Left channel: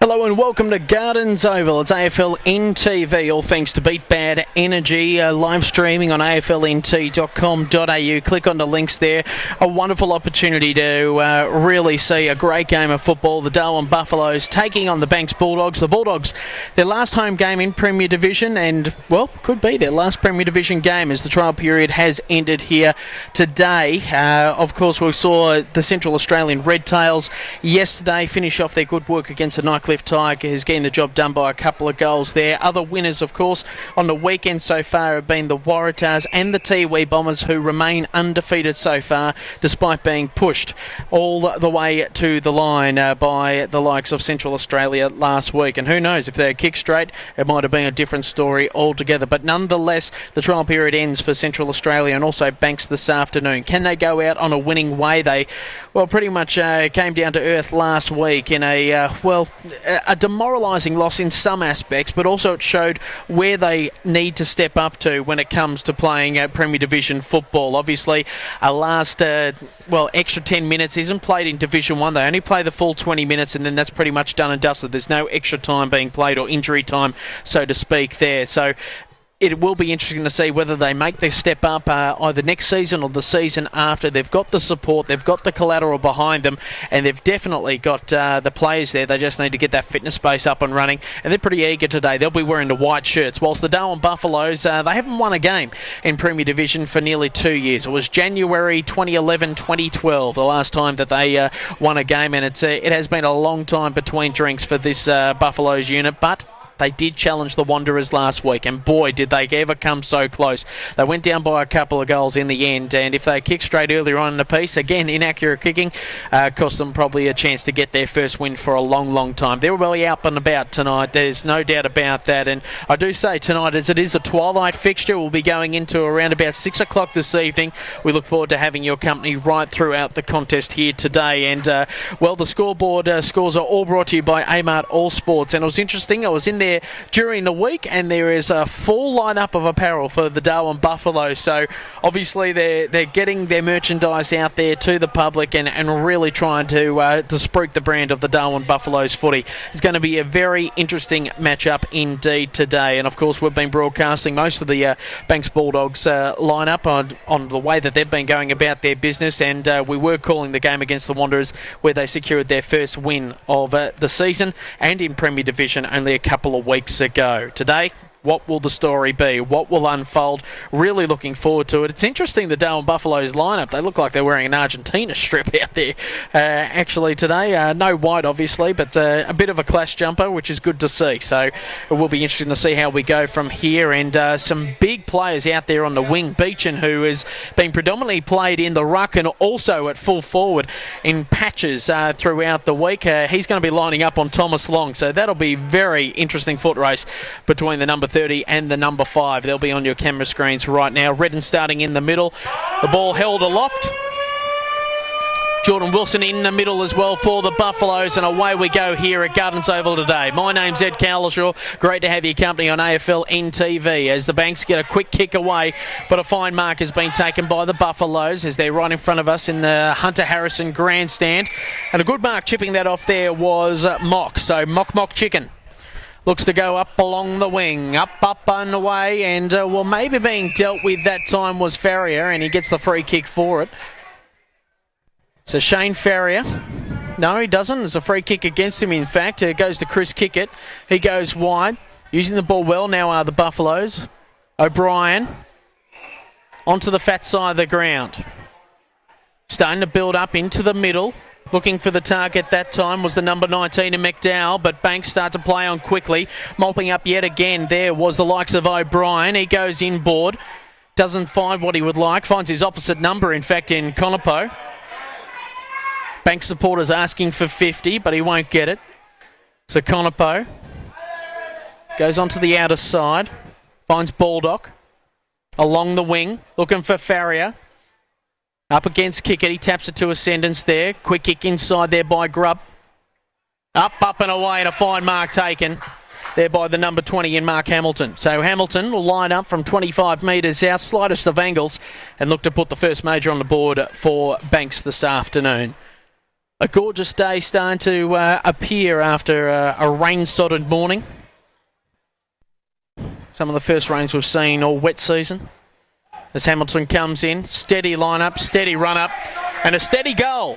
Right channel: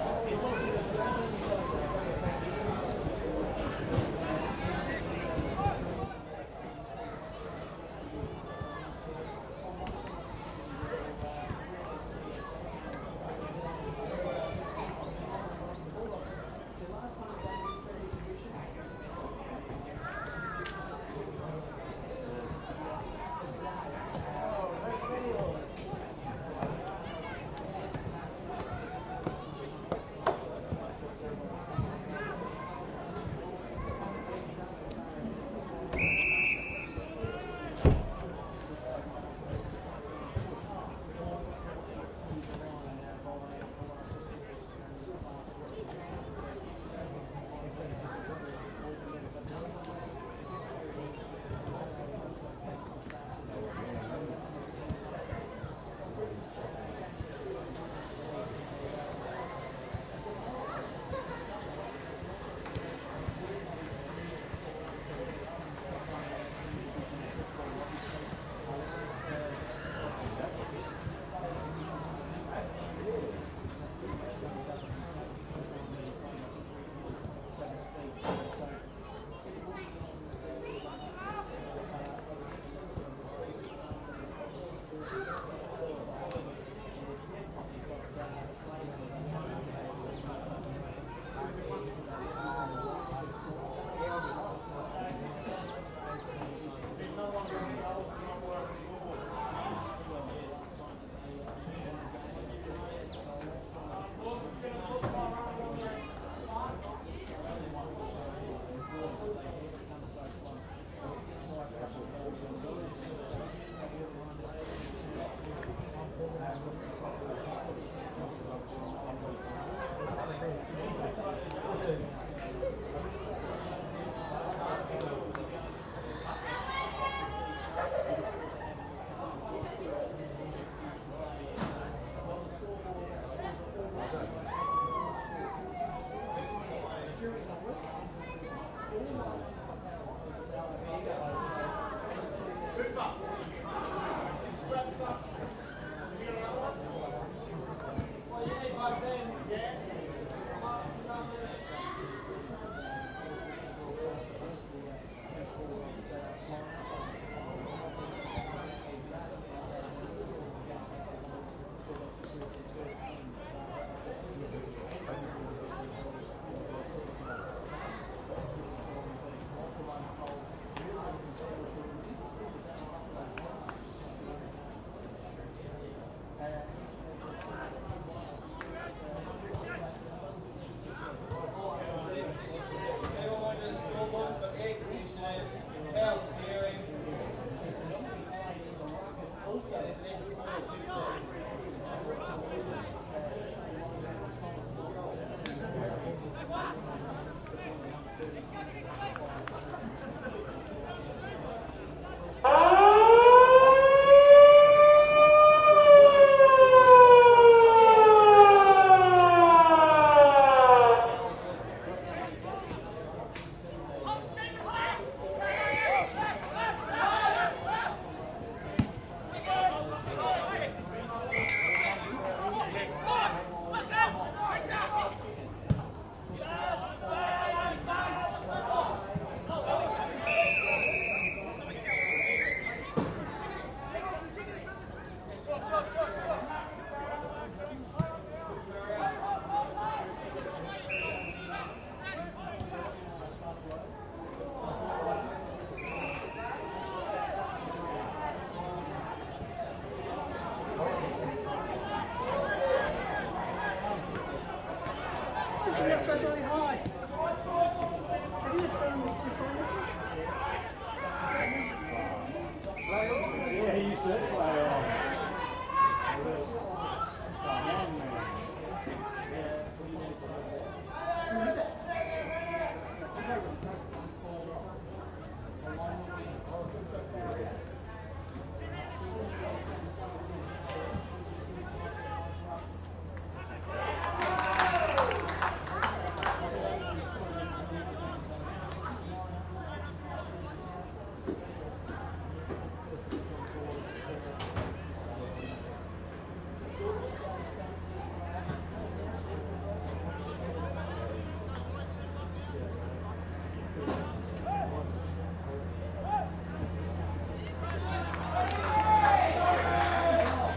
Hello and welcome to Gardens Oval. It's AFLNTv, all thanks to Beat Bad Energy, live streaming on AFLNT.com.au. Click on the links there. A wonderful opportunity to really see a great game of football. The Darwin Buffaloes taking on the Banks Bulldogs. The Bulldogs, their last home game in Premier Division and, well, could be their last Premier Division game as the trial period has ended here today. Of course, we saw the Central Australian Red Tails yesterday finish off their good work against the Nightcliff Tigers, getting the job done by a couple of goals there. Other winners, of course, on the weekend so far have been the Waratahs and the Tiwi Bombers, who remain undefeated so far, despite being pushed all the way to the line by the likes of Central Australia last week. And who knows, if they're kicked straight, it might have been a different story altogether. But nonetheless, the trial period ends for Central Australia and also Banks this afternoon. Can they go out on a winning way? They, well, pretty much came down to earth last week in a demoralising loss in some aspects, but also it showed where they need to step up to when it comes to playing Premier Division football. Obviously, a last extra 10 minutes isn't played in Division 1. They only play the full 20 minutes and then that's pretty much done and dusted. There's no extra time being played or injury time, so to speak, there. So it will be interesting to see whether they make their step up either next season or the season after. They've got the support, they've got the collateral behind them, and they've definitely got the players there. They just need to get that fitness base up and running, and they're pretty eager today. They'll be wearing the white shirts, whilst the Darwin Buffaloes, they haven't won a game in Premier Division for nearly 2 years. It was January 2011-2012, the last time that they won a game, and it has been a long time between drinks for this Buffaloes unit, but they did challenge the Wanderers last week, and boy, did they ever come so close. They went down by a couple of goals in the end, and if they kicked straight earlier on in the piece, again, inaccurate kicking, cost them probably a chance to get their first win for a long, long time. They're well out and about tonight, there's no doubt about that, and I do say tonight, as it is a twilight fixture, we'll be going into around about 6 o'clock this evening. We look forward to having your company right throughout the contest here today, and the scoreboard scores are all brought to you by Amart All Sports, and it was interesting, I was in there during the week, and there is a full lineup of apparel for the Darwin Buffaloes. So obviously they're getting their merchandise out there to the public and really trying to spruik the brand of the Darwin Buffaloes footy. It's going to be a very interesting matchup indeed today. And of course we've been broadcasting most of the Banks Bulldogs lineup on the way that they've been going about their business, and we were calling the game against the Wanderers where they secured their first win of the season and in Premier Division only a couple of weeks ago. Today, what will the story be? What will unfold? Really looking forward to it. It's interesting, the Darwin Buffaloes lineup. They look like they're wearing an Argentina strip out there actually today. No white, obviously, but a bit of a clash jumper, which is good to see. So it will be interesting to see how we go from here. And some big players out there on the wing. Beechin, who has been predominantly played in the ruck and also at full forward in patches throughout the week. He's going to be lining up on Thomas Long. So that'll be very interesting foot race between the number 30 and the number 5. They'll be on your camera screens right now. Redden starting in the middle. The ball held aloft. Jordan Wilson in the middle as well for the Buffaloes, and away we go here at Gardens Oval today. My name's Ed Calishaw. Great to have your company on AFLNTv as the Banks get a quick kick away, but a fine mark has been taken by the Buffaloes as they're right in front of us in the Hunter Harrison grandstand. And a good mark chipping that off there was Mock. So Mock Chicken looks to go up along the wing, up and away, and maybe being dealt with that time was Farrier, and he gets the free kick for it. So Shane Farrier, no, he doesn't. There's a free kick against him, in fact. It goes to Chris Kickett. He goes wide, using the ball well now are the Buffaloes. O'Brien onto the fat side of the ground. Starting to build up into the middle. Looking for the target that time was the number 19 in McDowell, but Banks start to play on quickly. Mopping up yet again there was the likes of O'Brien. He goes inboard. Doesn't find what he would like. Finds his opposite number, in fact, in Conopo. Banks supporters asking for 50, but he won't get it. So Conopo goes onto the outer side. Finds Baldock along the wing, looking for Farrier. Up against Kickett, he taps it to Ascendance there. Quick kick inside there by Grubb. Up and away, and a fine mark taken there by the number 20 in Mark Hamilton. So Hamilton will line up from 25 metres out, slightest of angles, and look to put the first major on the board for Banks this afternoon. A gorgeous day starting to appear after a rain-sodded morning. Some of the first rains we've seen all wet season. As Hamilton comes in, steady line-up, steady run-up, and a steady goal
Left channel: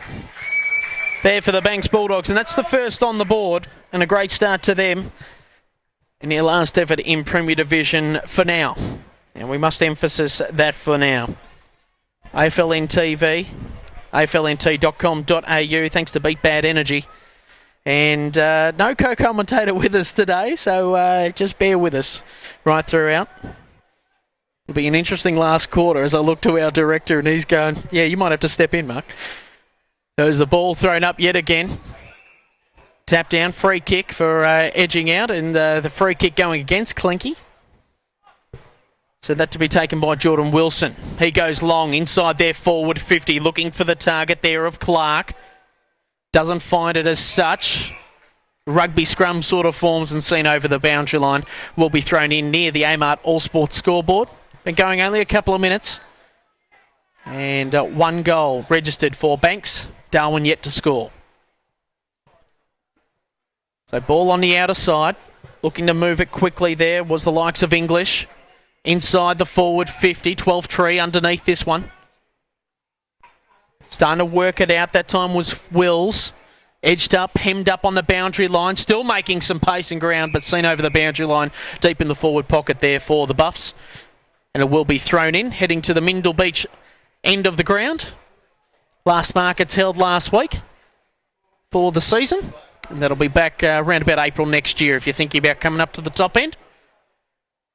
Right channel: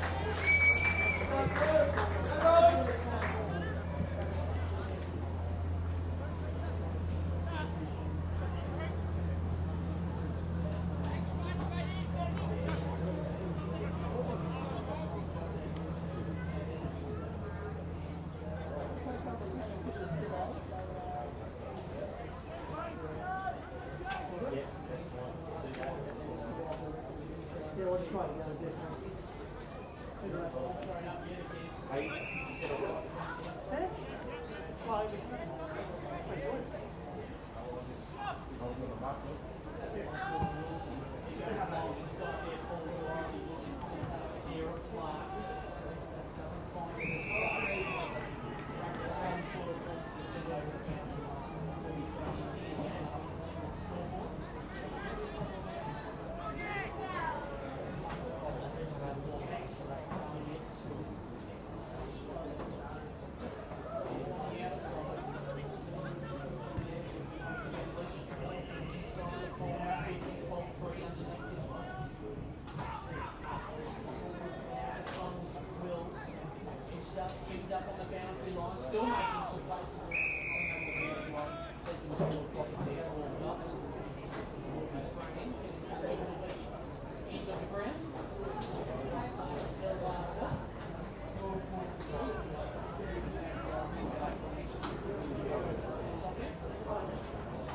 there for the Banks Bulldogs. And that's the first on the board, and a great start to them in their last effort in Premier Division for now. And we must emphasise that for now. AFLNTv, AFLNT.com.au, thanks to Beat Bad Energy. And no co-commentator with us today, so just bear with us right throughout. It'll be an interesting last quarter as I look to our director and he's going, yeah, you might have to step in, Mark. There's the ball thrown up yet again. Tap down, free kick for edging out, and the free kick going against Clinky. So that to be taken by Jordan Wilson. He goes long inside there, forward 50, looking for the target there of Clark. Doesn't find it as such. Rugby scrum sort of forms and seen over the boundary line will be thrown in near the Amart All Sports scoreboard. Been going only a couple of minutes. And one goal registered for Banks. Darwin yet to score. So ball on the outer side. Looking to move it quickly there was the likes of English. Inside the forward 50, 12 tree underneath this one. Starting to work it out. That time was Wills. Edged up, hemmed up on the boundary line. Still making some pace and ground, but seen over the boundary line. Deep in the forward pocket there for the Buffs. And it will be thrown in, heading to the Mindle Beach end of the ground. Last markets held last week for the season. And that'll be back around about April next year if you're thinking about coming up to the top end.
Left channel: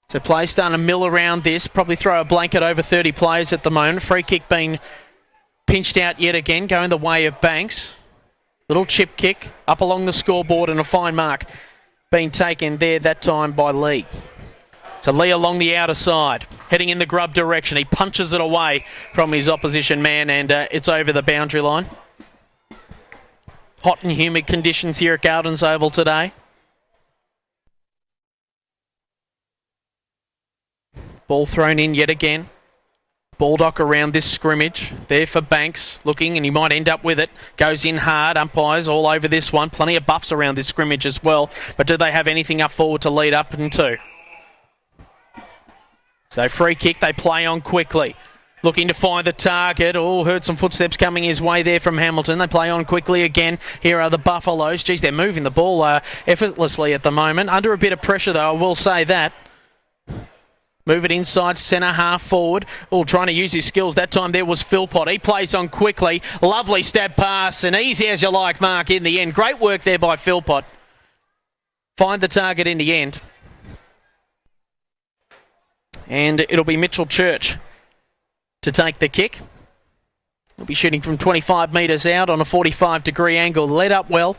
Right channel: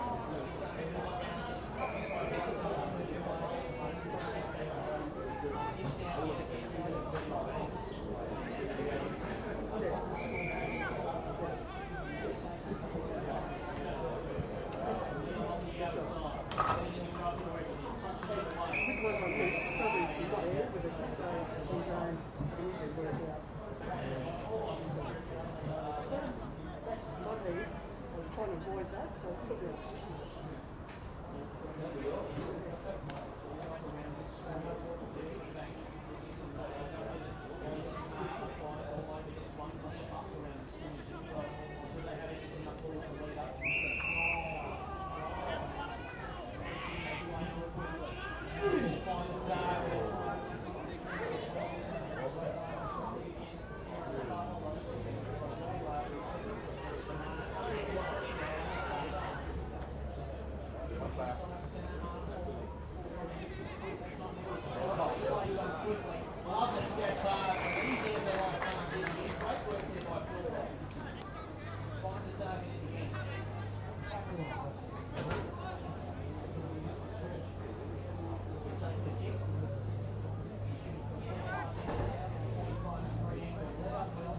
So play starting to mill around this. Probably throw a blanket over 30 players at the moment. Free kick being pinched out yet again, going the way of Banks. Little chip kick up along the scoreboard and a fine mark being taken there that time by Lee. So Lee along the outer side, heading in the Grubb direction. He punches it away from his opposition man and it's over the boundary line. Hot and humid conditions here at Gardens Oval today. Ball thrown in yet again. Baldock around this scrimmage. There for Banks, looking, and he might end up with it. Goes in hard, umpires all over this one. Plenty of buffs around this scrimmage as well. But do they have anything up forward to lead up into? So free kick, they play on quickly. Looking to find the target. Oh, heard some footsteps coming his way there from Hamilton. They play on quickly again. Here are the Buffaloes. Geez, they're moving the ball effortlessly at the moment. Under a bit of pressure, though, I will say that. Move it inside, centre half forward. Oh, trying to use his skills. That time there was Philpott. He plays on quickly. Lovely stab pass and easy as you like, Mark, in the end. Great work there by Philpott. Find the target in the end. And it'll be Mitchell Church to take the kick. He'll be shooting from 25 metres out on a 45-degree angle. Led up well.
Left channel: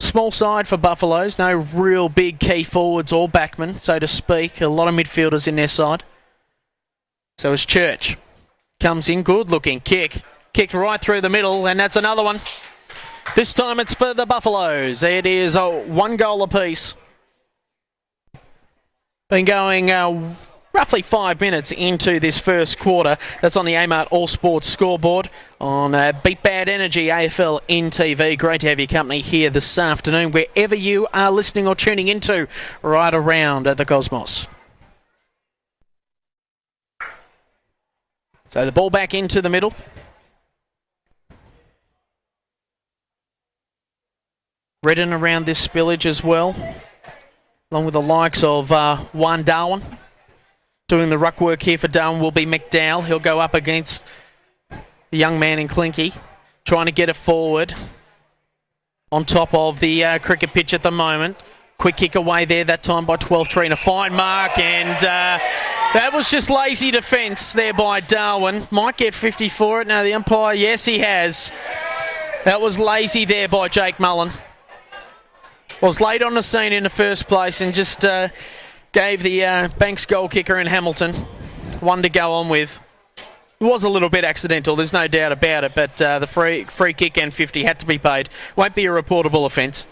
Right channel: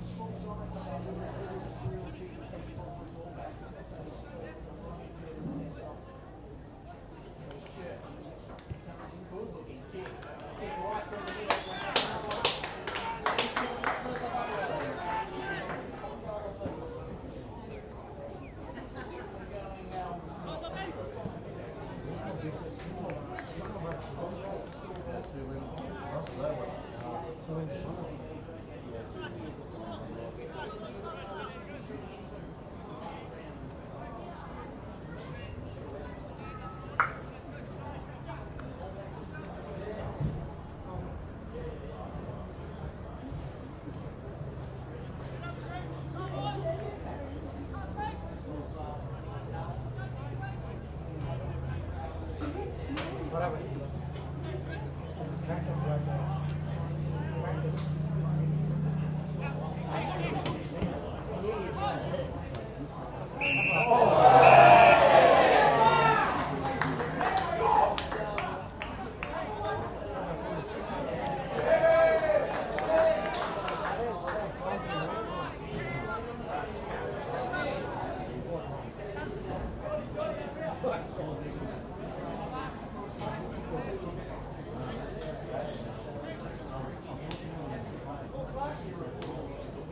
Small side for Buffaloes. No real big key forwards or backmen, so to speak. A lot of midfielders in their side. So as Church comes in, good looking kick. Kicked right through the middle, and that's another one. This time it's for the Buffaloes. It is one goal apiece. Been going roughly 5 minutes into this first quarter. That's on the Amart All Sports scoreboard on Beat Bad Energy AFLNTv. Great to have your company here this afternoon, wherever you are listening or tuning into right around the cosmos. So the ball back into the middle. Redden around this spillage as well, along with the likes of Juan Darwin. Doing the ruck work here for Darwin will be McDowell. He'll go up against the young man in Clinky, trying to get it forward on top of the cricket pitch at the moment. Quick kick away there, that time by 12 and a fine mark, and that was just lazy defence there by Darwin. Might get 50 for it. Now the umpire, yes he has. That was lazy there by Jake Mullen. Was late on the scene in the first place and just gave the Banks goal kicker in Hamilton one to go on with. It was a little bit accidental, there's no doubt about it, but the free kick and 50 had to be paid. Won't be a reportable offence.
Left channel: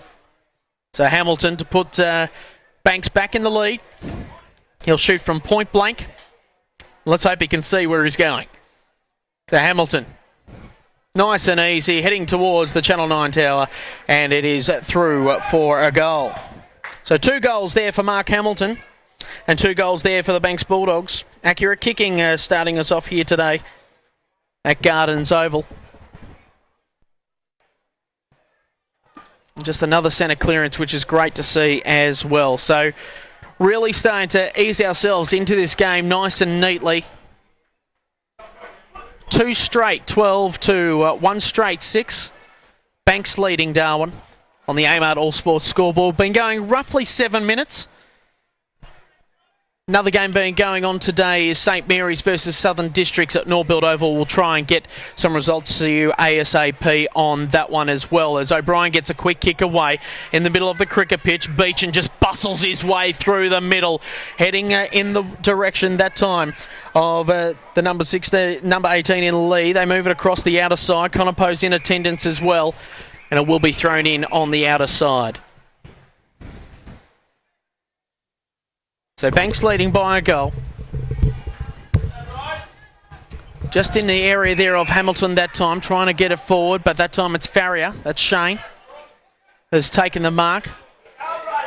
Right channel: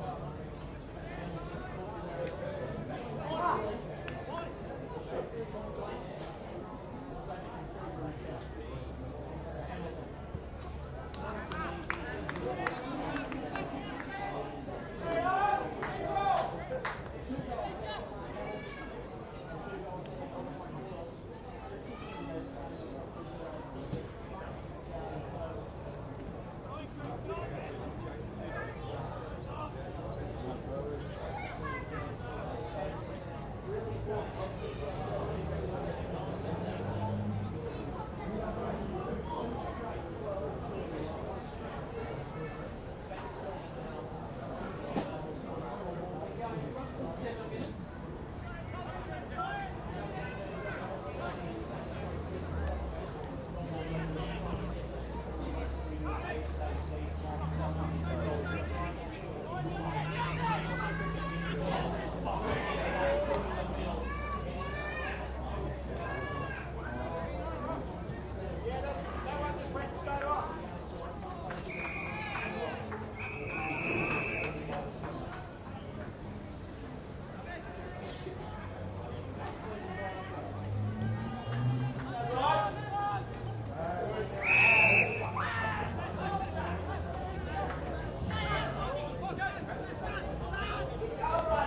So Hamilton to put Banks back in the lead. He'll shoot from point blank. Let's hope he can see where he's going. So Hamilton, nice and easy, heading towards the Channel 9 tower, and it is through for a goal. So 2 goals there for Mark Hamilton, and 2 goals there for the Banks Bulldogs. Accurate kicking starting us off here today at Gardens Oval. Just another centre clearance, which is great to see as well. So really starting to ease ourselves into this game nice and neatly. 2 straight 12 to 1 straight 6. Banks leading Darwin on the Amart All Sports scoreboard. Been going roughly 7 minutes. Another game being going on today is St Mary's versus Southern Districts at Norbuild Oval. We'll try and get some results to you ASAP on that one as well, as O'Brien gets a quick kick away in the middle of the cricket pitch. Beechin just bustles his way through the middle, heading in the direction that time of the number 18 in Lee. They move it across the outer side. Conopo's in attendance as well, and it will be thrown in on the outer side. So Banks leading by a goal. Just in the area there of Hamilton that time, trying to get it forward, but that time it's Farrier, that's Shane, has taken the mark.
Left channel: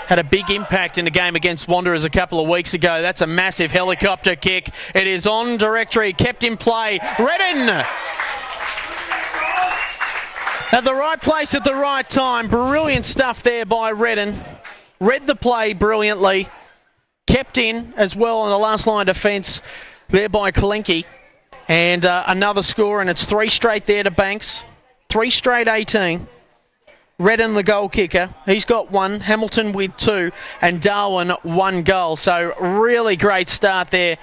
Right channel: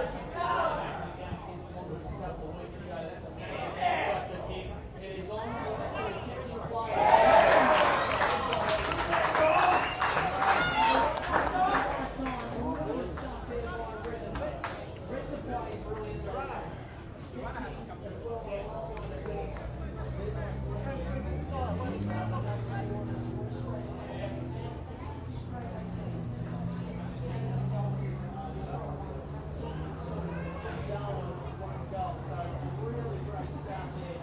Had a big impact in the game against Wanderers a couple of weeks ago. That's a massive helicopter kick. It is on directory, kept in play. Redden! At the right place at the right time. Brilliant stuff there by Redden. Read the play brilliantly. Kept in as well on the last line of defence there by Kalenki. And another score, and it's 3 straight there to Banks. 3 straight 18. Redden the goal kicker. He's got 1. Hamilton with 2. And Darwin 1 goal. So really great start there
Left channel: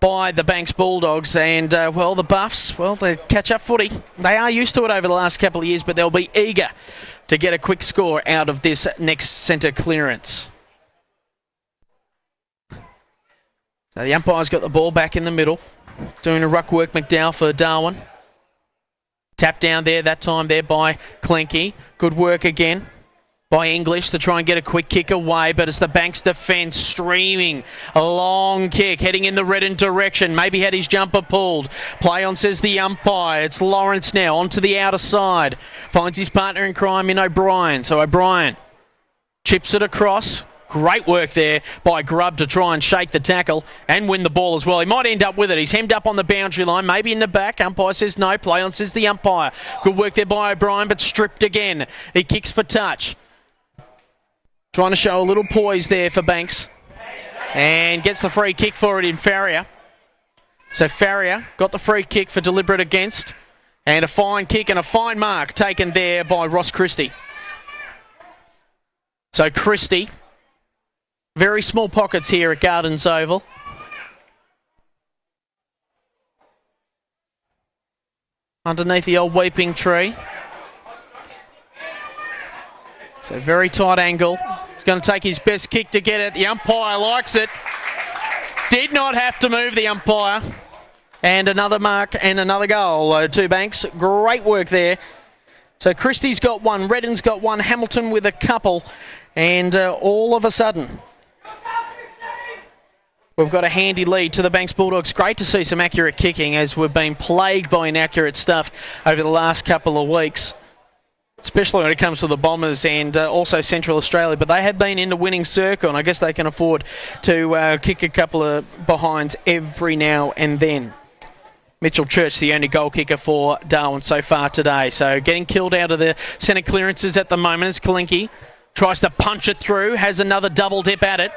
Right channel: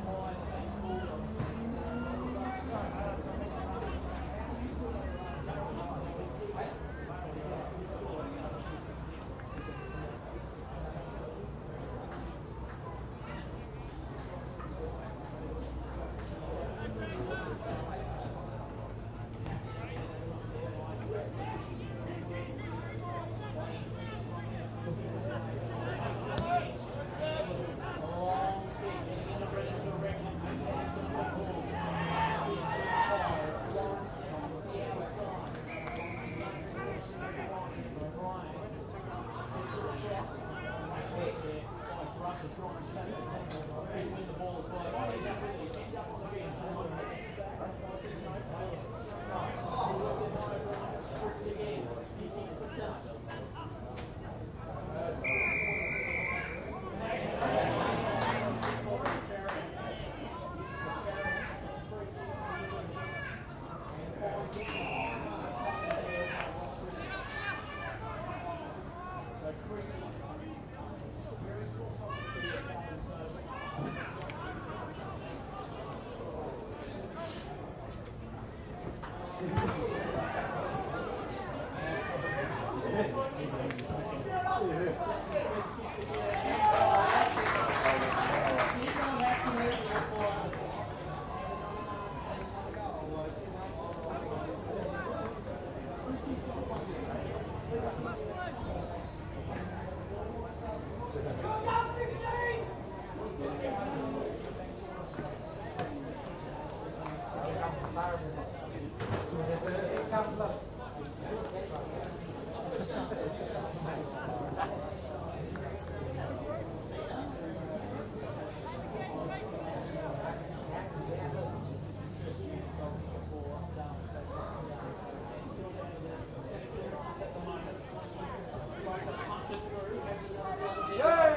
by the Banks Bulldogs. And, well, the Buffs, well, they catch up footy. They are used to it over the last couple of years, but they'll be eager to get a quick score out of this next centre clearance. So the umpire's got the ball back in the middle. Doing a ruck work, McDowell for Darwin. Tap down there, that time there by Clenky. Good work again by English to try and get a quick kick away, but it's the Banks defence streaming. A long kick, heading in the Redden direction. Maybe had his jumper pulled. Play on, says the umpire. It's Lawrence now, onto the outer side. Finds his partner in crime in O'Brien. So O'Brien chips it across. Great work there by Grubb to try and shake the tackle and win the ball as well. He might end up with it. He's hemmed up on the boundary line, maybe in the back. Umpire says no. Play on, says the umpire. Good work there by O'Brien, but stripped again. He kicks for touch. Trying to show a little poise there for Banks. And gets the free kick for it in Farrier. So Farrier got the free kick for deliberate against. And a fine kick and a fine mark taken there by Ross Christie. So Christie, very small pockets here at Gardens Oval. Underneath the old weeping tree. So very tight angle. He's going to take his best kick to get it. The umpire likes it. Did not have to move the umpire. And another mark and another goal to Banks. Great work there. So Christie's got 1, Redden's got 1, Hamilton with a couple. And all of a sudden, we've got a handy lead to the Banks Bulldogs. Great to see some accurate kicking, as we've been plagued by inaccurate stuff over the last couple of weeks, especially when it comes to the Bombers and also Central Australia. But they have been in the winning circle, and I guess they can afford to kick a couple of behinds every now and then. Mitchell Church, the only goal kicker for Darwin so far today. So getting killed out of the centre clearances at the moment is Kalinke. Tries to punch it through, has another double dip at it.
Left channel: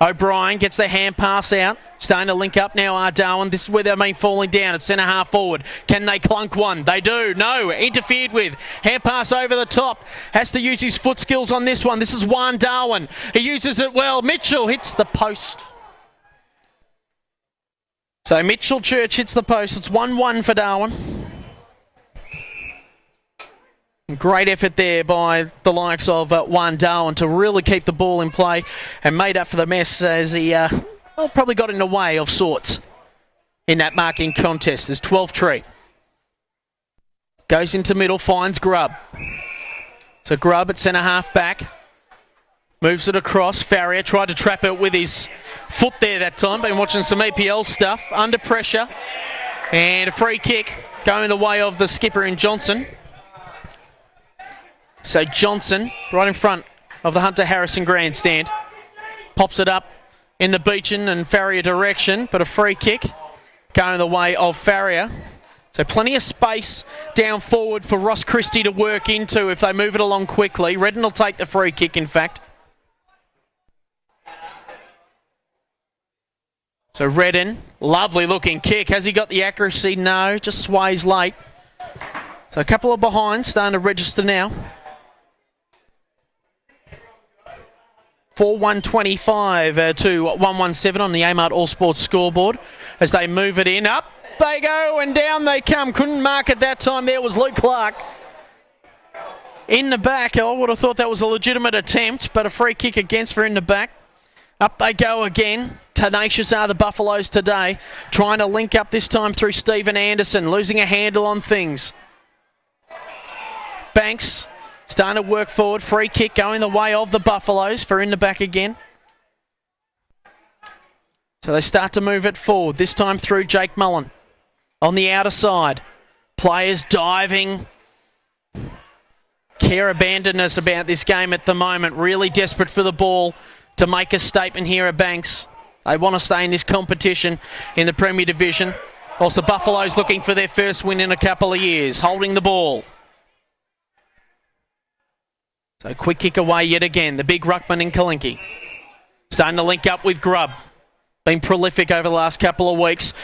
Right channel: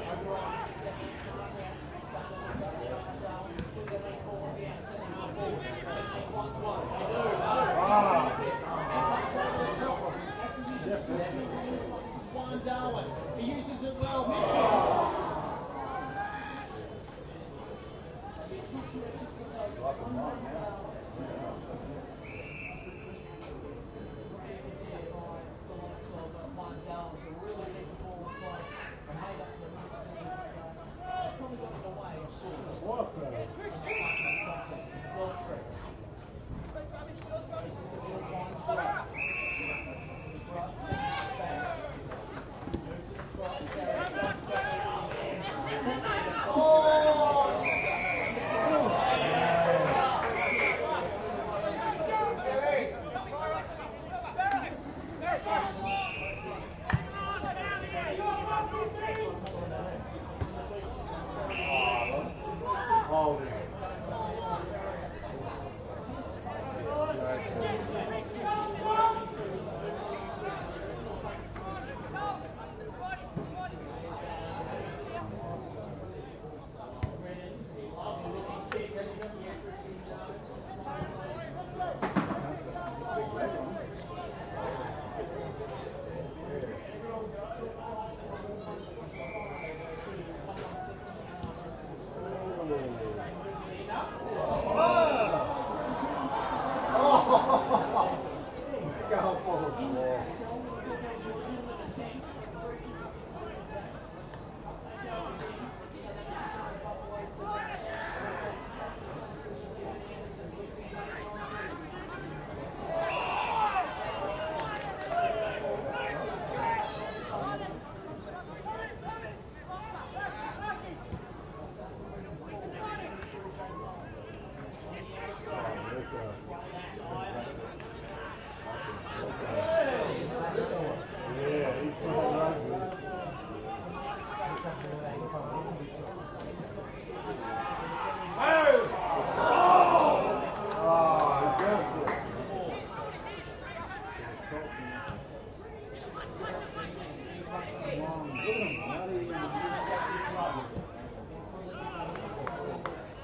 O'Brien gets the hand pass out, Starting to link up now are Darwin. This is where they've been falling down. It's centre half forward. Can they clunk one? They do. No. Interfered with. Hand pass over the top. Has to use his foot skills on this one. This is Juan Darwin. He uses it well. Mitchell hits the post. So Mitchell Church hits the post. It's 1-1 for Darwin. Great effort there by the likes of Juan Darwin to really keep the ball in play and made up for the mess as he probably got in the way of sorts in that marking contest. There's 12 tree. Goes into middle, finds Grubb. So Grubb at centre half back. Moves it across. Farrier tried to trap it with his foot there that time. Been watching some EPL stuff. Under pressure. And a free kick going the way of the skipper in Johnson. So Johnson, right in front of the Hunter Harrison grandstand, pops it up in the Beechin and Farrier direction, but a free kick going the way of Farrier. So plenty of space down forward for Ross Christie to work into if they move it along quickly. Redden will take the free kick, in fact. So Redden, lovely looking kick. Has he got the accuracy? No, just sways late. So a couple of behinds starting to register now. 4-1-25 to 1-1-7 on the Amart All Sports scoreboard as they move it in. Up they go and down they come. Couldn't mark it that time. There was Luke Clark in the back. I would have thought that was a legitimate attempt, but a free kick against for in the back. Up they go again. Tenacious are the Buffaloes today, trying to link up this time through Stephen Anderson, losing a handle on things. Banks starting to work forward. Free kick going the way of the Buffaloes for in the back again. So they start to move it forward, this time through Jake Mullen. On the outer side, players diving. Care abandonness about this game at the moment. Really desperate for the ball to make a statement here at Banks. They want to stay in this competition in the Premier Division. Whilst the Buffaloes looking for their first win in a couple of years. Holding the ball. So quick kick away yet again. The big ruckman in Kalinki. Starting to link up with Grubb. Been prolific over the last couple of weeks.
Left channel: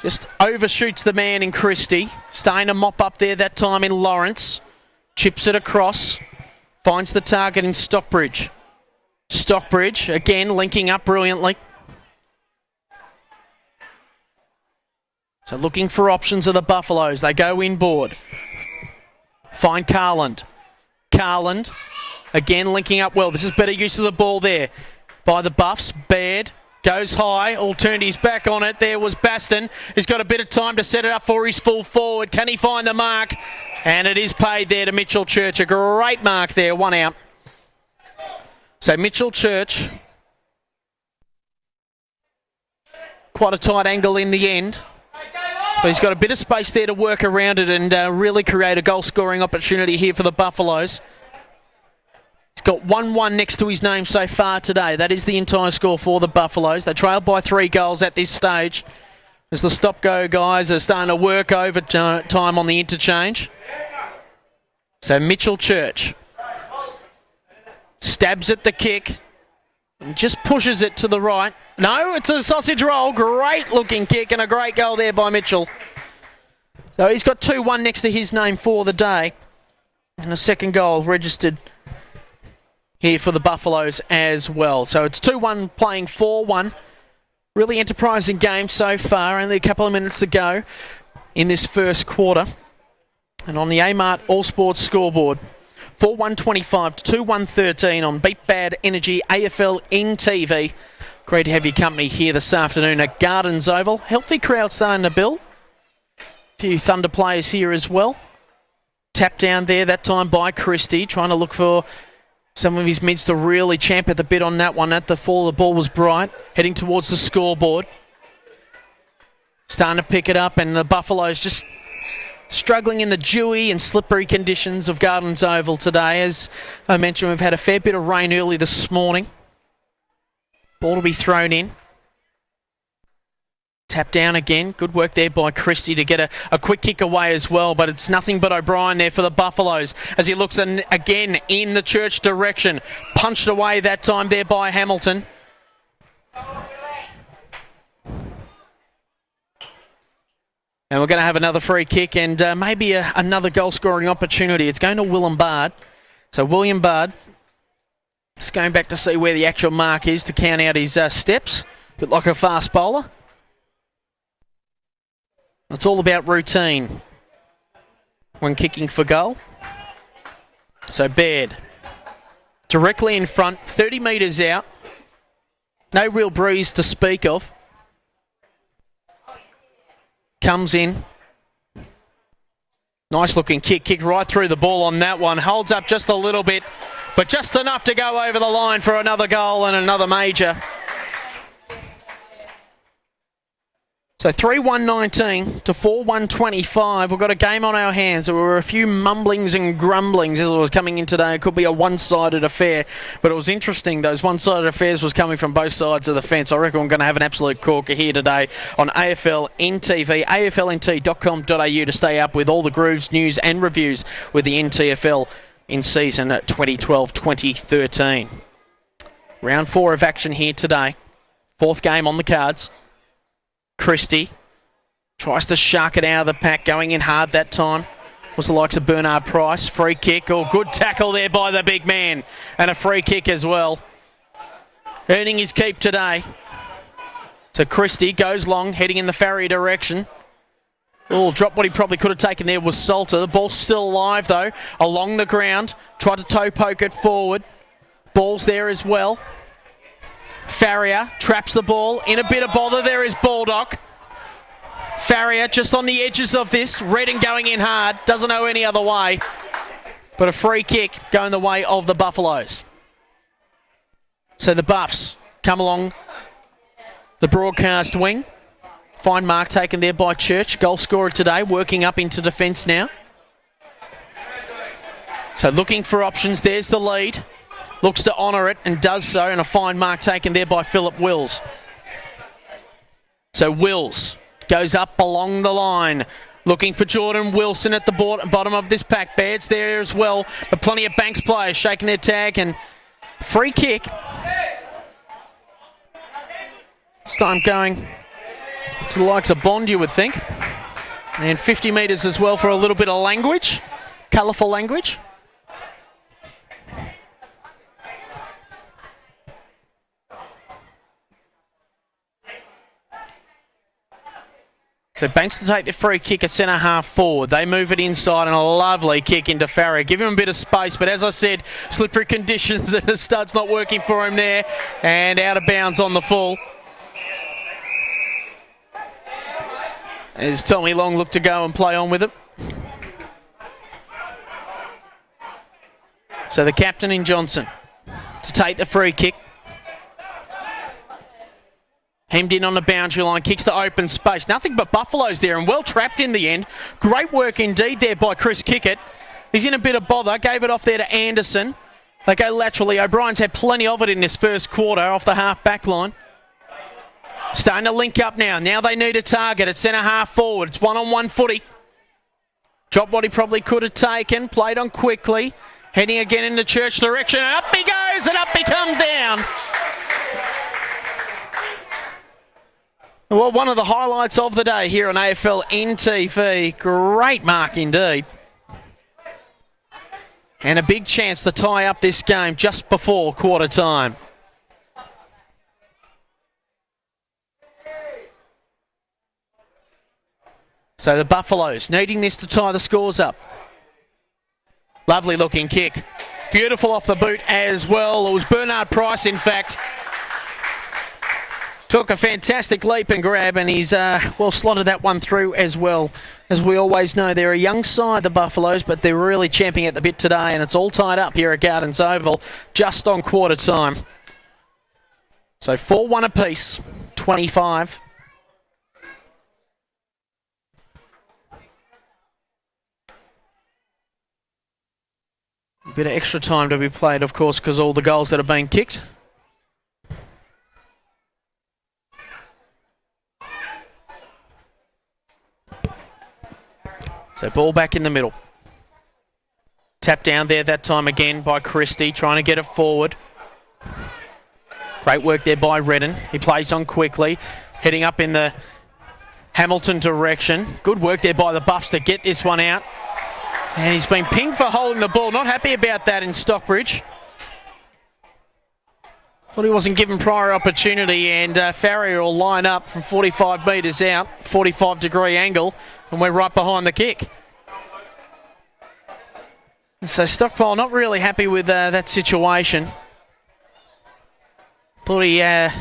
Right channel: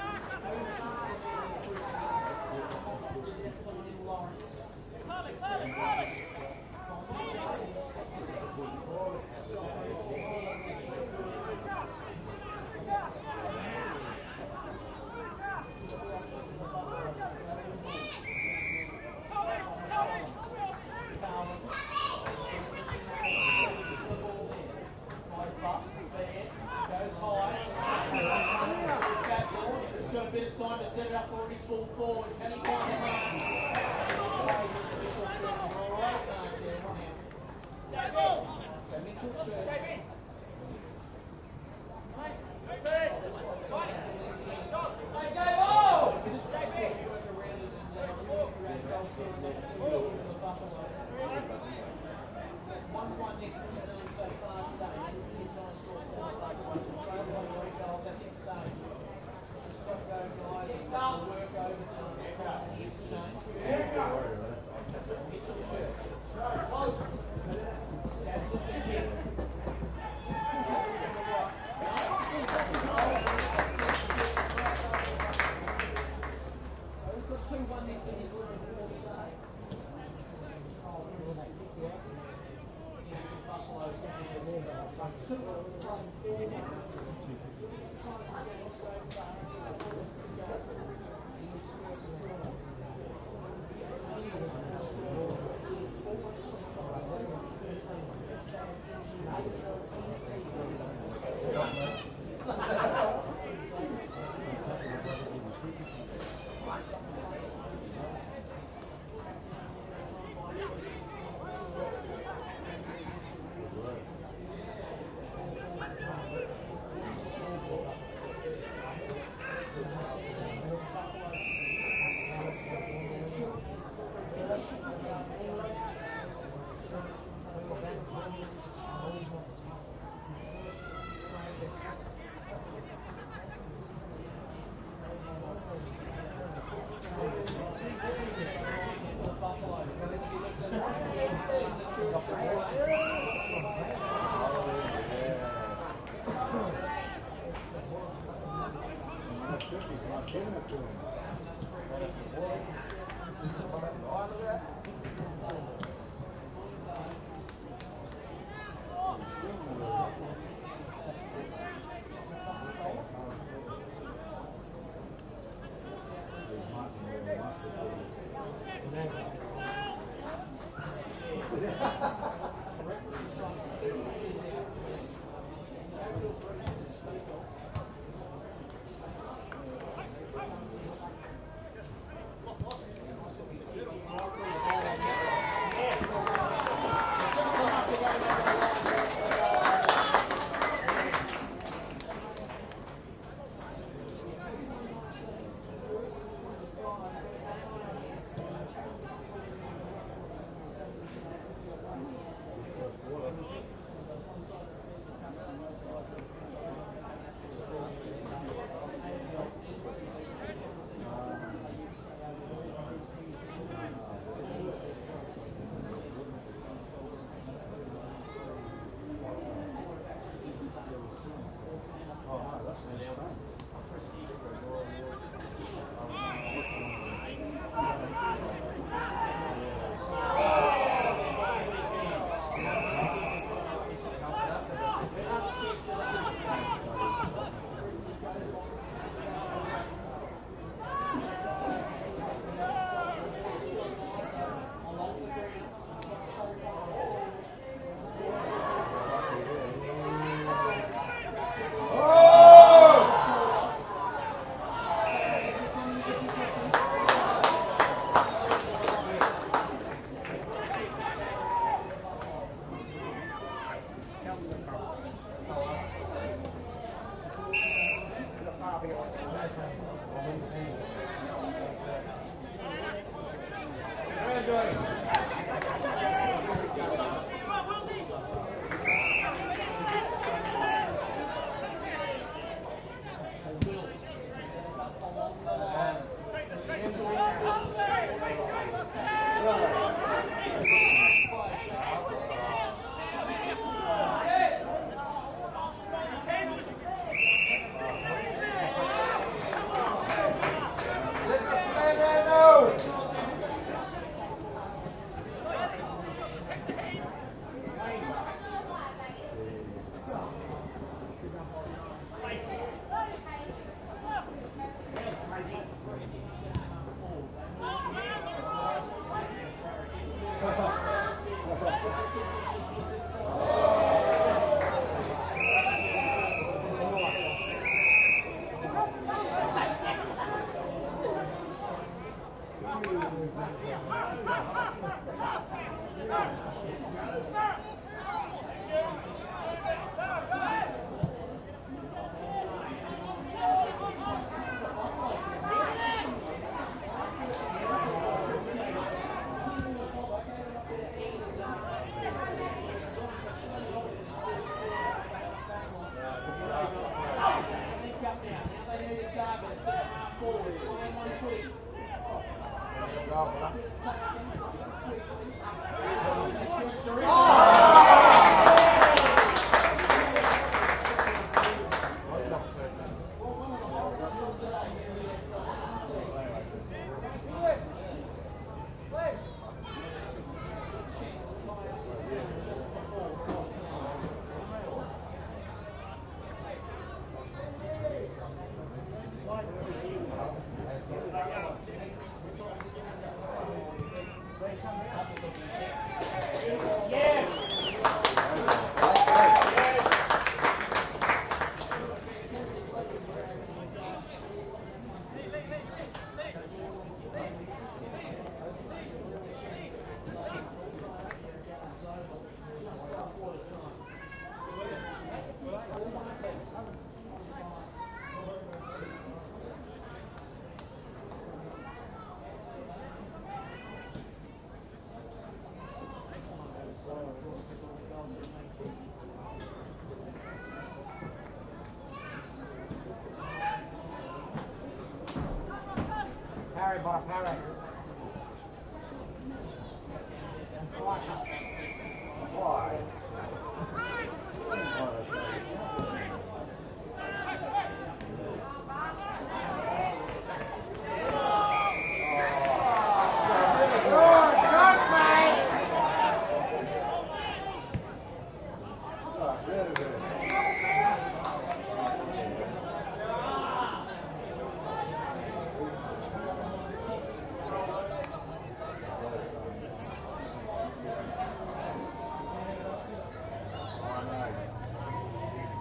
Just overshoots the man in Christie. Starting to mop up there that time in Lawrence. Chips it across. Finds the target in Stockbridge. Stockbridge again linking up brilliantly. So looking for options of the Buffaloes. They go inboard. Find Carland. Carland again linking up well. This is better use of the ball there by the Buffs. Baird goes high, all turned his back on it. There was Baston. He's got a bit of time to set it up for his full forward. Can he find the mark? And it is paid there to Mitchell Church. A great mark there, one out. So Mitchell Church, quite a tight angle in the end. But he's got a bit of space there to work around it and really create a goal-scoring opportunity here for the Buffaloes. He's got 1-1 next to his name so far today. That is the entire score for the Buffaloes. They trailed by 3 goals at this stage as the stop-go guys are starting to work overtime on the interchange. So Mitchell Church stabs at the kick and just pushes it to the right. No, it's a sausage roll. Great looking kick and a great goal there by Mitchell. So he's got 2-1 next to his name for the day. And a second goal registered here for the Buffaloes as well. So it's 2-1 playing 4-1. Really enterprising game so far. Only a couple of minutes to go in this first quarter. And on the Amart All Sports scoreboard, 4-1-25 to 2-1-13 on Beat Bad Energy AFLNTv. Great to have your company here this afternoon at Gardens Oval. Healthy crowd starting to build. A few Thunder players here as well. Tap down there that time by Christie, trying to look for some of his mids to really champ at the bit on that one. At the fall, the ball was bright, heading towards the scoreboard. Starting to pick it up, and the Buffaloes just struggling in the dewy and slippery conditions of Gardens Oval today. As I mentioned, we've had a fair bit of rain early this morning. Ball to be thrown in. Tap down again. Good work there by Christie to get a quick kick away as well, but it's nothing but O'Brien there for the Buffaloes as he looks again in the Church direction. Punched away that time there by Hamilton. And we're going to have another free kick and maybe another goal-scoring opportunity. It's going to William Bard. So William Bard just going back to see where the actual mark is to count out his steps. A bit like a fast bowler. It's all about routine when kicking for goal. So Baird directly in front, 30 metres out. No real breeze to speak of. Comes in. Nice looking kick. Kicked right through the ball on that one. Holds up just a little bit, but just enough to go over the line for another goal and another major. So 3-1-19 to 4-1-25. We've got a game on our hands. There were a few mumblings and grumblings as it was coming in today. It could be a one-sided affair, but it was interesting. Those one-sided affairs was coming from both sides of the fence. I reckon we're going to have an absolute corker here today on AFLNTv, AFLNT.com.au to stay up with all the grooves, news and reviews with the NTFL in season 2012-2013. Round 4 of action here today. 4th game on the cards. Christie tries to shark it out of the pack, going in hard that time. Was the likes of Bernard Price. Free kick, or good tackle there by the big man. And a free kick as well. Earning his keep today. So Christie goes long, heading in the Farrier direction. Oh, drop what he probably could have taken there was Salter. The ball's still alive though, along the ground. Tried to toe poke it forward. Ball's there as well. Farrier traps the ball. In a bit of bother there is Bulldog. Farrier just on the edges of this. Redden going in hard. Doesn't know any other way. But a free kick going the way of the Buffaloes. So the Buffs come along the broadcast wing. Fine mark taken there by Church. Goal scorer today, working up into defence now. So looking for options. There's the lead. Looks to honour it and does so, and a fine mark taken there by Philip Wills. So Wills goes up along the line, looking for Jordan Wilson at the bottom of this pack. Baird's there as well, but plenty of Banks players shaking their tag, and free kick. This time going to the likes of Bond, you would think. And 50 metres as well for a little bit of language, colourful language. So Banks to take the free kick at centre half forward. They move it inside and a lovely kick into Farrier. Give him a bit of space, but as I said, slippery conditions and the stud's not working for him there. And out of bounds on the full. As Tommy Long looked to go and play on with it. So the captain in Johnson to take the free kick. Hemmed in on the boundary line, kicks to open space. Nothing but Buffaloes there and well trapped in the end. Great work indeed there by Chris Kickett. He's in a bit of bother, gave it off there to Anderson. They go laterally. O'Brien's had plenty of it in this first quarter off the half back line. Starting to link up now. Now they need a target at centre half forward. It's one-on-one footy. Dropped what he probably could have taken. Played on quickly. Heading again in the Church direction. Up he goes and up he comes down. Well, one of the highlights of the day here on AFLNTv. Great mark indeed. And a big chance to tie up this game just before quarter time. So the Buffaloes needing this to tie the scores up. Lovely looking kick. Beautiful off the boot as well. It was Bernard Price, in fact. Took a fantastic leap and grab, and he's well slotted that one through as well. As we always know, they're a young side, the Buffaloes, but they're really champing at the bit today, and it's all tied up here at Gardens Oval just on quarter time. So 4-1 apiece, 25. A bit of extra time to be played, of course, because all the goals that are being kicked. So ball back in the middle. Tap down there that time again by Christie, trying to get it forward. Great work there by Redden. He plays on quickly, heading up in the Hamilton direction. Good work there by the Buffs to get this one out. And he's been pinged for holding the ball. Not happy about that in Stockbridge. Thought he wasn't given prior opportunity, and Farrier will line up from 45 metres out, 45-degree angle, and we're right behind the kick. So Stockpile not really happy with that situation. Thought he had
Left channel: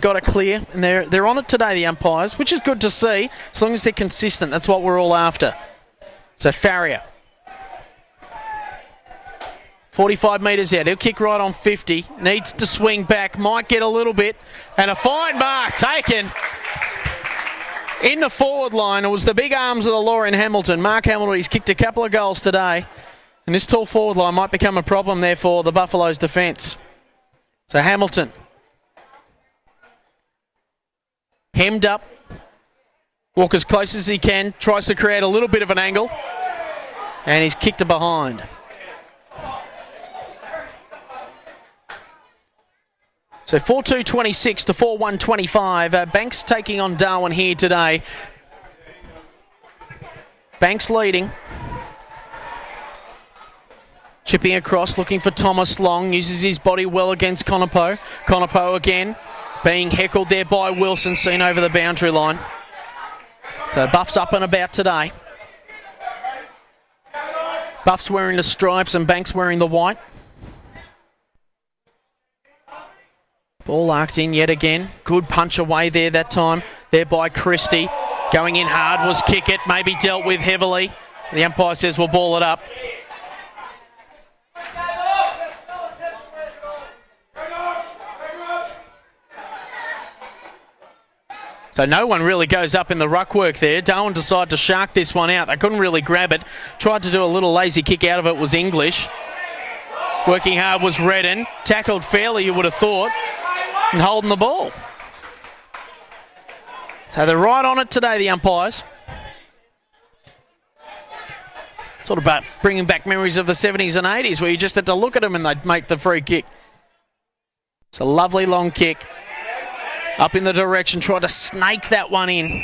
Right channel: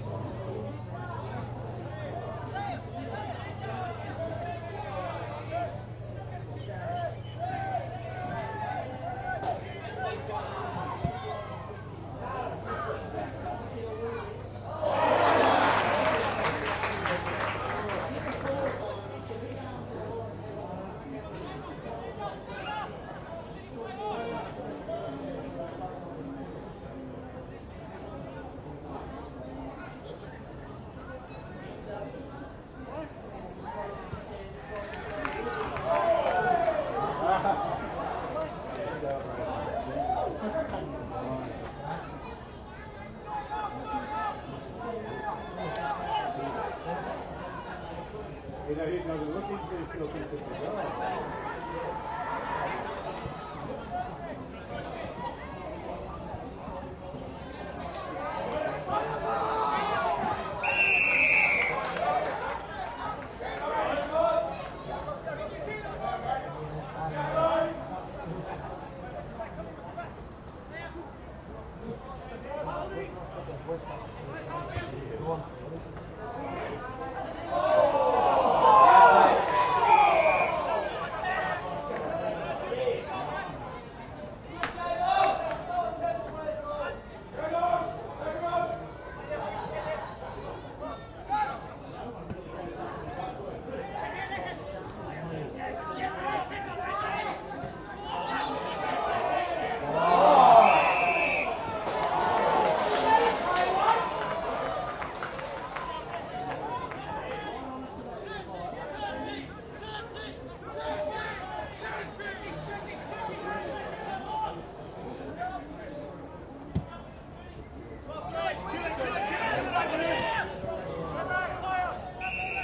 got it clear, and they're on it today, the umpires, which is good to see, as long as they're consistent. That's what we're all after. So Farrier. 45 metres out, he'll kick right on 50, needs to swing back, might get a little bit, and a fine mark taken in the forward line. It was the big arms of the law in Hamilton. Mark Hamilton, he's kicked a couple of goals today, and this tall forward line might become a problem there for the Buffaloes' defence. So Hamilton, hemmed up, walk as close as he can, tries to create a little bit of an angle, and he's kicked it behind. So 4-2-26 to 4-1-25. Banks taking on Darwin here today. Banks leading. Chipping across, looking for Thomas Long. Uses his body well against Conopo. Conopo again, being heckled there by Wilson, seen over the boundary line. So Buff's up and about today. Buff's wearing the stripes and Banks wearing the white. Ball arced in yet again. Good punch away there that time. There by Christie. Going in hard was kick it. Maybe dealt with heavily. The umpire says we'll ball it up. So no one really goes up in the ruck work there. Darwin decided to shark this one out. They couldn't really grab it. Tried to do a little lazy kick out of it was English. Working hard was Redden. Tackled fairly, you would have thought, and holding the ball. So they're right on it today, the umpires. Sort of about bringing back memories of the 70s and 80s where you just had to look at them and they'd make the free kick. It's a lovely long kick. Up in the direction, tried to snake that one in.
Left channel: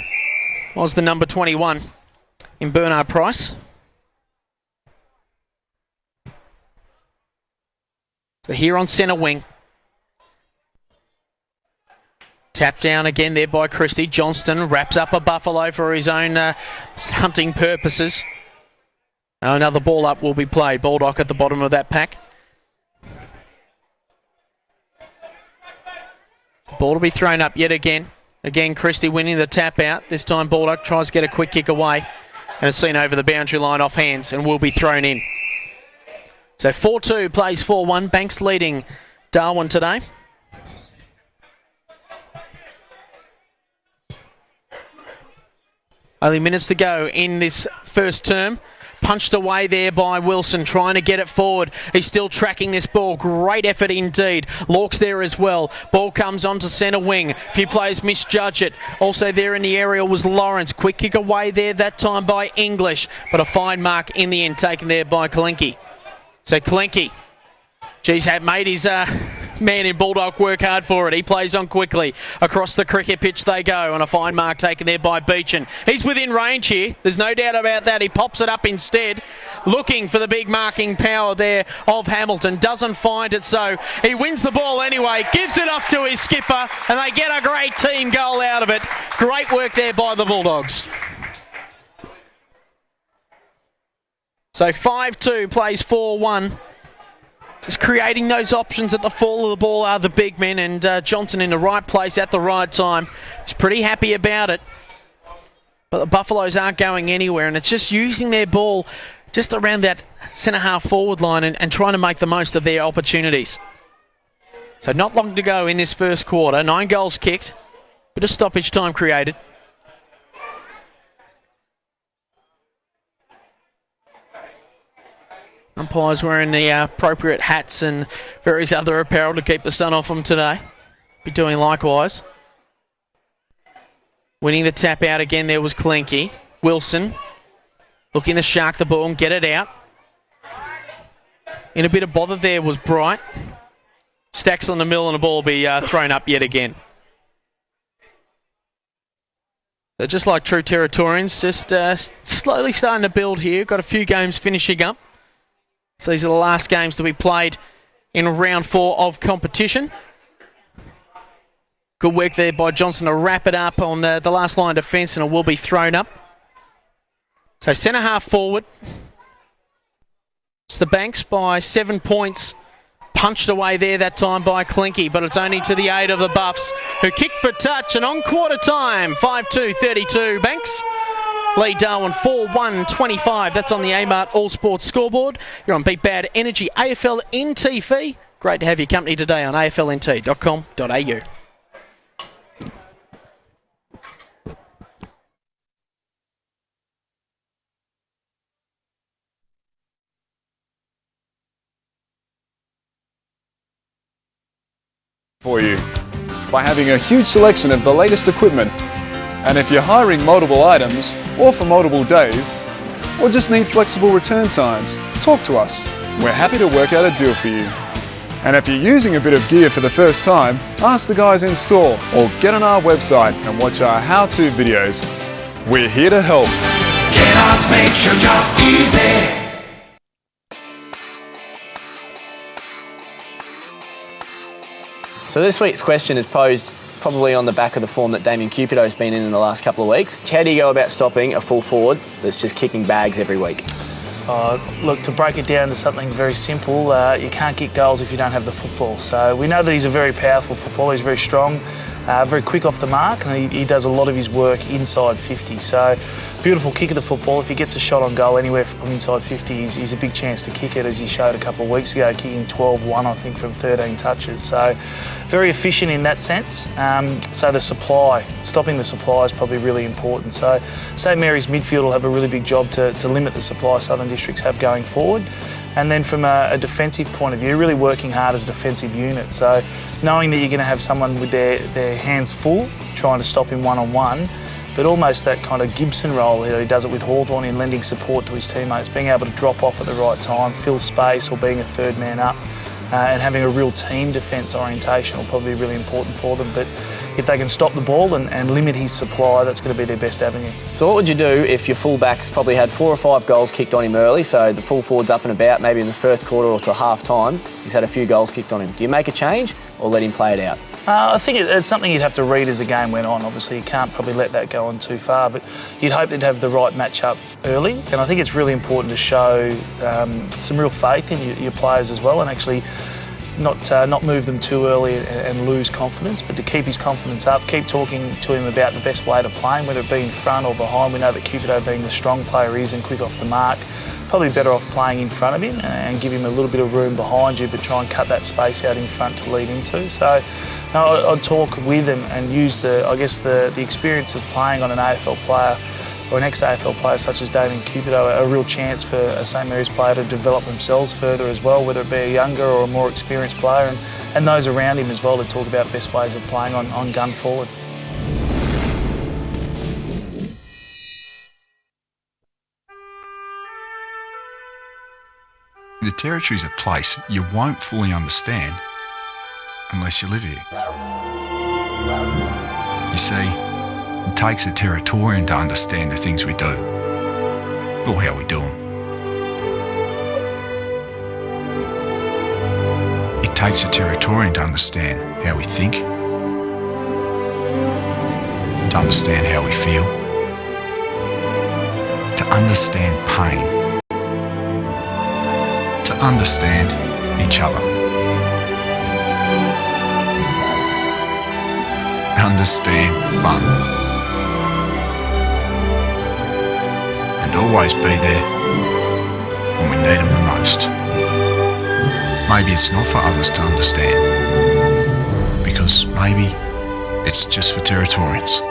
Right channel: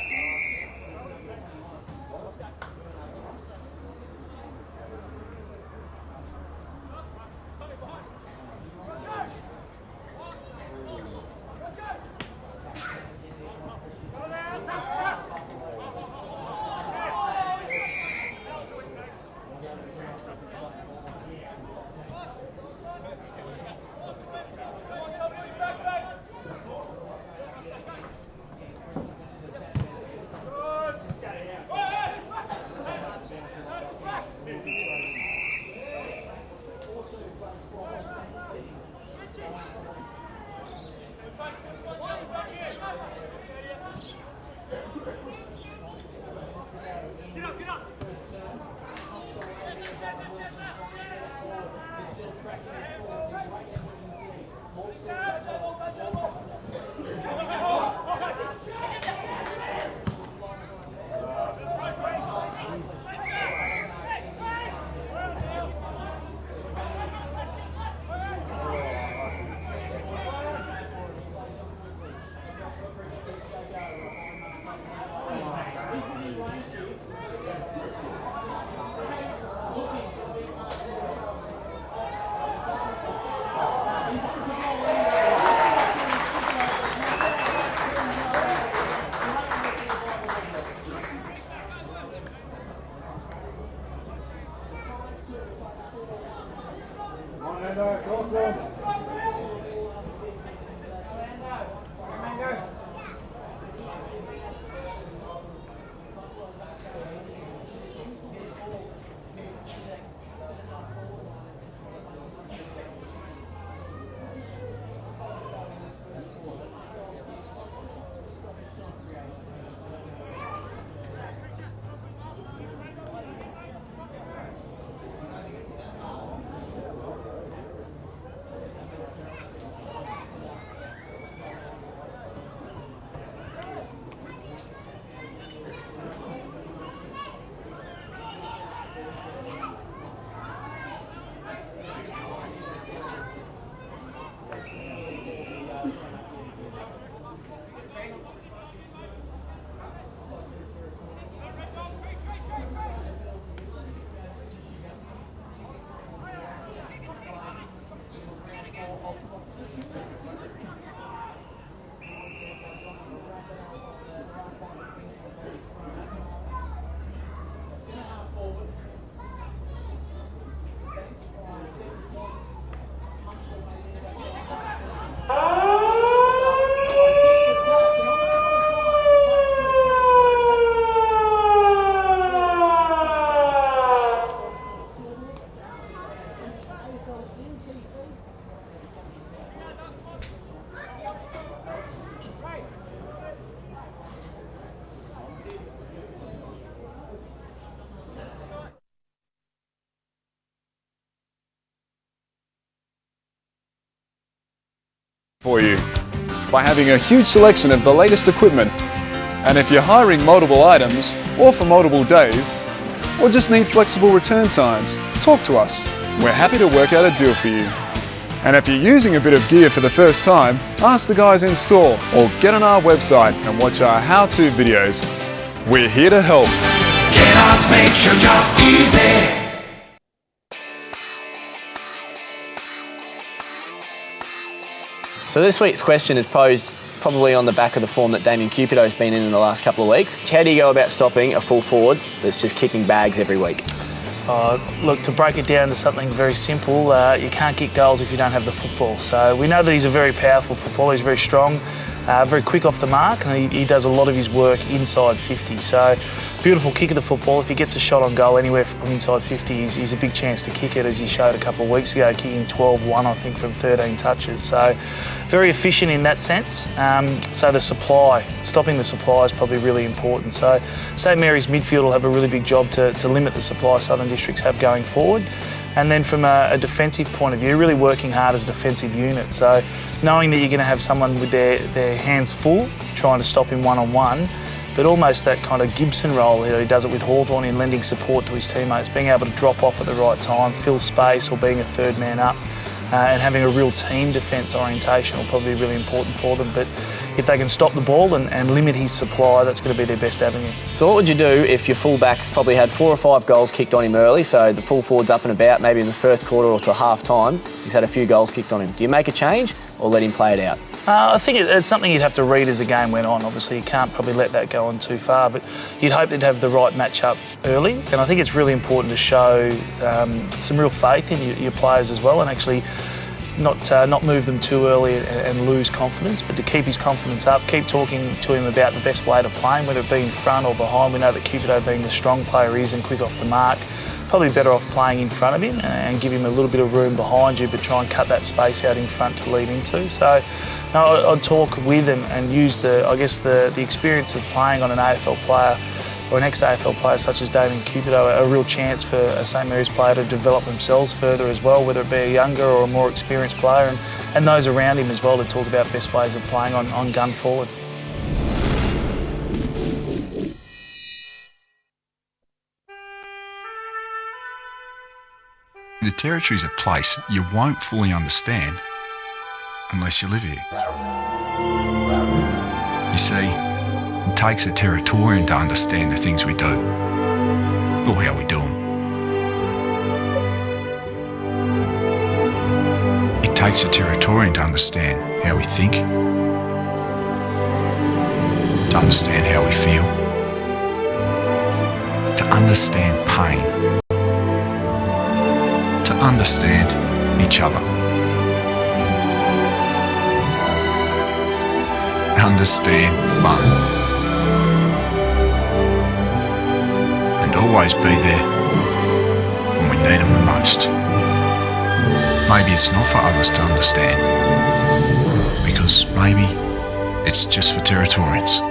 Was the number 21 in Bernard Price. So here on centre wing. Tap down again there by Christie. Johnston wraps up a Buffalo for his own hunting purposes. Now another ball up will be played. Bulldog at the bottom of that pack. Ball to be thrown up yet again. Again, Christie winning the tap out. This time Bulldog tries to get a quick kick away. And it's seen over the boundary line off hands and will be thrown in. So 4-2 plays 4-1. Banks leading Darwin today. Only minutes to go in this first term. Punched away there by Wilson, trying to get it forward. He's still tracking this ball. Great effort indeed. Lork's there as well. Ball comes onto centre wing. A few players misjudge it. Also there in the area was Lawrence. Quick kick away there that time by English. But a fine mark in the end taken there by Kalinke. So Kalinke, geez, had made his man in Bulldog work hard for it. He plays on quickly. Across the cricket pitch they go, and a fine mark taken there by Beechin. He's within range here. There's no doubt about that. He pops it up instead, looking for the big marking power there of Hamilton. Doesn't find it, so he wins the ball anyway. Gives it off to his skipper, and they get a great team goal out of it. Great work there by the Bulldogs. So 5-2 plays 4-1. Just creating those options at the fall of the ball are the big men, and Johnson in the right place at the right time. He's pretty happy about it. But the Buffaloes aren't going anywhere, and it's just using their ball just around that centre-half forward line and trying to make the most of their opportunities. So not long to go in this first quarter. 9 goals kicked. Bit of stoppage time created. Umpires wearing the appropriate hats and various other apparel to keep the sun off them today. Be doing likewise. Winning the tap out again there was Kalinke. Wilson looking to shark the ball and get it out. In a bit of bother there was Bright. Stacks on the mill and the ball will be thrown up yet again. They're just like true Territorians, just slowly starting to build here. Got a few games finishing up. So these are the last games to be played in round 4 of competition. Good work there by Johnson to wrap it up on the last line of defence, and it will be thrown up. So centre half forward. It's the Banks by 7 points. Punched away there that time by Clinky, but it's only to the aid of the Buffs, who kick for touch, and on quarter time, 5-2-32. Banks lead Darwin 4-1-25. That's on the A-Mart All Sports scoreboard. You're on Beat Bad Energy AFLNTv. Great to have your company today on AFLNT.com.au. For you by having a huge selection of the latest equipment. And if you're hiring multiple items or for multiple days or just need flexible return times, talk to us. We're happy to work out a deal for you. And if you're using a bit of gear for the first time, ask the guys in store or get on our website and watch our how-to videos. We're here to help. Get on to make your job easy. So this week's question is posed probably on the back of the form that Damien Cupido has been in the last couple of weeks. How do you go about stopping a full forward that's just kicking bags every week? Look, to break it down to something very simple, you can't kick goals if you don't have the football. So we know that he's a very powerful footballer, he's very strong, very quick off the mark, and he does a lot of his work inside 50. So beautiful kick of the football. If he gets a shot on goal anywhere from inside 50, he's a big chance to kick it, as he showed a couple of weeks ago, kicking 12-1, I think, from 13 touches. So very efficient in that sense. So the supply, stopping the supply is probably really important. So St Mary's midfield will have a really big job to limit the supply Southern Districts have going forward. And then from a defensive point of view, really working hard as a defensive unit. So knowing that you're going to have someone with their hands full, trying to stop him one-on-one, but almost that kind of Gibson role here, he does it with Hawthorn in lending support to his teammates, being able to drop off at the right time, fill space, or being a third man up, and having a real team defence orientation will probably be really important for them. But if they can stop the ball and limit his supply, that's going to be their best avenue. So what would you do if your fullback's probably had 4 or 5 goals kicked on him early, so the full forward's up and about, maybe in the first quarter or to half time, he's had a few goals kicked on him. Do you make a change or let him play it out? I think it's something you'd have to read as the game went on. Obviously, you can't probably let that go on too far, but you'd hope they'd have the right match-up early. And I think it's really important to show some real faith in your players as well, and actually not move them too early and lose confidence, but to keep his confidence up, keep talking to him about the best way to play him, whether it be in front or behind. We know that Cupido, being the strong player he is and quick off the mark, probably better off playing in front of him and give him a little bit of room behind you, but try and cut that space out in front to lead into. So I'd talk with and use the experience of playing on an AFL player or an ex-AFL player such as Darwin Buffaloes, a real chance for a St Mary's player to develop themselves further as well, whether it be a younger or a more experienced player, and those around him as well, to talk about best ways of playing on gun forwards. The Territory is a place you won't fully understand unless you live here. You see, it takes a Territorian to understand the things we do, or how we do them. It takes a Territorian to understand how we think, to understand how we feel, to understand pain, to understand each other. Understand fun. And always be there when we need them the most. Maybe it's not for others to understand, because maybe it's just for Territorians.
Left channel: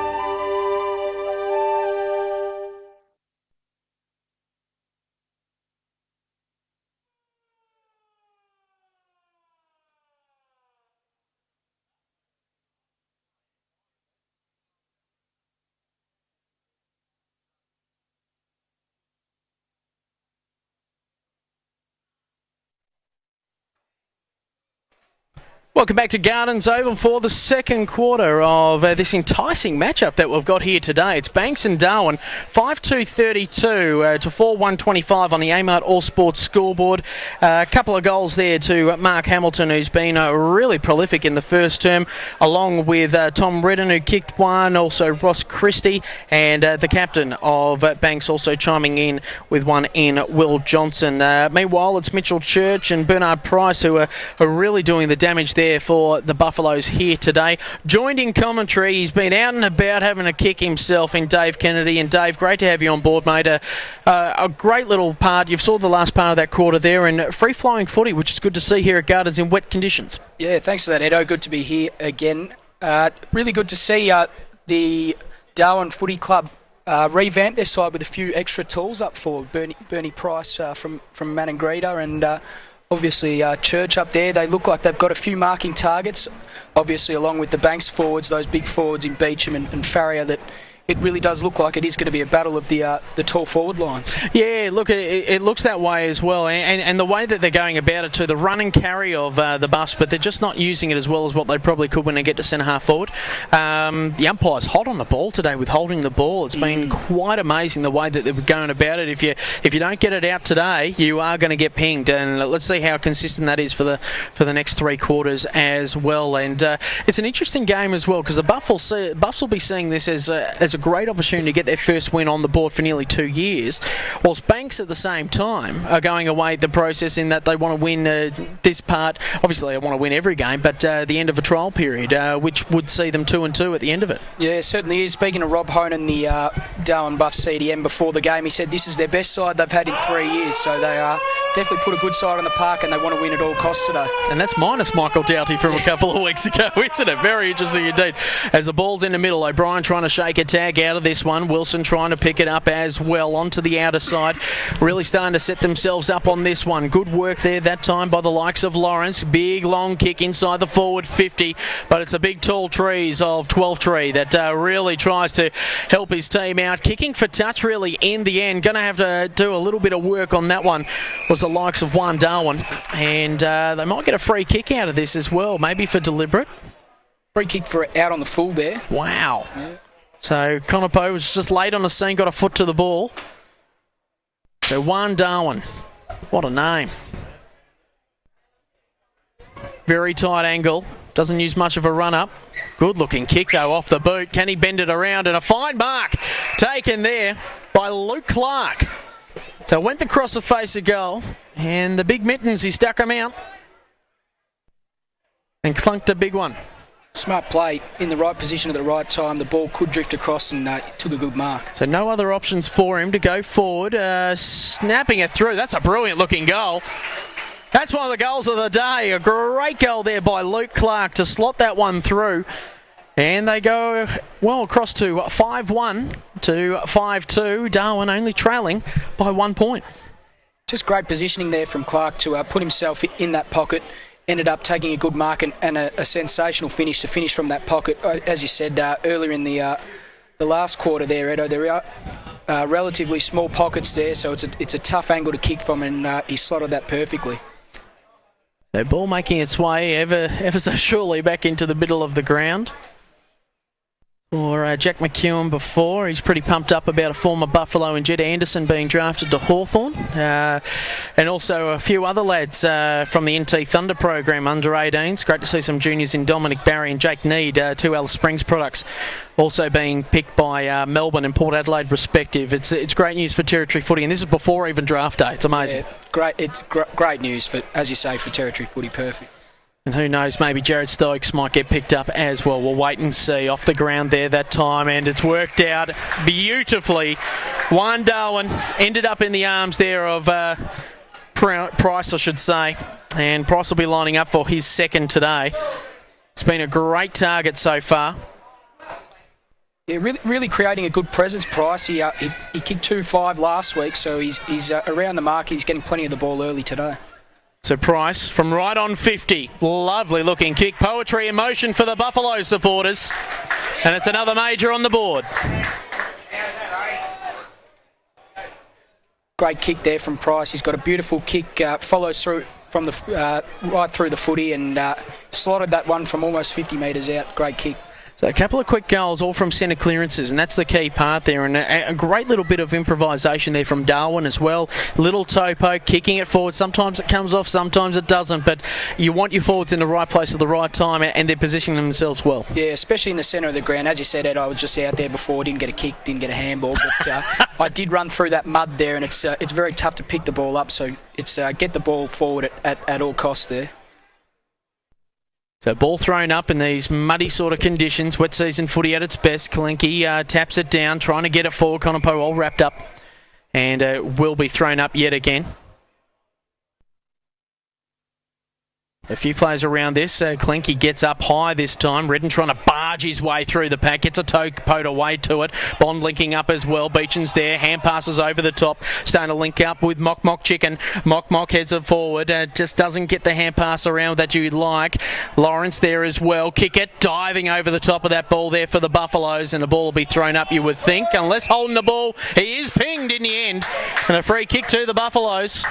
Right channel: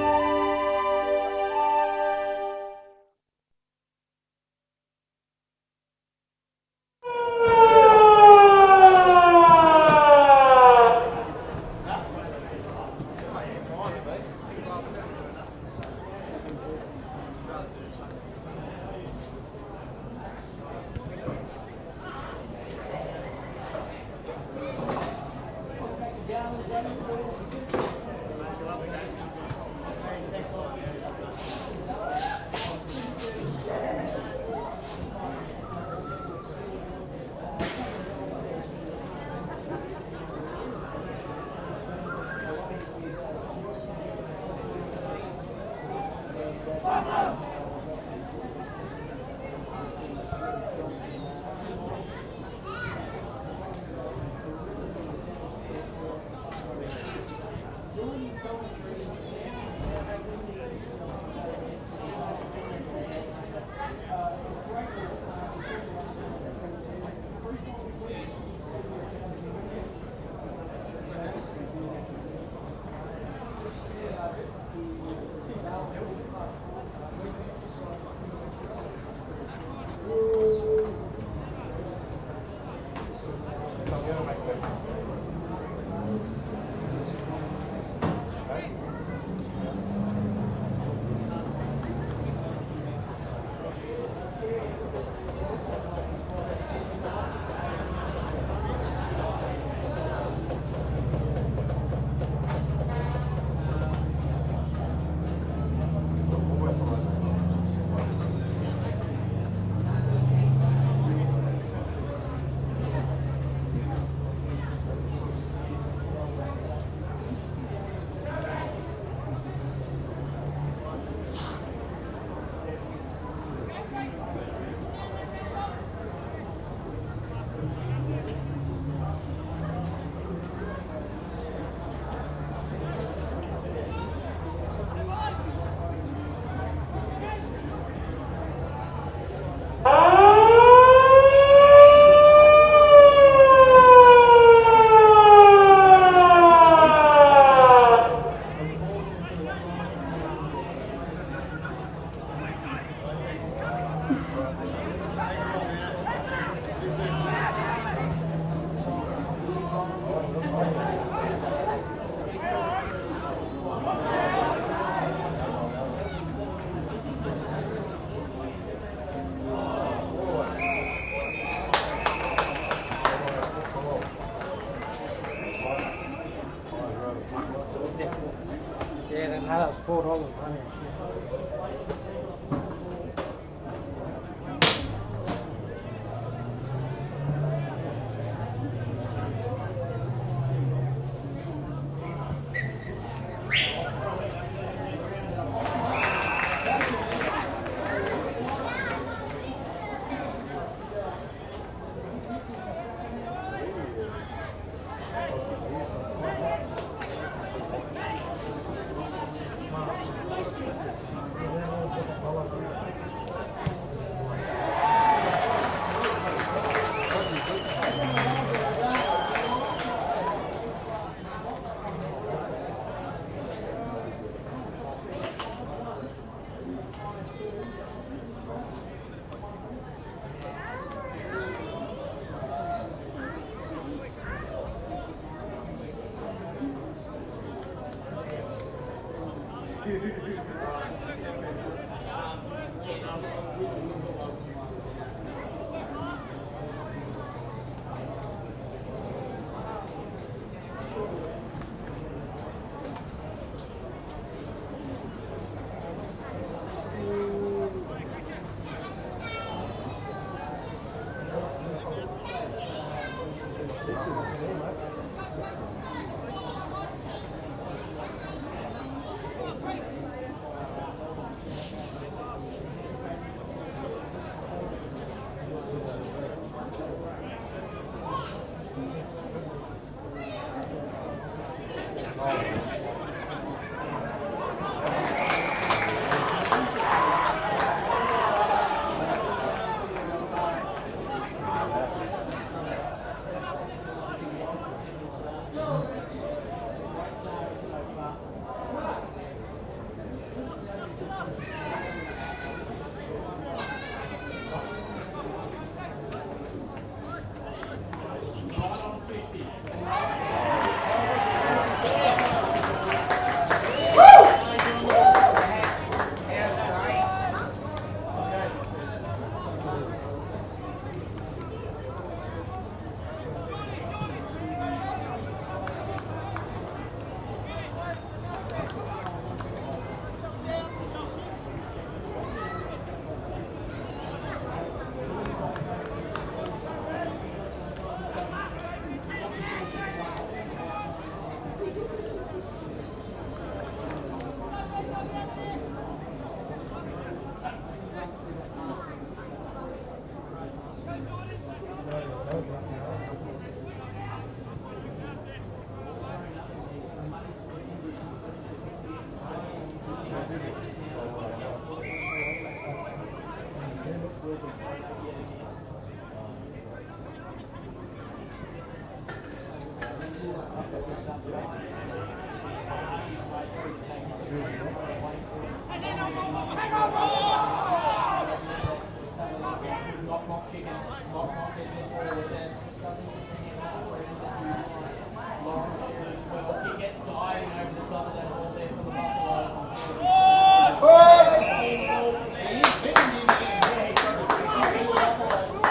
Welcome back to Gardens Oval for the second quarter of this enticing matchup that we've got here today. It's Banks and Darwin, 5-2-32 to 4-1-25 on the Amart All Sports scoreboard. A couple of goals there to Mark Hamilton, who's been really prolific in the first term, along with Tom Redden, who kicked one, also Ross Christie, and the captain of Banks also chiming in with one in Will Johnson. Meanwhile, it's Mitchell Church and Bernard Price who are really doing the damage there for the Buffaloes here today. Joined in commentary, he's been out and about having a kick himself in Dave Kennedy. And Dave, great to have you on board, mate. A great little part. You've saw the last part of that quarter there, and free-flowing footy, which is good to see here at Gardens in wet conditions. Yeah, thanks for that, Edo. Good to be here again. Really good to see the Darwin Footy Club revamp their side with a few extra tools up forward. Bernie Price from Maningrida and obviously Church up there. They look like they've got a few marking targets, obviously along with the Banks forwards, those big forwards in Beecham and Farrier, that it really does look like it is going to be a battle of the tall forward lines. Yeah, look, it looks that way as well, and the way that they're going about it too, the run and carry of the Buffs, but they're just not using it as well as what they probably could when they get to centre half forward. The umpire's hot on the ball today with holding the ball. It's been quite amazing the way that they're going about it. If you don't get it out today, you are going to get pinged, and let's see how consistent that is for the next three quarters as well. And it's an interesting game as well, because the Buffs will be seeing this as a great opportunity to get their first win on the board for nearly 2 years, whilst Banks at the same time are going away the process in that they want to win this part. Obviously they want to win every game, but the end of a trial period, which would see them 2-2 at the end of it. Yeah, it certainly is. Speaking of Rob Honan, the Darwin Buff CDM, before the game, he said this is their best side they've had in 3 years, so they definitely put a good side on the park and they want to win at all costs today. And that's minus Michael Doughty from a couple of weeks ago, isn't it? Very interesting indeed. As the ball's in the middle, O'Brien trying to shake a tag out of this one. Wilson trying to pick it up as well onto the outer side. Really starting to set themselves up on this one. Good work there that time by the likes of Lawrence. Big long kick inside the forward 50, but it's a big tall trees of 12-tree that really tries to help his team out. Kicking for touch really in the end. Going to have to do a little bit of work on that one was the likes of Juan Darwin, and they might get a free kick out of this as well, maybe for deliberate. Free kick for it out on the full there. Wow. So Connor Poe was just late on the scene, got a foot to the ball. So Juan Darwin, what a name. Very tight angle, doesn't use much of a run up. Good looking kick though off the boot. Can he bend it around? And a fine mark taken there by Luke Clark. So went across the face of goal, and the big mittens, he stuck them out and clunked a big one. Smart play in the right position at the right time. The ball could drift across and took a good mark. So no other options for him to go forward. Snapping it through. That's a brilliant looking goal. That's one of the goals of the day. A great goal there by Luke Clark to slot that one through. And they go well across to 5-1 to 5-2. Darwin only trailing by 1 point. Just great positioning there from Clark to put himself in that pocket. Ended up taking a good mark and a sensational finish to finish from that pocket. As you said earlier in the last quarter there, Edo, there are relatively small pockets there, so it's a tough angle to kick from, and he slotted that perfectly. The ball making its way ever so surely back into the middle of the ground. Or Jack McEwen before. He's pretty pumped up about a former Buffalo and Jed Anderson being drafted to Hawthorn. And also a few other lads from the NT Thunder program under 18s. Great to see some juniors in Dominic Barry and Jake Need, two Alice Springs products, also being picked by Melbourne and Port Adelaide respective. It's great news for territory footy, and this is before even draft day. It's amazing. Yeah, it's great news for, as you say, for territory footy. Perfect. And who knows, maybe Jared Stokes might get picked up as well. We'll wait and see. Off the ground there that time, and it's worked out beautifully. Juan Darwin ended up in the arms there of Price, I should say. And Price will be lining up for his second today. It's been a great target so far. Yeah, really creating a good presence, Price. He kicked 2-5 last week, so he's around the mark. He's getting plenty of the ball early today. So Price from right on 50. Lovely looking kick. Poetry in motion for the Buffalo supporters. And it's another major on the board. Great kick there from Price. He's got a beautiful kick, follows through from the right through the footy and slotted that one from almost 50 metres out. Great kick. So a couple of quick goals, all from centre clearances, and that's the key part there. And a great little bit of improvisation there from Darwin as well. Little toe poke, kicking it forward. Sometimes it comes off, sometimes it doesn't. But you want your forwards in the right place at the right time, and they're positioning themselves well. Yeah, especially in the centre of the ground. As you said, Ed, I was just out there before. Didn't get a kick, didn't get a handball. But I did run through that mud there, and it's very tough to pick the ball up. So it's get the ball forward at all costs there. So ball thrown up in these muddy sort of conditions. Wet season footy at its best. Kalinke taps it down, trying to get it forward. Conopo all wrapped up and will be thrown up yet again. A few players around this. Kalinke gets up high this time. Redden trying to barge his way through the pack. Gets a toe poed away to it. Bond linking up as well. Beecham's there. Hand passes over the top. Starting to link up with Mock Chicken. Mock heads it forward. Just doesn't get the hand pass around that you'd like. Lawrence there as well. Kick it. Diving over the top of that ball there for the Buffaloes. And the ball will be thrown up, you would think. Unless holding the ball. He is pinged in the end. And a free kick to the Buffaloes.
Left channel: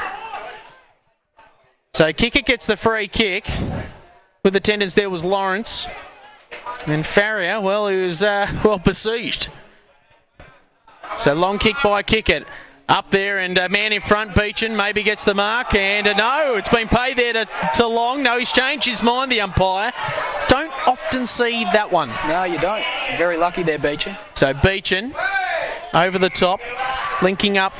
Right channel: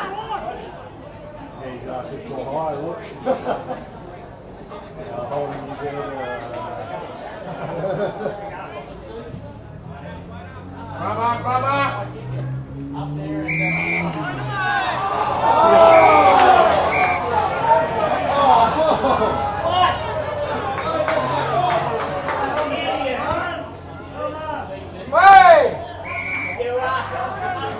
So Kicker gets the free kick. With attendance there was Lawrence. And Farrier, well, he was well besieged. So long kick by Kickett. Up there and man in front, Beechan maybe gets the mark. And no, it's been paid there to Long. No, he's changed his mind, the umpire. Don't often see that one. No, you don't. Very lucky there, Beechan. So Beechan over the top, linking up.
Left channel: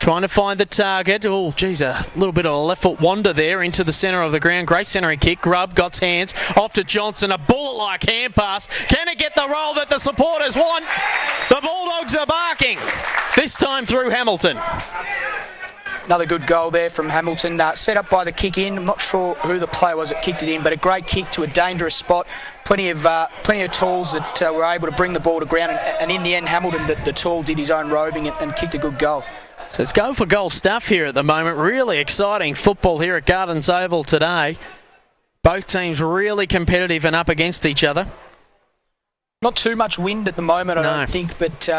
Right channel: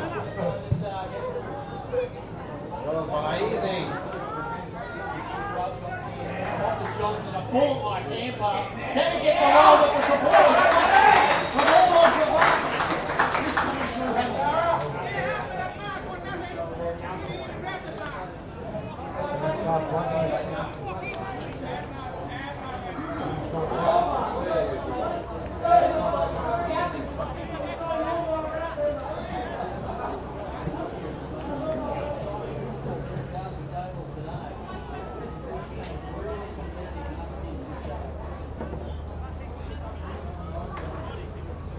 Trying to find the target. Oh, geez, a little bit of a left foot wander there into the centre of the ground. Great centering kick. Grubb got hands off to Johnson. A ball-like hand pass. Can it get the roll that the supporters want? The Bulldogs are barking. This time through Hamilton. Another good goal there from Hamilton. Set up by the kick in. I'm not sure who the player was that kicked it in, but a great kick to a dangerous spot. Plenty of tools that were able to bring the ball to ground. And in the end, Hamilton, the tool, did his own roving and kicked a good goal. So it's goal for goal stuff here at the moment. Really exciting football here at Gardens Oval today. Both teams really competitive and up against each other. Not too much wind at the moment, I No. don't think, but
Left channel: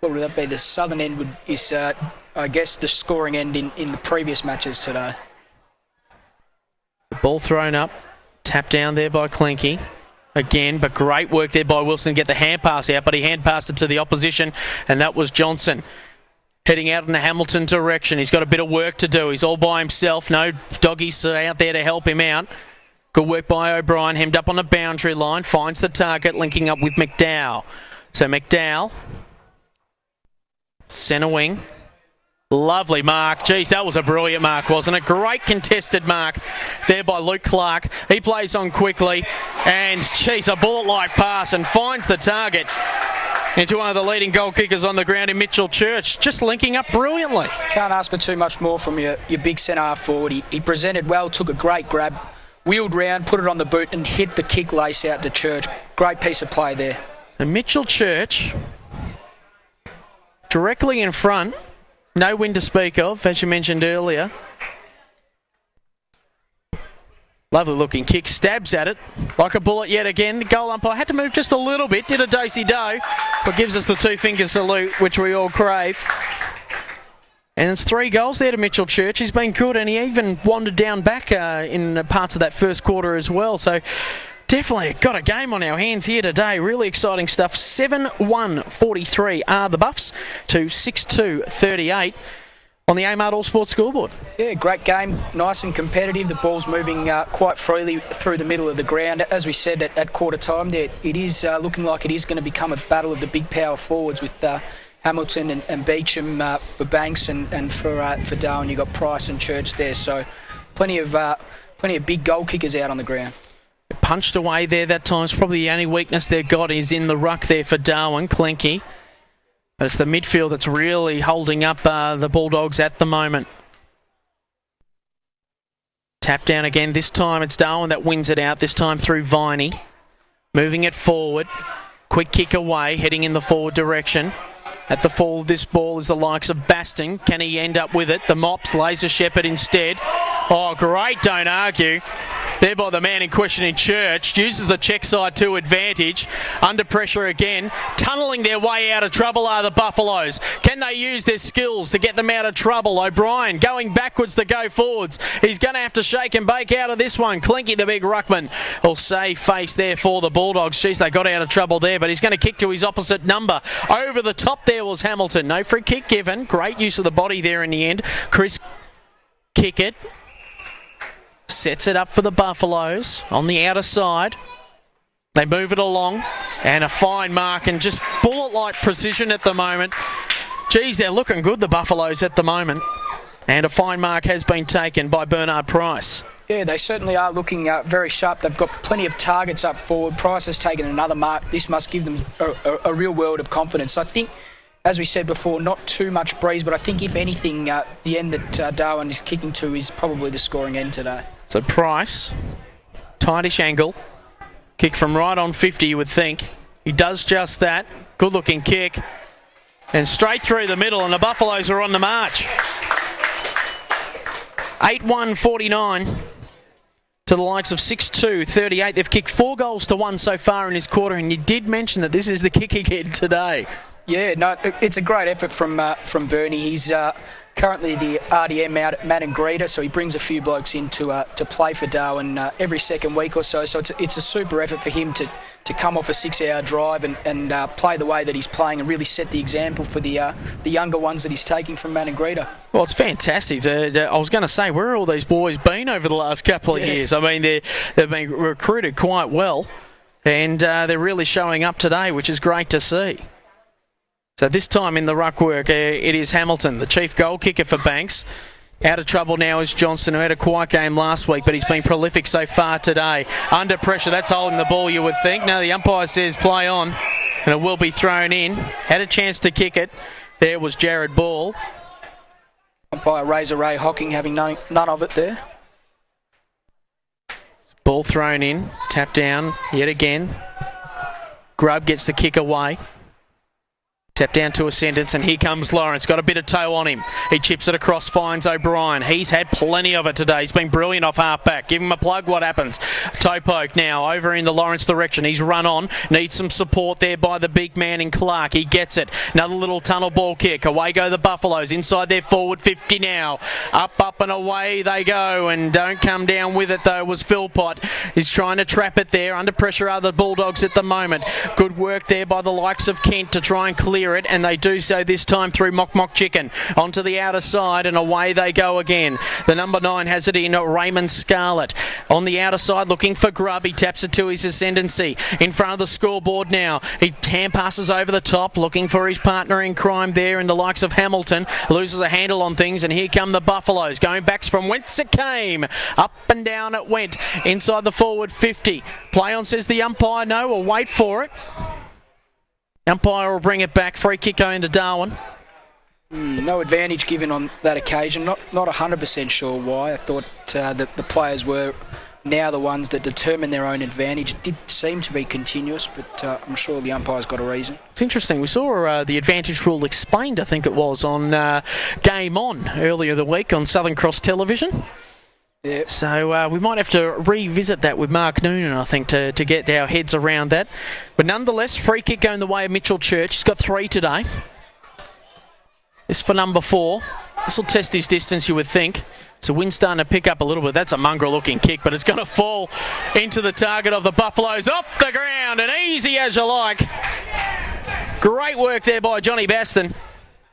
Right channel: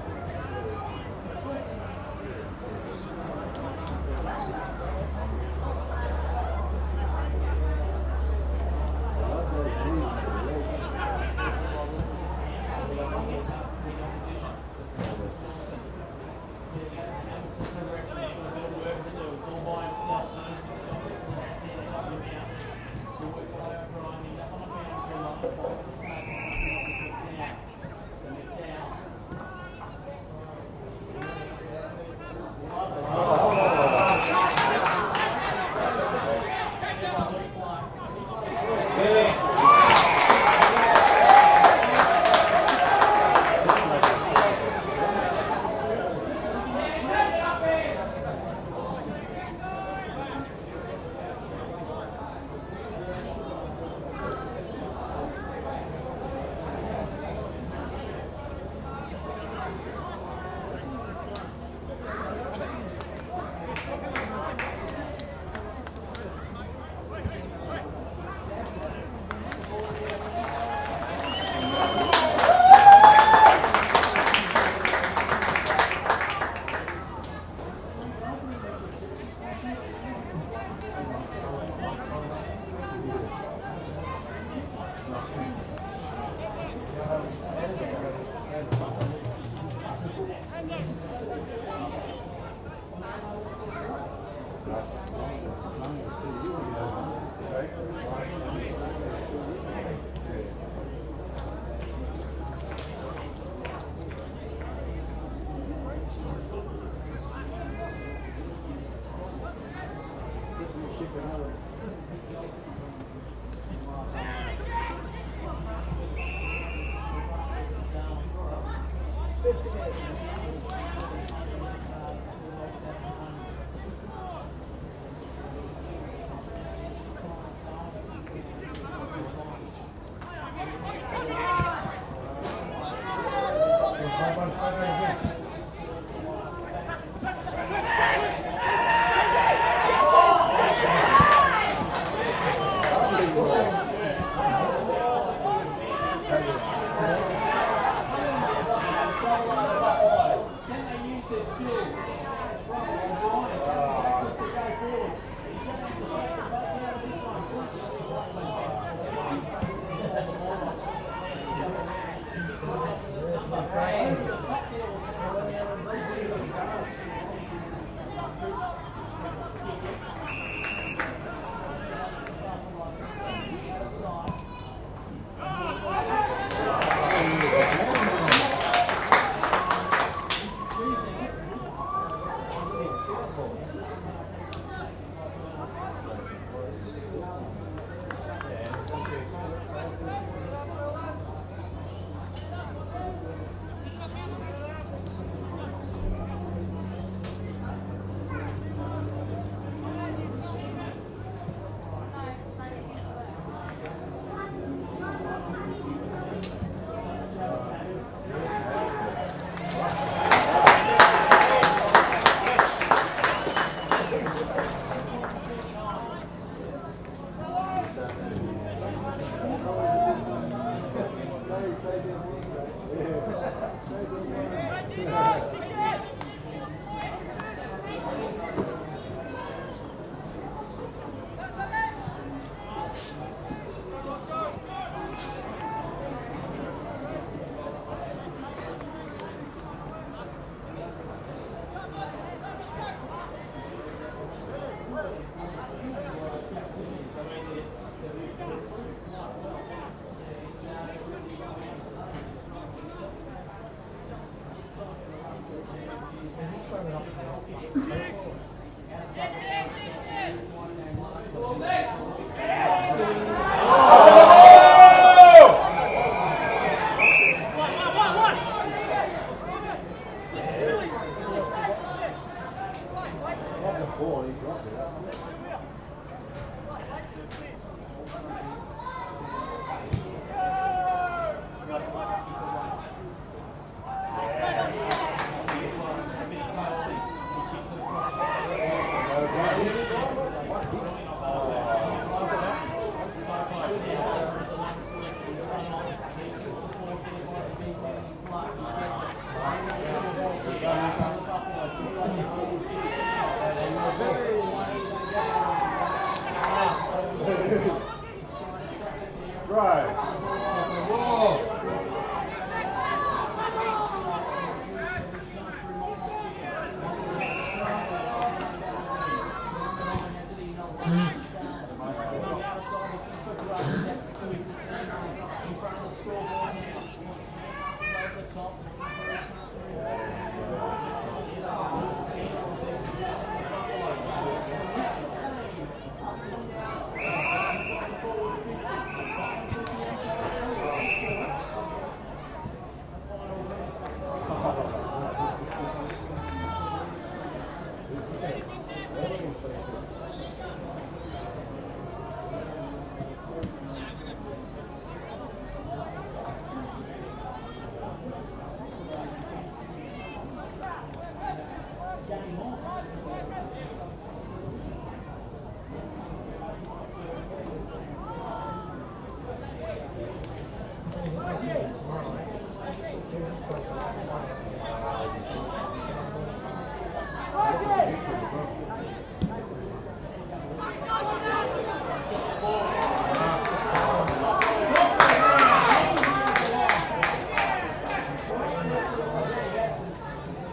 what would that be? The southern end is, I guess, the scoring end in the previous matches today. Ball thrown up, tapped down there by Clinky. Again, but great work there by Wilson to get the hand pass out, but he hand passed it to the opposition, and that was Johnson. Heading out in the Hamilton direction. He's got a bit of work to do. He's all by himself. No doggies out there to help him out. Good work by O'Brien. Hemmed up on the boundary line. Finds the target, linking up with McDowell. So McDowell, centre wing. Lovely mark. Geez, that was a brilliant mark, wasn't it? Great contested mark there by Luke Clark. He plays on quickly, and geez, a ball-like pass and finds the target into one of the leading goal kickers on the ground in Mitchell Church. Just linking up brilliantly. Can't ask for too much more from your big centre forward. He presented well, took a great grab, wheeled round, put it on the boot and hit the kick lace out to Church. Great piece of play there. And Mitchell Church directly in front. No wind to speak of, as you mentioned earlier. Lovely looking kick, stabs at it like a bullet yet again. The goal umpire had to move just a little bit, did a Daisy Doe. It gives us the two-finger salute, which we all crave. And it's 3 goals there to Mitchell Church. He's been good, and he even wandered down back in parts of that first quarter as well. So definitely got a game on our hands here today. Really exciting stuff. 7-1-43 are the Buffs to 6-2-38 on the Amart All Sports scoreboard. Yeah, great game. Nice and competitive. The ball's moving quite freely through the middle of the ground. As we said at quarter time there, it is looking like it is going to become a battle of the big power forwards with Hamilton and Beecham for Banks and for Darwin. You've got Price and Church there. So plenty of big goal kickers out on the ground. Punched away there that time. It's probably the only weakness they've got is in the ruck there for Darwin, Clinky. But it's the midfield that's really holding up the Bulldogs at the moment. Tap down again. This time it's Darwin that wins it out, this time through Viney. Moving it forward. Quick kick away, heading in the forward direction. At the fall, this ball is the likes of Basting. Can he end up with it? The Mops, Laser Shepherd instead. Oh, great, don't argue. there by the man in question in Church. Uses the check side to advantage. Under pressure again. Tunnelling their way out of trouble are the Buffaloes. Can they use their skills to get them out of trouble? O'Brien going backwards to go forwards. He's going to have to shake and bake out of this one. Clinky, the big ruckman, will save face there for the Bulldogs. Jeez, they got out of trouble there, but he's going to kick to his opposite number. Over the top there was Hamilton. No free kick given. Great use of the body there in the end. Chris kick it. Sets it up for the Buffaloes on the outer side. They move it along, and a fine mark and just bullet-like precision at the moment. Geez, they're looking good, the Buffaloes, at the moment. And a fine mark has been taken by Bernard Price. Yeah, they certainly are looking very sharp. They've got plenty of targets up forward. Price has taken another mark. This must give them a real world of confidence. I think, as we said before, not too much breeze, but I think if anything, the end that Darwin is kicking to is probably the scoring end today. So Price, tightish angle, kick from right on 50, you would think. He does just that. Good looking kick. And straight through the middle, and the Buffaloes are on the march. 8-1-49 to the likes of 6-2-38. They've kicked 4 goals to 1 so far in this quarter, and you did mention that this is the kick again today. Yeah, no, it's a great effort from Bernie. He's currently the RDM out at Matt and Greta, so he brings a few blokes in to play for Darwin every second week or so. So it's a super effort for him to come off a 6-hour drive and play the way that he's playing and really set the example for the younger ones that he's taking from Matt and Greta. Well, it's fantastic. I was going to say, where have all these boys been over the last couple of years? I mean, they've been recruited quite well, and they're really showing up today, which is great to see. So this time in the ruck work, it is Hamilton, the chief goal kicker for Banks. Out of trouble now is Johnson, who had a quiet game last week, but he's been prolific so far today. Under pressure, that's holding the ball, you would think. Now the umpire says play on, and it will be thrown in. Had a chance to kick it. There was Jared Ball. Umpire Razor Ray Hocking having none of it there. Ball thrown in, tap down yet again. Grubb gets the kick away. Tap down to a sentence, and here comes Lawrence. Got a bit of toe on him. He chips it across, finds O'Brien. He's had plenty of it today. He's been brilliant off half-back. Give him a plug, what happens? Toe poke now over in the Lawrence direction. He's run on. Needs some support there by the big man in Clark. He gets it. Another little tunnel ball kick. Away go the Buffaloes. Inside their forward 50 now. Up and away they go, and don't come down with it though was Philpott. He's trying to trap it there. Under pressure are the Bulldogs at the moment. Good work there by the likes of Kent to try and clear it, and they do so this time through Mock Chicken onto the outer side, and away they go again. The number 9 has it in Raymond Scarlett on the outer side looking for Grubb. He taps it to his ascendancy in front of the scoreboard now. He hand passes over the top looking for his partner in crime there in the likes of Hamilton. Loses a handle on things, and here come the Buffaloes going back from whence it came. Up and down it went inside the forward 50. Play on, says the umpire. No, we'll wait for it. Umpire will bring it back. Free kick going to Darwin. No advantage given on that occasion. Not 100% sure why. I thought that the players were now the ones that determine their own advantage. It did seem to be continuous, but I'm sure the umpire's got a reason. It's interesting. We saw the advantage rule explained, I think it was, on Game On earlier the week on Southern Cross Television. Yeah. So we might have to revisit that with Mark Noonan, I think, to get our heads around that. But nonetheless, free kick going the way of Mitchell Church. He's got 3 today. This for number 4. This will test his distance, you would think. So wind starting to pick up a little bit. That's a mongrel-looking kick, but it's going to fall into the target of the Buffaloes off the ground, and easy as you like. Great work there by Johnny Baston.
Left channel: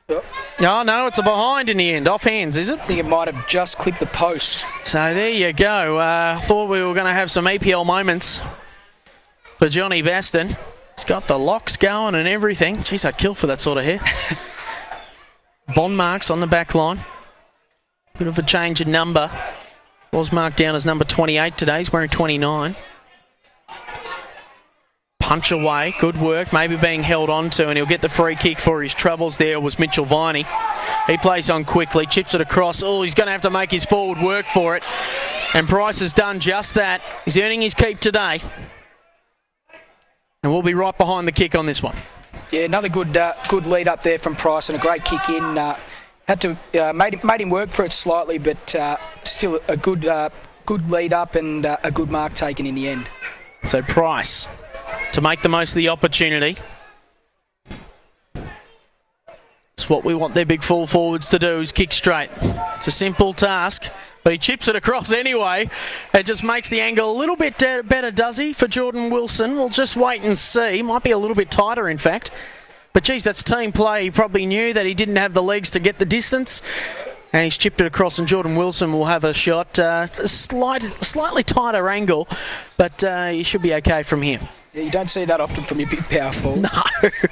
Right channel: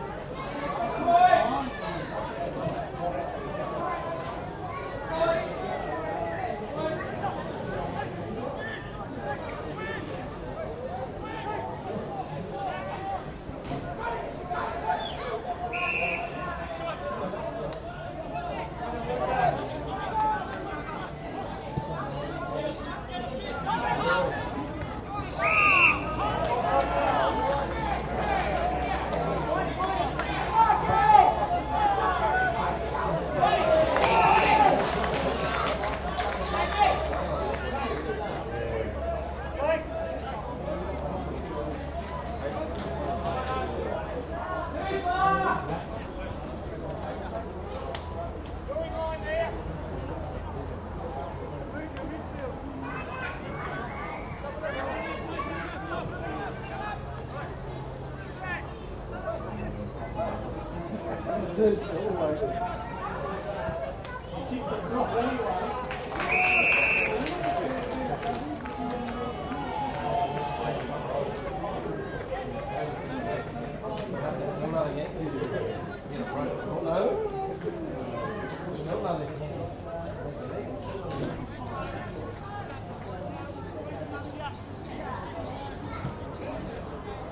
Yep. Oh, no, it's a behind in the end. Off hands, is it? I think it might have just clipped the post. So there you go. Thought we were going to have some EPL moments for Johnny Baston. It's got the locks going and everything. Jeez, I'd kill for that sort of hair. Bond marks on the back line. Bit of a change in number. Was marked down as number 28 today. He's wearing 29. Punch away, good work, maybe being held on to, and he'll get the free kick for his troubles there was Mitchell Viney. He plays on quickly, chips it across. Oh, he's going to have to make his forward work for it. And Price has done just that. He's earning his keep today. And we'll be right behind the kick on this one. Yeah, another good lead up there from Price and a great kick in. Had to made him work for it slightly, but still a good good lead up and a good mark taken in the end. So Price to make the most of the opportunity. It's what we want their big full forwards to do, is kick straight. It's a simple task, but he chips it across anyway. It just makes the angle a little bit better, does he, for Jordan Wilson? We'll just wait and see. Might be a little bit tighter, in fact. But geez, that's team play. He probably knew that he didn't have the legs to get the distance, and he's chipped it across, and Jordan Wilson will have a shot. A slightly tighter angle, but he should be okay from here. Yeah, you don't see that often from your big power forwards. No.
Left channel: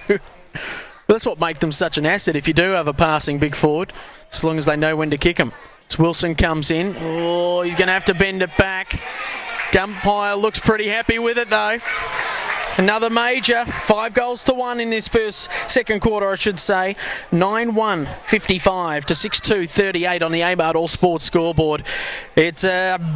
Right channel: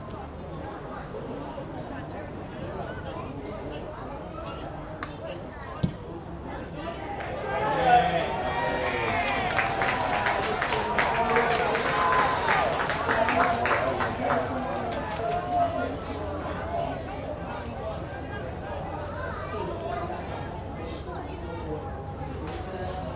But that's what makes them such an asset if you do have a passing big forward, as long as they know when to kick them. As Wilson comes in, oh, he's going to have to bend it back. Umpire looks pretty happy with it though. Another major, 5-1 in this second quarter, I should say. 9-1, 55 to 6-2, 38 on the AMART All Sports scoreboard. It's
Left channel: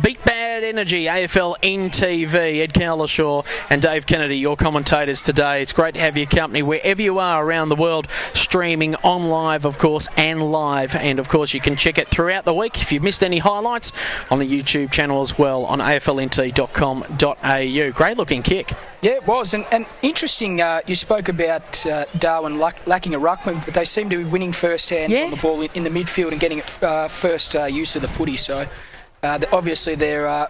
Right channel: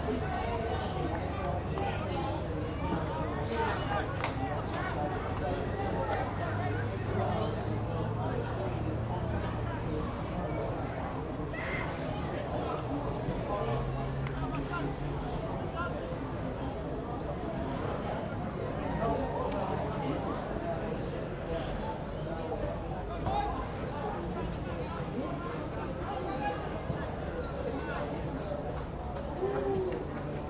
Beat Bad Energy AFLNTv. Ed Calishaw and Dave Kennedy, your commentators today. It's great to have your company wherever you are around the world, streaming on live, of course, and live. And of course, you can check it throughout the week if you've missed any highlights on the YouTube channel as well on AFLNT.com.au. Great looking kick. Yeah, it was, and interesting. You spoke about Darwin lacking a ruckman, but they seem to be winning first hands on the ball in the midfield and getting it first use of the footy. So obviously they're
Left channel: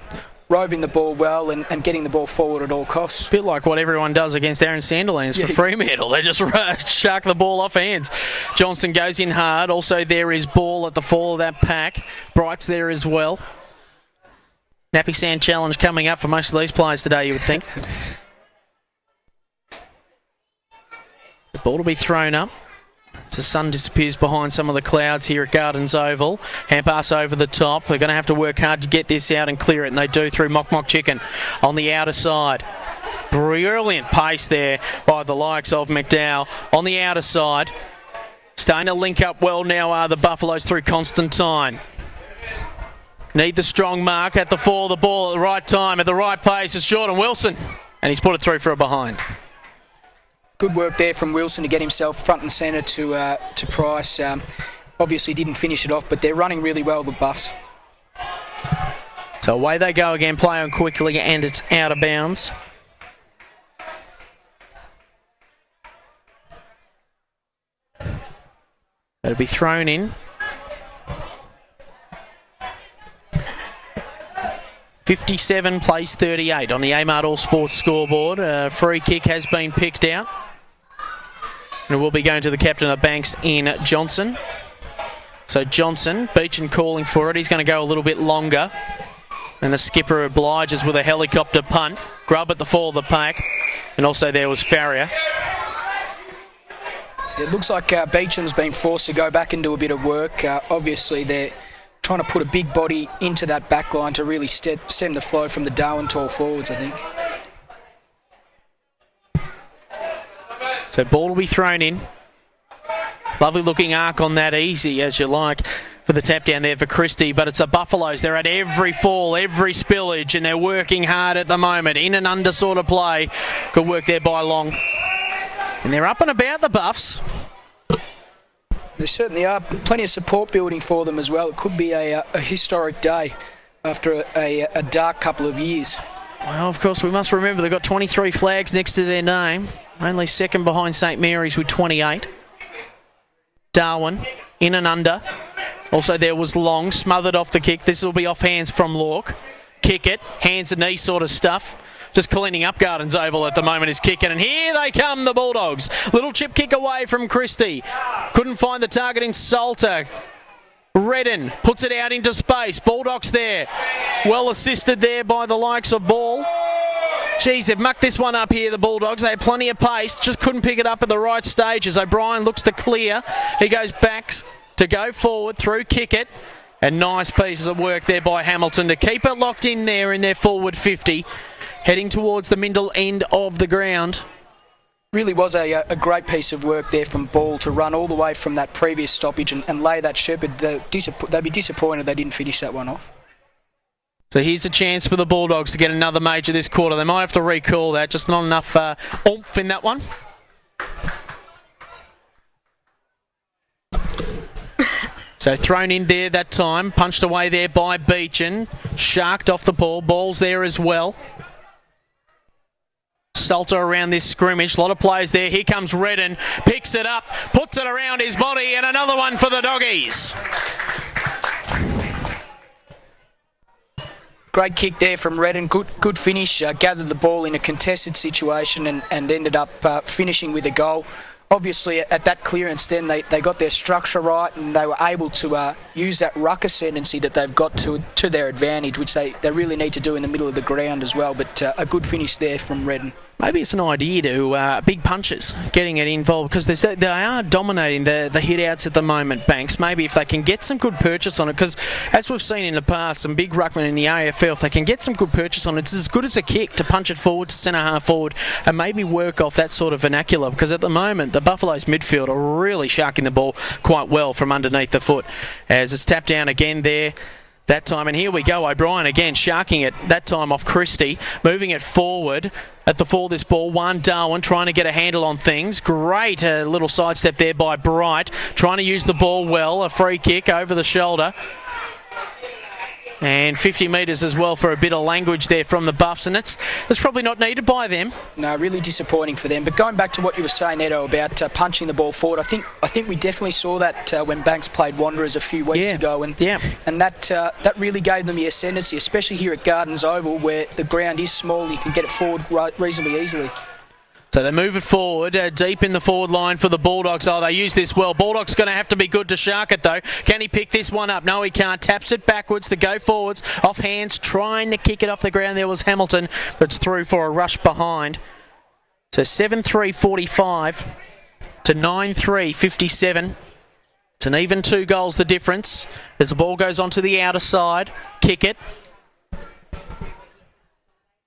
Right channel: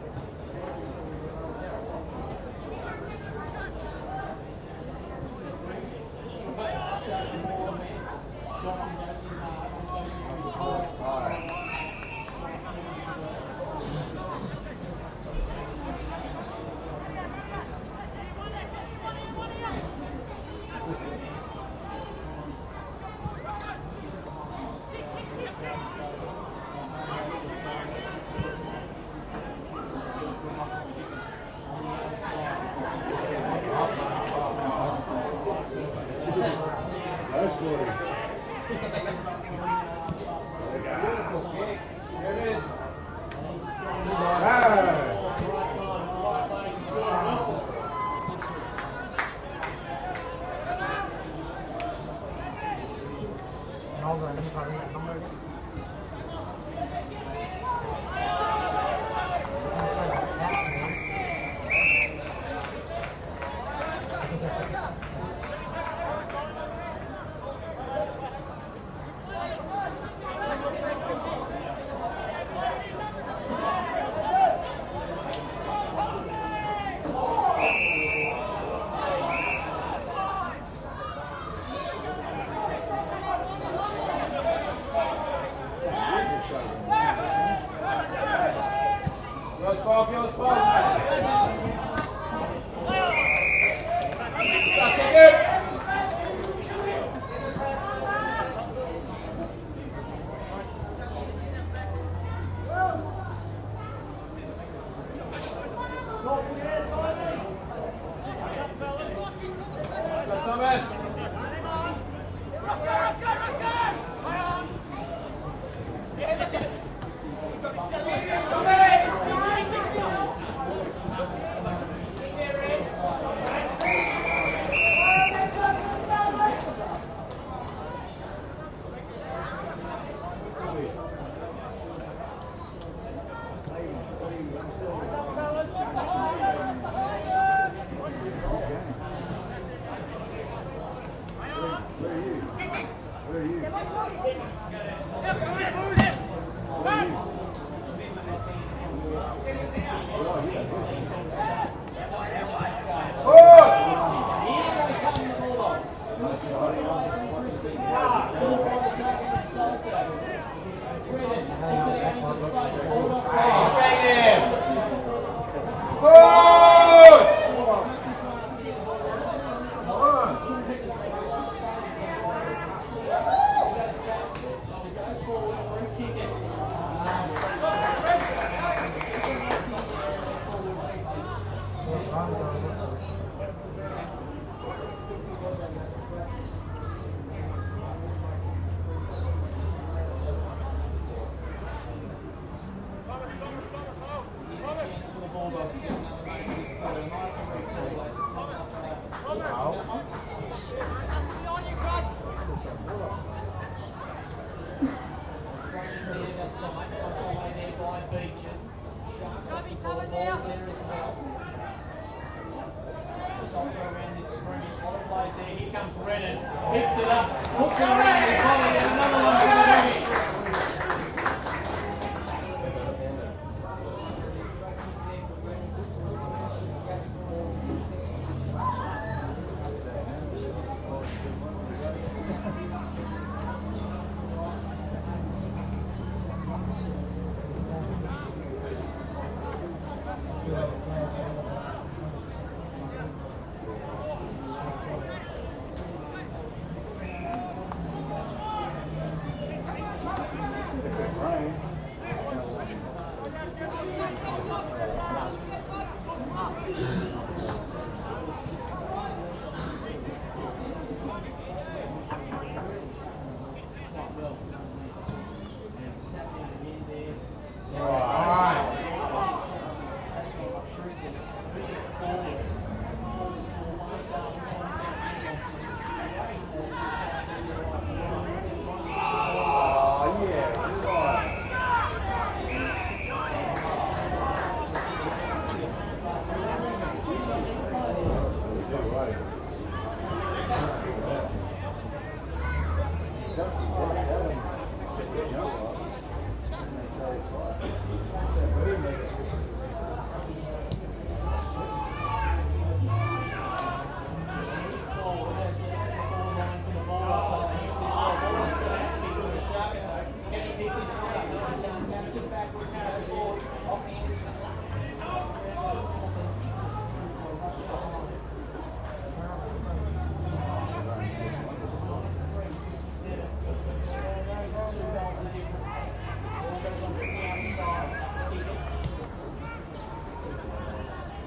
roving the ball well and getting the ball forward at all costs. A bit like what everyone does against Aaron Sandilands for Fremantle. They just shark the ball off hands. Johnson goes in hard. Also there is Ball at the fall of that pack. Bright's there as well. Nappy Sand challenge coming up for most of these players today, you would think. Ball to be thrown up as the sun disappears behind some of the clouds here at Gardens Oval. Hand pass over the top. They're going to have to work hard to get this out and clear it, and they do through Mock Chicken on the outer side. Brilliant pace there by the likes of McDowell on the outer side. Starting to link up well now are the Buffaloes through Constantine. Need the strong mark at the fall of the ball at the right time, at the right pace. It's Jordan Wilson, and he's put it through for a behind. Good work there from Wilson to get himself front and centre to Price. Obviously didn't finish it off, but they're running really well, the Buffs. So away they go again, play on quickly, and it's out of bounds. That'll be thrown in. 57 plays 38 on the AMART All Sports scoreboard. Free kick has been picked out. And it will be going to the captain of Banks in Johnson. So Johnson, Beechin calling for it. He's going to go a little bit longer. And the skipper obliges with a helicopter punt. Grub at the fall of the pack. And also there was Farrier. It looks like Beecham's been forced to go back and do a bit of work. Obviously they're trying to put a big body into that back line to really stem the flow from the Darwin tall forwards, I think. So ball will be thrown in. Lovely looking arc on that, easy as you like for the tap down there for Christie, but it's the Buffaloes. They're at every fall, every spillage, and they're working hard at the moment. In and under sort of play. Good work there by Long. And they're up and about, the Buffs. There certainly are plenty of support building for them as well. It could be a historic day after a dark couple of years. Well, of course, we must remember they've got 23 flags next to their name. Only second behind St Mary's with 28. Darwin, in and under. Also there was Long, smothered off the kick. This will be off hands from Lork. Kick it, hands and knees sort of stuff. Just cleaning up Gardens Oval at the moment is kicking, and here they come, the Bulldogs. Little chip kick away from Christie. Couldn't find the target in Salter. Redden puts it out into space. Bulldogs there. Well assisted there by the likes of Ball. Geez, they've mucked this one up here, the Bulldogs. They had plenty of pace, just couldn't pick it up at the right stages. O'Brien looks to clear. He goes back to go forward through kick it. And nice pieces of work there by Hamilton to keep it locked in there in their forward 50. Heading towards the middle end of the ground. Really was a great piece of work there from Ball to run all the way from that previous stoppage and lay that shepherd. They'd be disappointed they didn't finish that one off. So here's a chance for the Bulldogs to get another major this quarter. They might have to recall that, just not enough oomph in that one. So thrown in there that time, punched away there by Beechin. sharked off the ball. Ball's there as well. Salter around this scrimmage. A lot of players there. Here comes Redden. Picks it up, puts it around his body, and another one for the Doggies. Great kick there from Redden. Good finish. Gathered the ball in a contested situation and ended up finishing with a goal. Obviously, at that clearance then, they got their structure right and they were able to use that ruck ascendancy that they've got to their advantage, which they really need to do in the middle of the ground as well. But a good finish there from Redden. Maybe it's an idea to big punches, getting it involved, because they are dominating the hit-outs at the moment, Banks. Maybe if they can get some good purchase on it, because as we've seen in the past, some big ruckmen in the AFL, if they can get some good purchase on it, it's as good as a kick to punch it forward to centre-half forward and maybe work off that sort of vernacular, because at the moment, the Buffaloes midfield are really sharking the ball quite well from underneath the foot. As it's tapped down again there. That time, and here we go, O'Brien again sharking it, that time off Christie, moving it forward at the fall of this ball. Darwin trying to get a handle on things. Great little sidestep there by Bright, trying to use the ball well. A free kick over the shoulder. And 50 metres as well for a bit of language there from the Buffs, and that's probably not needed by them. No, really disappointing for them. But going back to what you were saying, Edo, about punching the ball forward, I think we definitely saw that when Banks played Wanderers a few weeks ago, and that really gave them the ascendancy, especially here at Gardens Oval, where the ground is small, you can get it forward reasonably easily. So they move it forward, deep in the forward line for the Bulldogs. Oh, they use this well. Bulldogs going to have to be good to shark it, though. Can he pick this one up? No, he can't. Taps it backwards to go forwards. Off hands, trying to kick it off the ground. There was Hamilton, but it's through for a rush behind. So 7-3-45 to 9-3-57. It's an even 2 goals the difference. As the ball goes onto the outer side, kick it.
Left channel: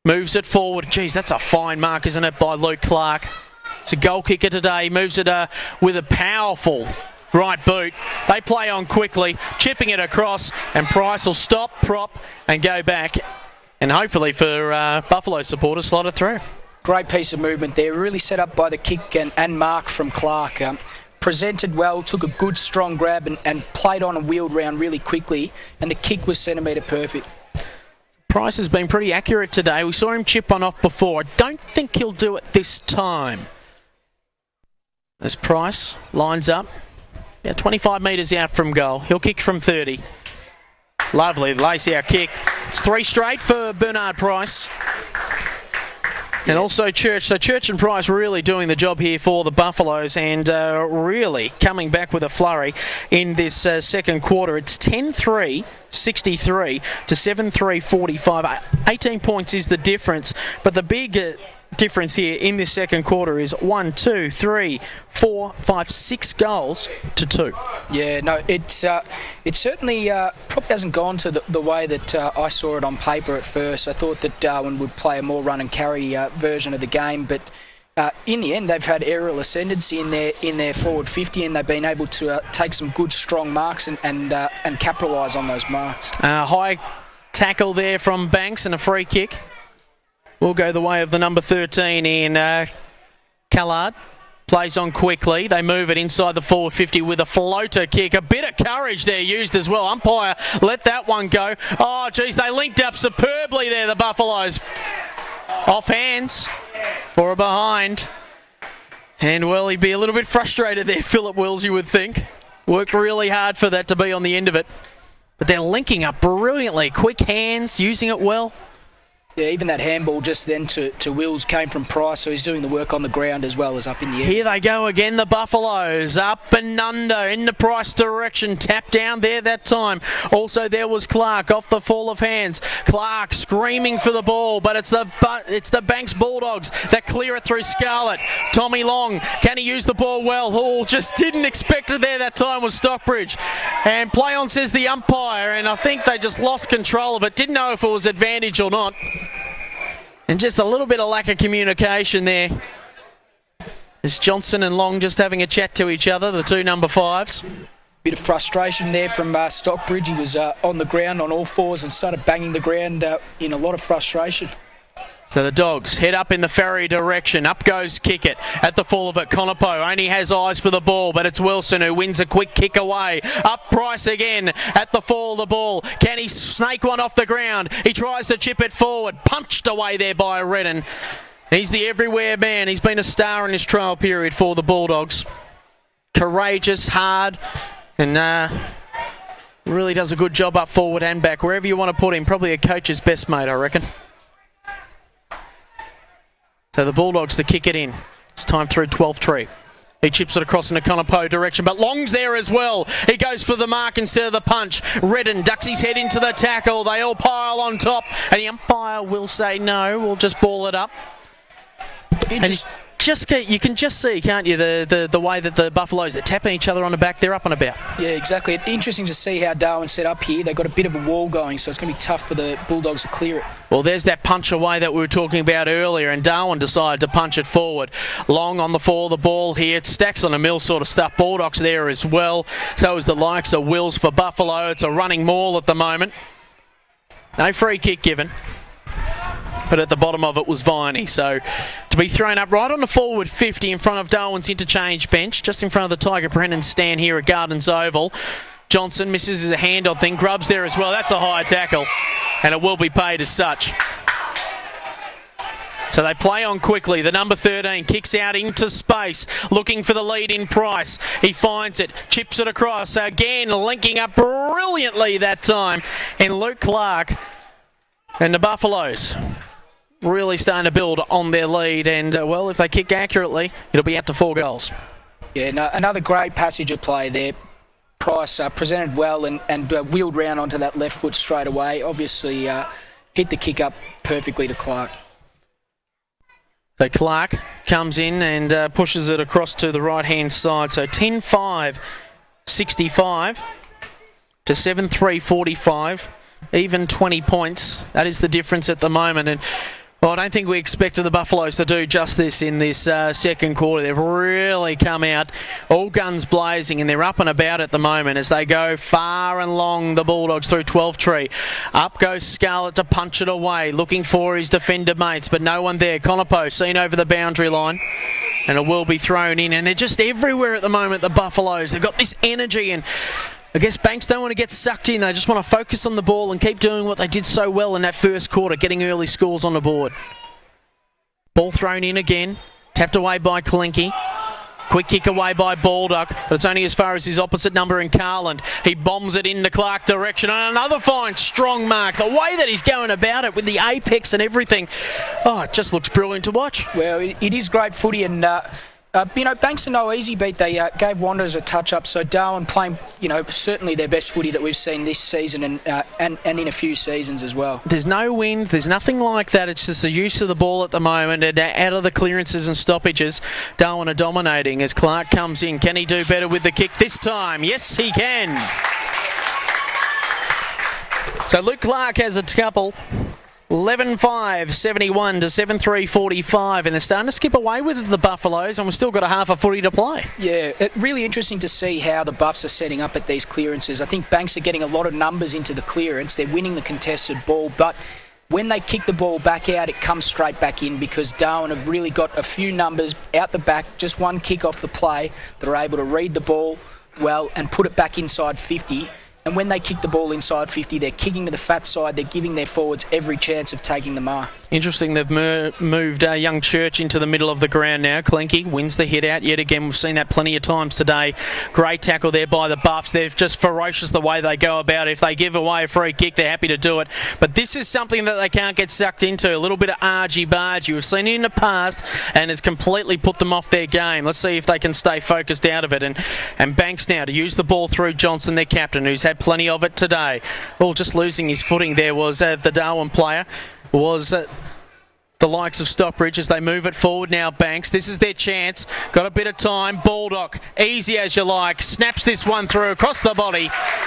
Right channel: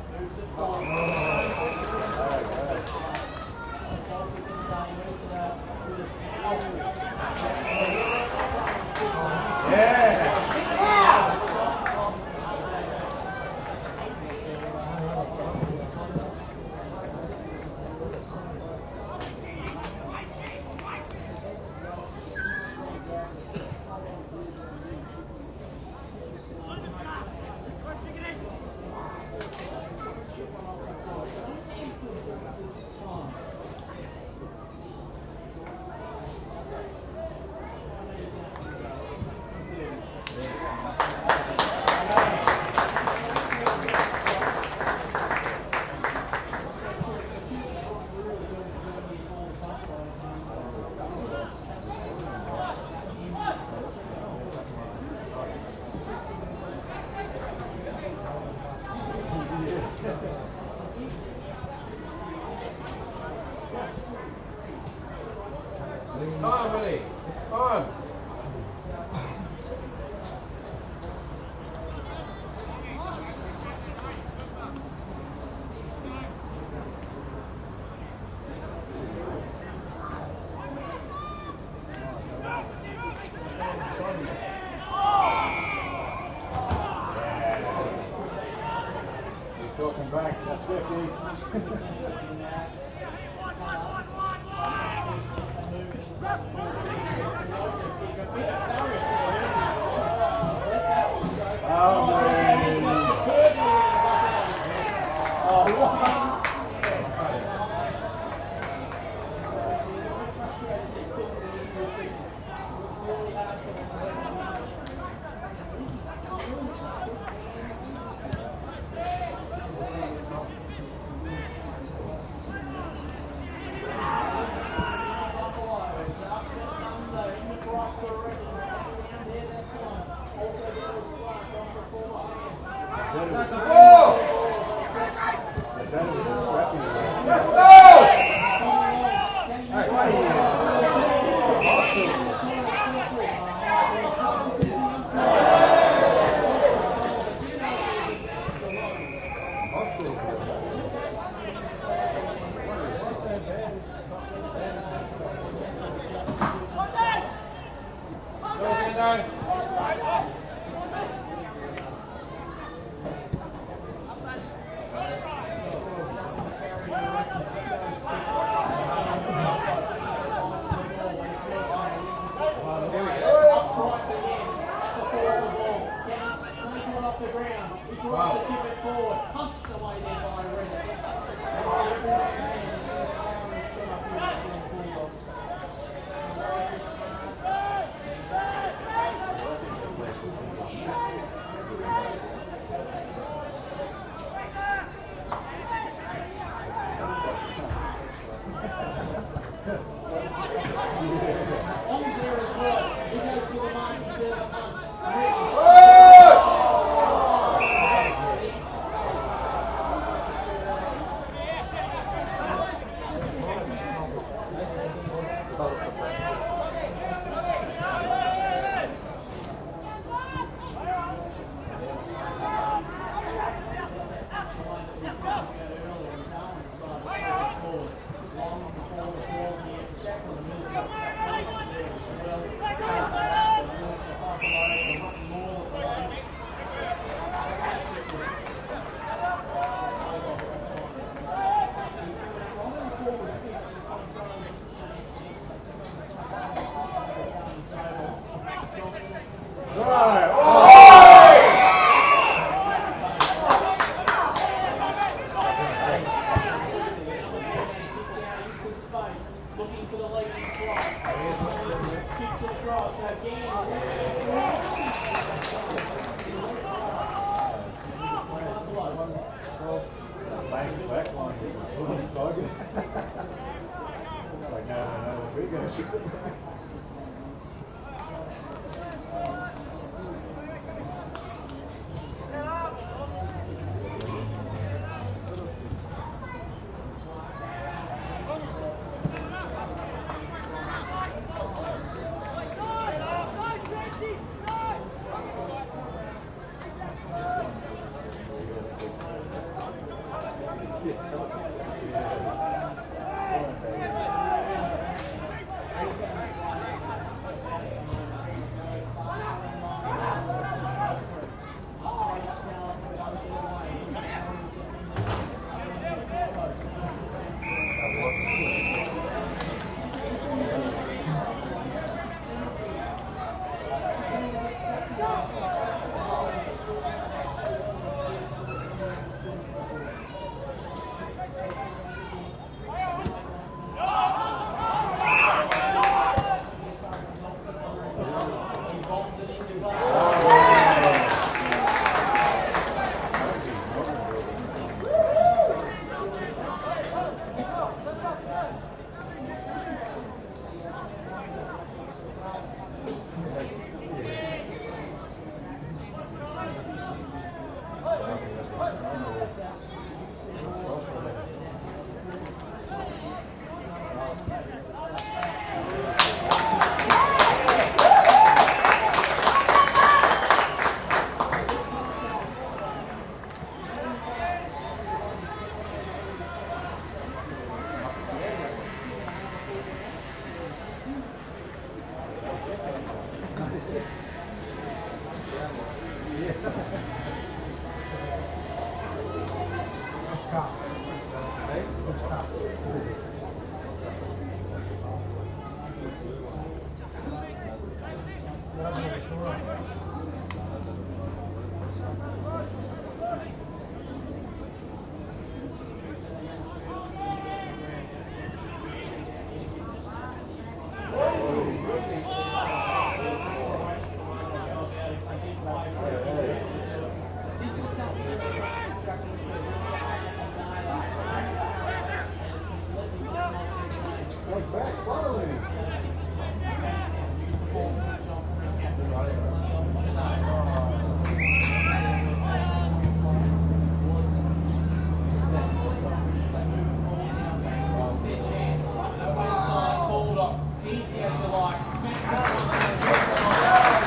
Moves it forward. Geez, that's a fine mark, isn't it, by Luke Clark. It's a goal kicker today. Moves it with a powerful right boot. They play on quickly, chipping it across, and Price will stop, prop, and go back. And hopefully for Buffalo supporters, slot it through. Great piece of movement there. Really set up by the kick and mark from Clark. Presented well, took a good strong grab and played on and wheeled round really quickly, and the kick was centimetre perfect. Price has been pretty accurate today. We saw him chip on off before. I don't think he'll do it this time. As Price lines up, 25 metres out from goal. He'll kick from 30. Lovely lace-out kick. It's 3 straight for Bernard Price. And also Church. So Church and Price really doing the job here for the Buffaloes, and really coming back with a flurry in this second quarter. It's 10-3-63 to 7-3-45. 18 points is the difference, but the big difference here in this second quarter is 1, 2, 3, 4, 5, 6 goals to 2. Yeah, no, it certainly probably hasn't gone to the way that I saw it on paper at first. I thought that Darwin would play a more run and carry version of the game, but in the end they've had aerial ascendancy in their forward 50, and they've been able to take some good strong marks and capitalise on those marks. High tackle there from Banks and a free kick. Will go the way of the number 13 in Callard. Plays on quickly. They move it inside the forward 50 with a floater kick. A bit of courage there used as well. Umpire let that one go. Oh, geez, they linked up superbly there, the Buffaloes. Off hands for a behind. And, well, he'd be a little bit frustrated there, Philip Wills, you would think. Worked really hard for that to be on the end of it. But they're linking up brilliantly. Quick hands, using it well. Yeah, even that handball just then to Wills came from Price, so he's doing the work on the ground as well as up in the air. Here they go again, the Buffaloes, up and under in the Price direction, tap down there that time. Also there was Clark off the fall of hands. Clark screaming for the ball, but it's the Banks Bulldogs that clear it through Scarlett. Tommy Long, can he use the ball well? Hall just didn't expect it there that time with Stockbridge. And play on, says the umpire, and I think they just lost control of it. Didn't know if it was advantage or not. And just a little bit of lack of communication there. It's Johnson and Long just having a chat to each other, the two number 5s. Bit of frustration there from Stockbridge. He was on the ground on all fours and started banging the ground in a lot of frustration. So the Dogs head up in the Ferry direction. Up goes Kickett at the full of it. Conopo only has eyes for the ball, but it's Wilson who wins a quick kick away. Up Price again at the full of the ball. Can he snake one off the ground? He tries to chip it forward. Punched away there by Redden. He's the everywhere man. He's been a star in his trial period for the Bulldogs. Courageous, hard, and really does a good job up forward and back. Wherever you want to put him, probably a coach's best mate, I reckon. So the Bulldogs to kick it in. It's time through 12th tree. He chips it across in the Conopo direction, but Long's there as well. He goes for the mark instead of the punch. Redden ducks his head into the tackle. They all pile on top, and the umpire will say no, we'll just ball it up. And you can just see, can't you, the way that the Buffaloes, they're tapping each other on the back, they're up and about. Yeah, exactly. Interesting to see how Darwin set up here. They've got a bit of a wall going, so it's going to be tough for the Bulldogs to clear it. Well, there's that punch away that we were talking about earlier, and Darwin decided to punch it forward. Long on the fall of the ball here. It's stacks on the mill sort of stuff. Bulldogs there as well. So is the likes of Wills for Buffalo. It's a running maul at the moment. No free kick given. But at the bottom of it was Viney. So to be thrown up right on the forward 50 in front of Darwin's interchange bench, just in front of the Tiger Brennan stand here at Gardens Oval. Johnson misses his handoff thing. Grubbs there as well. It's a high tackle, and it will be paid as such. So they play on quickly. The number 13 kicks out into space, looking for the lead in Price. He finds it, chips it across. Again, linking up brilliantly that time. And Luke Clark and the Buffaloes really starting to build on their lead, and well, if they kick accurately, it'll be out to 4 goals. Yeah, no, another great passage of play there. Price presented well and wheeled round onto that left foot straight away. Obviously hit the kick up perfectly to Clark. So Clark comes in and pushes it across to the right-hand side. So 10-5, 65 to 7-3, 45. Even 20 points. That is the difference at the moment. And well, I don't think we expected the Buffaloes to do just this in this second quarter. They've really come out all guns blazing, and they're up and about at the moment as they go far and long, the Bulldogs through 12th tree. Up goes Scarlett to punch it away, looking for his defender mates, but no one there. Conopo seen over the boundary line, and it will be thrown in. And they're just everywhere at the moment, the Buffaloes. They've got this energy, and I guess Banks don't want to get sucked in. They just want to focus on the ball and keep doing what they did so well in that first quarter, getting early scores on the board. Ball thrown in again, tapped away by Kalinke. Quick kick away by Baldock, but it's only as far as his opposite number in Carland. He bombs it in the Clark direction, and another fine, strong mark. The way that he's going about it with the apex and everything, oh, it just looks brilliant to watch. Well, it is great footy, and Banks are no easy beat. They gave Wanderers a touch-up, so Darwin playing, certainly their best footy that we've seen this season and in a few seasons as well. There's no wind, there's nothing like that. It's just the use of the ball at the moment, and out of the clearances and stoppages, Darwin are dominating as Clark comes in. Can he do better with the kick this time? Yes, he can. So Luke Clark has a couple. 11-5, 71 to 7-3, 45, and they're starting to skip away with the Buffaloes, and we've still got a half a footy to play. Yeah, really interesting to see how the Buffs are setting up at these clearances. I think Banks are getting a lot of numbers into the clearance. They're winning the contested ball, but when they kick the ball back out, it comes straight back in because Darwin have really got a few numbers out the back, just one kick off the play. They're able to read the ball well and put it back inside 50. And when they kick the ball inside 50, they're kicking to the fat side. They're giving their forwards every chance of taking the mark. Interesting, they've moved Young Church into the middle of the ground now. Klinke wins the hit out yet again. We've seen that plenty of times today. Great tackle there by the Buffs. They're just ferocious the way they go about it. If they give away a free kick, they're happy to do it. But this is something that they can't get sucked into. A little bit of argy-bargy. We've seen it in the past, and it's completely put them off their game. Let's see if they can stay focused out of it. And Banks now to use the ball through Johnson, their captain, who's had plenty of it today. Well, just losing his footing there was the Darwin player, was the likes of Stockbridge as they move it forward now. Banks, this is their chance. Got a bit of time. Baldock, easy as you like, snaps this one through across the body.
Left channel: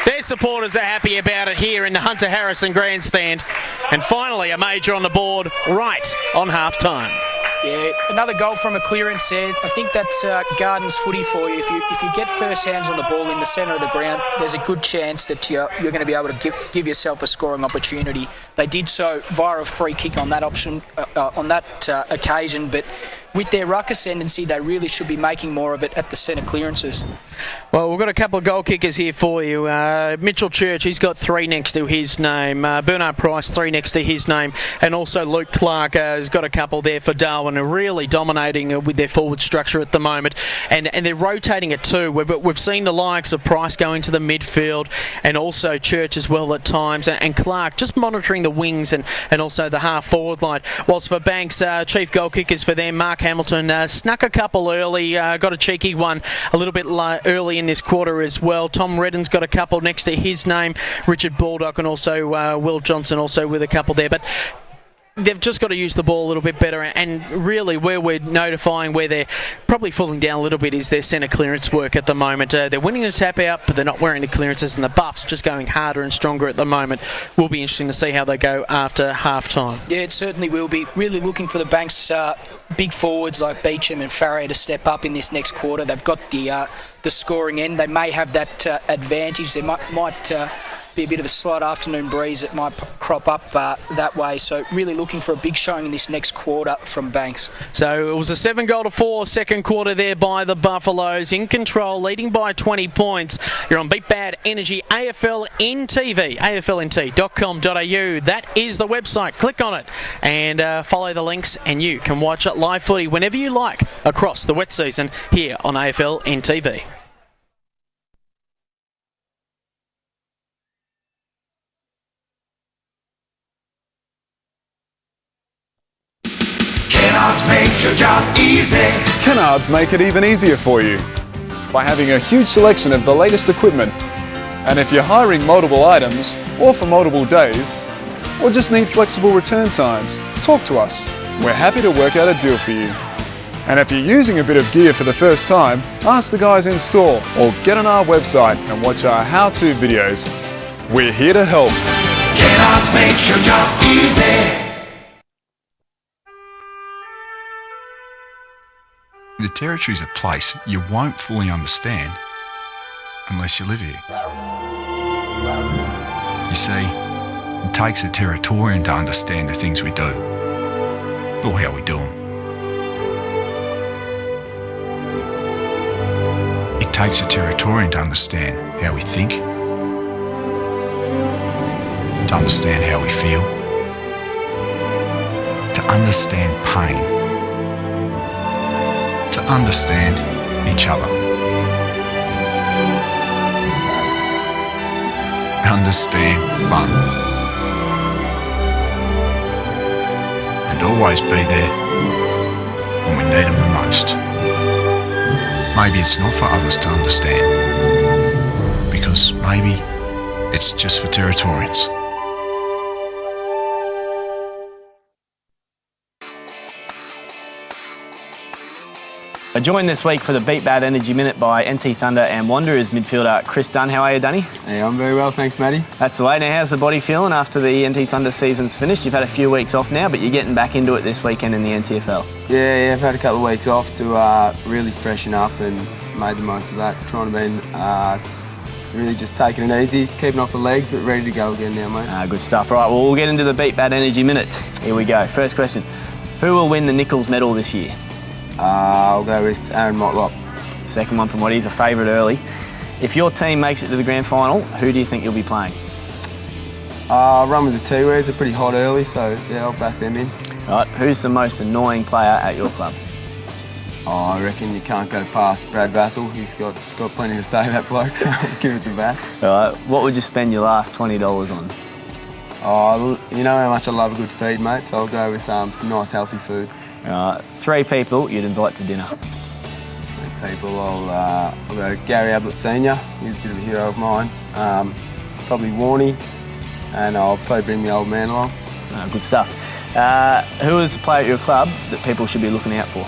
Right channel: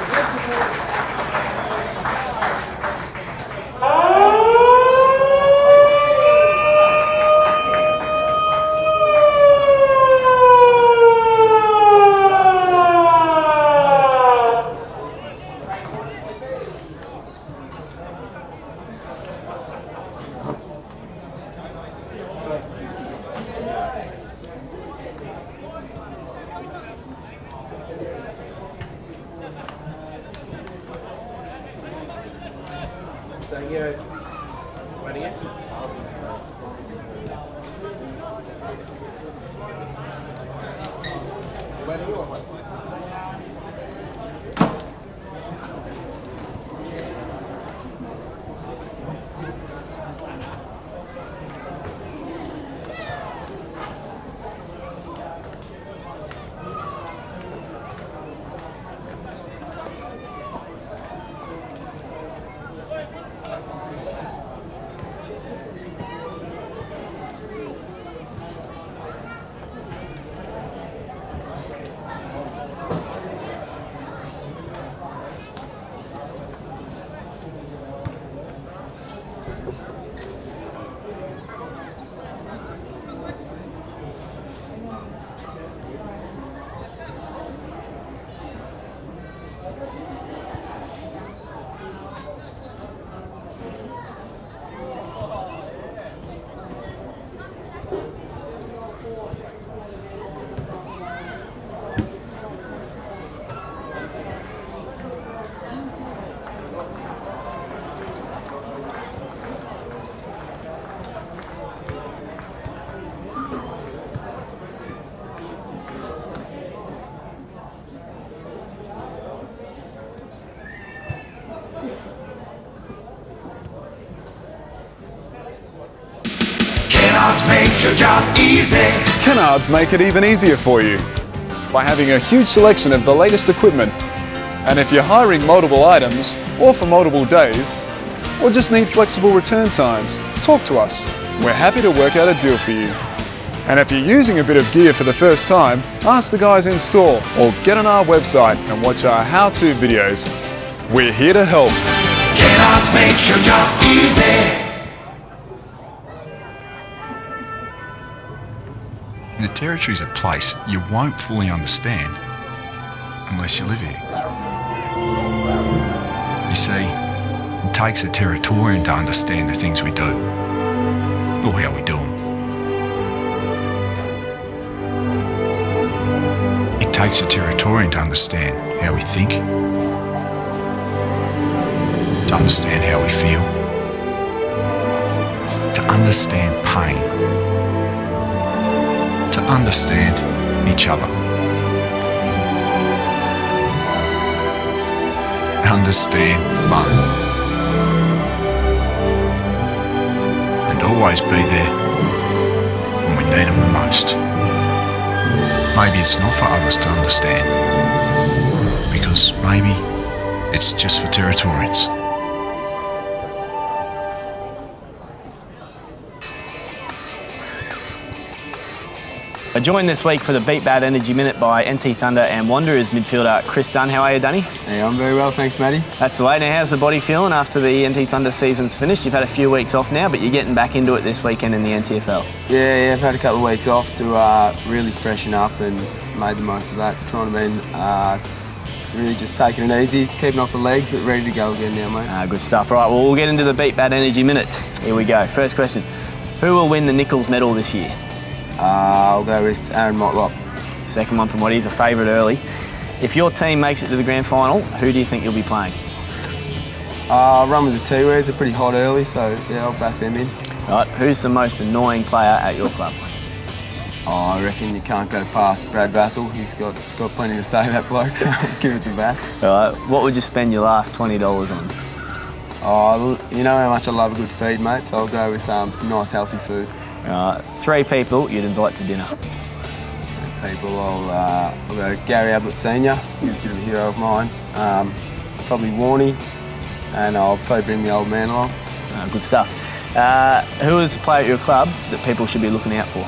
Their supporters are happy about it here in the Hunter Harrison grandstand. And finally a major on the board right on half-time. Yeah, another goal from a clearance there. I think that's Gardens footy for you. If you get first hands on the ball in the centre of the ground, there's a good chance that you're going to be able to give yourself a scoring opportunity. They did so via a free kick on that option, on that occasion, but with their ruck ascendancy, they really should be making more of it at the centre clearances. Well, we've got a couple of goal kickers here for you. Mitchell Church, he's got 3 next to his name. Bernard Price, 3 next to his name. And also Luke Clark has got a couple there for Darwin, who are really dominating with their forward structure at the moment. And they're rotating it too. We've seen the likes of Price going to the midfield and also Church as well at times. And Clark just monitoring the wings and also the half-forward line. Whilst for Banks, chief goal kickers for them, Mark Hamilton snuck a couple early, got a cheeky one a little bit early in this quarter as well. Tom Redden's got a couple next to his name. Richard Baldock and also Will Johnson also with a couple there. But they've just got to use the ball a little bit better, and really where we're notifying where they're probably falling down a little bit is their centre clearance work at the moment. They're winning a tap out, but they're not wearing the clearances, and the Buffs just going harder and stronger at the moment. Will be interesting to see how they go after half time. Yeah, it certainly will be. Really looking for the Banks big forwards like Beecham and Farrier to step up in this next quarter. They've got the scoring end. They may have that advantage. There might be a bit of a slight afternoon breeze that might crop up that way. So really looking for a big showing in this next quarter from Banks. So it was a 7-4 second quarter there by the Buffaloes, in control, leading by 20 points. You're on Beat Bad Energy AFLNTv, AFLNT.com.au. That is the website. Click on it and follow the links, and you can watch it live footy whenever you like across the wet season here on AFLNTv. Kennards makes your job easy. Kennards make it even easier for you by having a huge selection of the latest equipment. And if you're hiring multiple items, or for multiple days, or just need flexible return times, talk to us. We're happy to work out a deal for you. And if you're using a bit of gear for the first time, ask the guys in store or get on our website and watch our how-to videos. We're here to help. Kennards makes your job easy. The Territory is a place you won't fully understand unless you live here. You see, it takes a Territorian to understand the things we do, or how we do them. It takes a Territorian to understand how we think, to understand how we feel, to understand pain, to understand each other. Understand fun. And always be there when we need them the most. Maybe it's not for others to understand, because maybe it's just for Territorians. Joined this week for the Beat Bad Energy Minute by NT Thunder and Wanderers midfielder Chris Dunn. How are you, Dunny? Hey, I'm very well, thanks, Matty. That's the way. Now, how's the body feeling after the NT Thunder season's finished? You've had a few weeks off now, but you're getting back into it this weekend in the NTFL. Yeah, I've had a couple of weeks off to really freshen up and made the most of that. Trying to be really just taking it easy, keeping off the legs, but ready to go again now, mate. Good stuff. Right, well, we'll get into the Beat Bad Energy Minute. Here we go. First question. Who will win the Nichols medal this year? I'll go with Aaron Motlop. Second one from Waddy's a favourite early. If your team makes it to the grand final, who do you think you'll be playing? I'll run with the T-Wares. They're pretty hot early, so yeah, I'll back them in. Right, who's the most annoying player at your club? I reckon you can't go past Brad Vassell. He's got plenty to say, that bloke, so I'll give it to Vass. All right, what would you spend your last $20 on? Oh, you know how much I love a good feed, mate, so I'll go with some nice healthy food. Three people you'd invite to dinner. Three people, I'll go Gary Ablett Senior. He's a bit of a hero of mine. Probably Warney, and I'll probably bring my old man along. Good stuff. Who is the player at your club that people should be looking out for?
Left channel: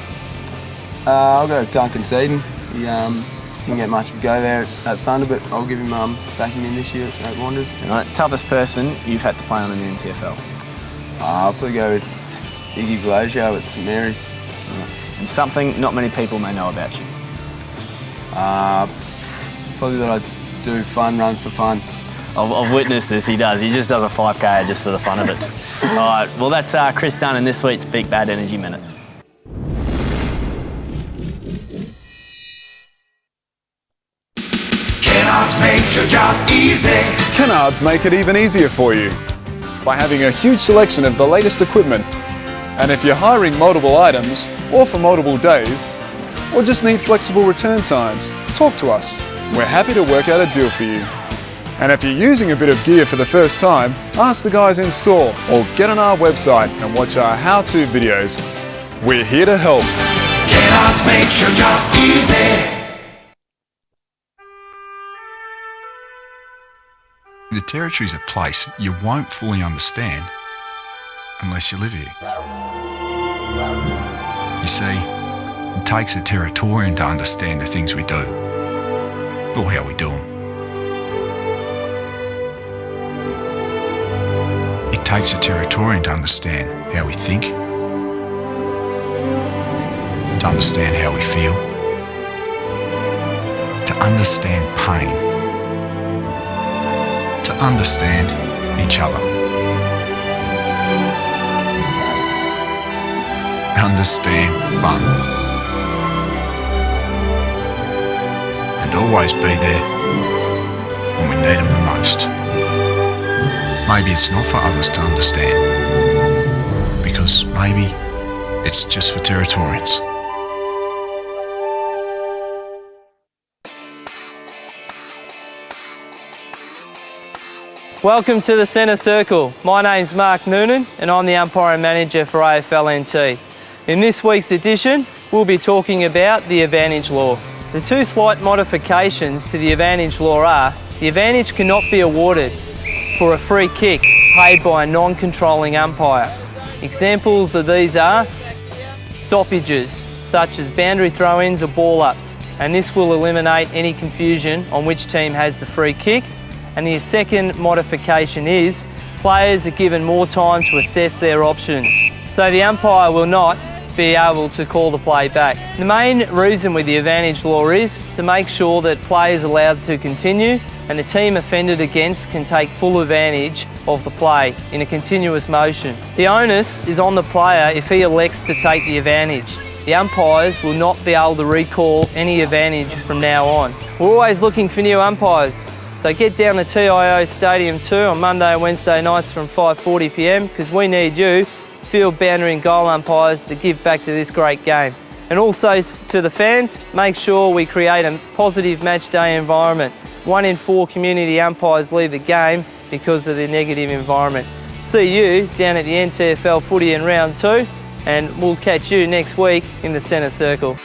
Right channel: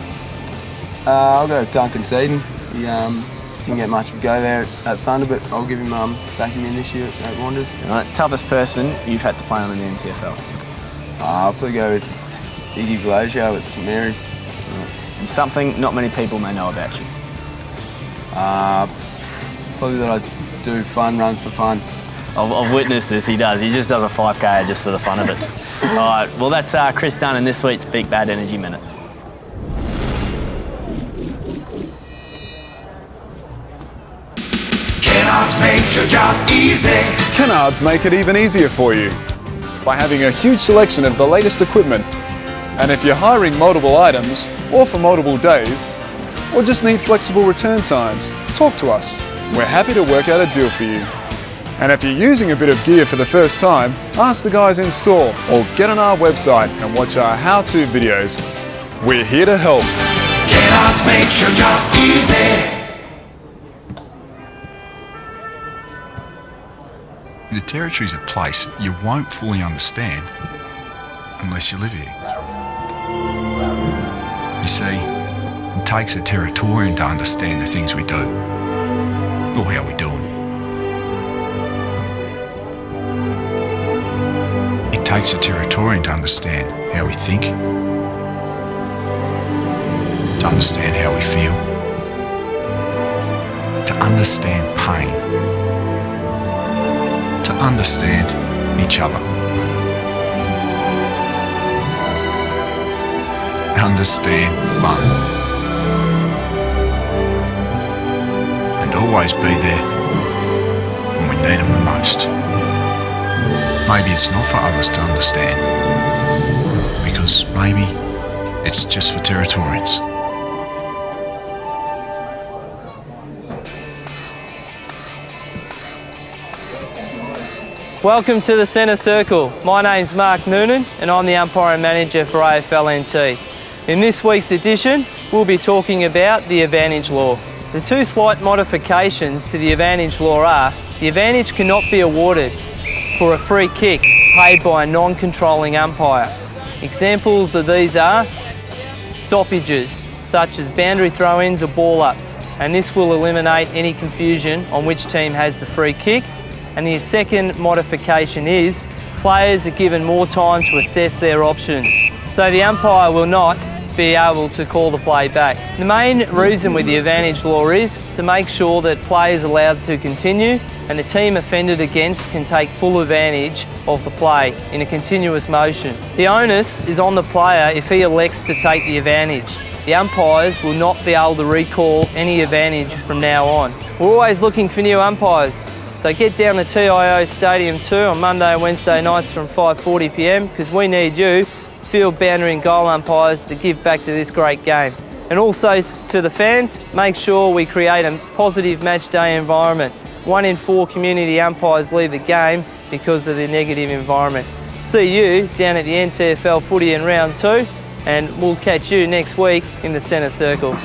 I'll go with Duncan Seaton. He didn't get much of a go there at Thunder, but I'll give him back him in this year at Wanderers. Right, toughest person you've had to play on in the NTFL? I'll probably go with Iggy Velagio at St Mary's. And something not many people may know about you? Probably that I do fun runs for fun. I've witnessed this, he does. He just does a 5K just for the fun of it. All right, well that's Chris Dunn in this week's Beat Bad Energy Minute. Kennards makes your job easy. Kennards make it even easier for you by having a huge selection of the latest equipment. And if you're hiring multiple items, or for multiple days, or just need flexible return times, talk to us. We're happy to work out a deal for you. And if you're using a bit of gear for the first time, ask the guys in store or get on our website and watch our how-to videos. We're here to help. Kennards makes your job easy. The Territory's a place you won't fully understand unless you live here. You see, it takes a Territorian to understand the things we do, or how we do them. It takes a Territorian to understand how we think, to understand how we feel, to understand pain, to understand each other. Understand fun. And always be there when we need them the most. Maybe it's not for others to understand, because maybe it's just for Territorians. Welcome to the Centre Circle. My name's Mark Noonan and I'm the umpiring manager for AFLNT. In this week's edition, we'll be talking about the advantage law. The two slight modifications to the advantage law are, the advantage cannot be awarded for a free kick paid by a non-controlling umpire. Examples of these are stoppages, such as boundary throw-ins or ball-ups, and this will eliminate any confusion on which team has the free kick. And the second modification is, players are given more time to assess their options, so the umpire will not be able to call the play back. The main reason with the advantage law is to make sure that players are allowed to continue and the team offended against can take full advantage of the play in a continuous motion. The onus is on the player if he elects to take the advantage. The umpires will not be able to recall any advantage from now on. We're always looking for new umpires, so get down to TIO Stadium 2 on Monday and Wednesday nights from 5:40 p.m, because we need you, field, boundary and goal umpires, to give back to this great game. And also to the fans, make sure we create a positive match day environment. 1 in 4 community umpires leave the game because of the negative environment. See you down at the NTFL footy in round 2, and we'll catch you next week in the Centre Circle.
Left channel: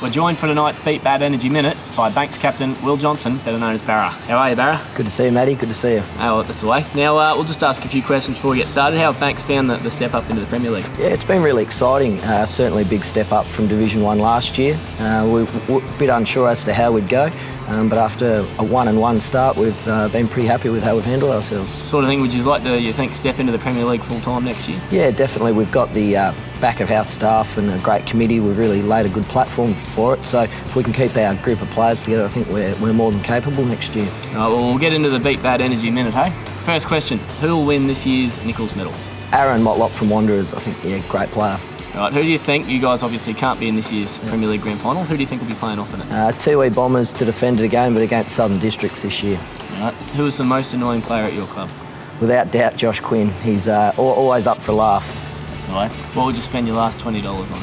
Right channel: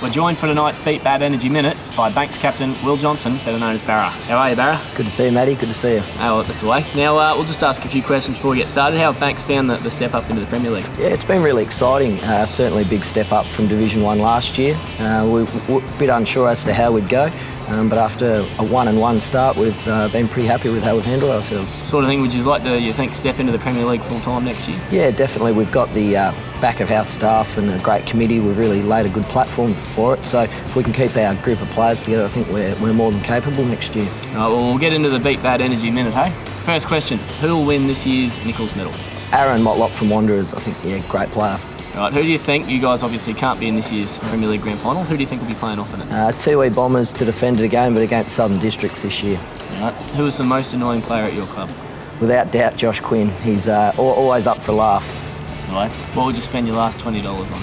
We're joined for tonight's Beat Bad Energy Minute by Banks captain Will Johnson, better known as Barra. How are you, Barra? Good to see you, Matty. Good to see you. Oh, well, that's the way. Now, we'll just ask a few questions before we get started. How have Banks found the step up into the Premier League? Yeah, it's been really exciting. Certainly a big step up from Division 1 last year. We were a bit unsure as to how we'd go, but after a 1-1 start, we've been pretty happy with how we've handled ourselves. Sort of thing would you like to, you think, step into the Premier League full time next year? Yeah, definitely. We've got the back of house staff and a great committee. We've really laid a good platform for it. So if we can keep our group of players together, I think we're more than capable next year. All right, well, we'll get into the Beat Bad Energy Minute, hey? First question, who will win this year's Nichols Medal? Aaron Motlop from Wanderers, I think, yeah, great player. All right, who do you think, you guys obviously can't be in this year's Premier League Grand Final, who do you think will be playing off in it? Tiwi Bombers to defend it again, but against Southern Districts this year. All right, who is the most annoying player at your club? Without doubt, Josh Quinn. He's always up for a laugh. That's the way. What would you spend your last $20 on?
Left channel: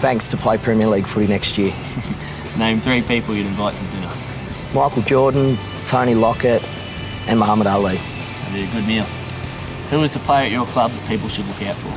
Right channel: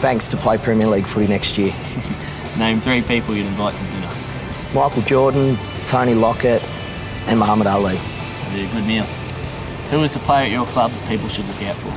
Banks to play Premier League footy next year. Name 3 people you'd invite to dinner. Michael Jordan, Tony Lockett and Muhammad Ali. That'd be a good meal. Who is the player at your club that people should look out for?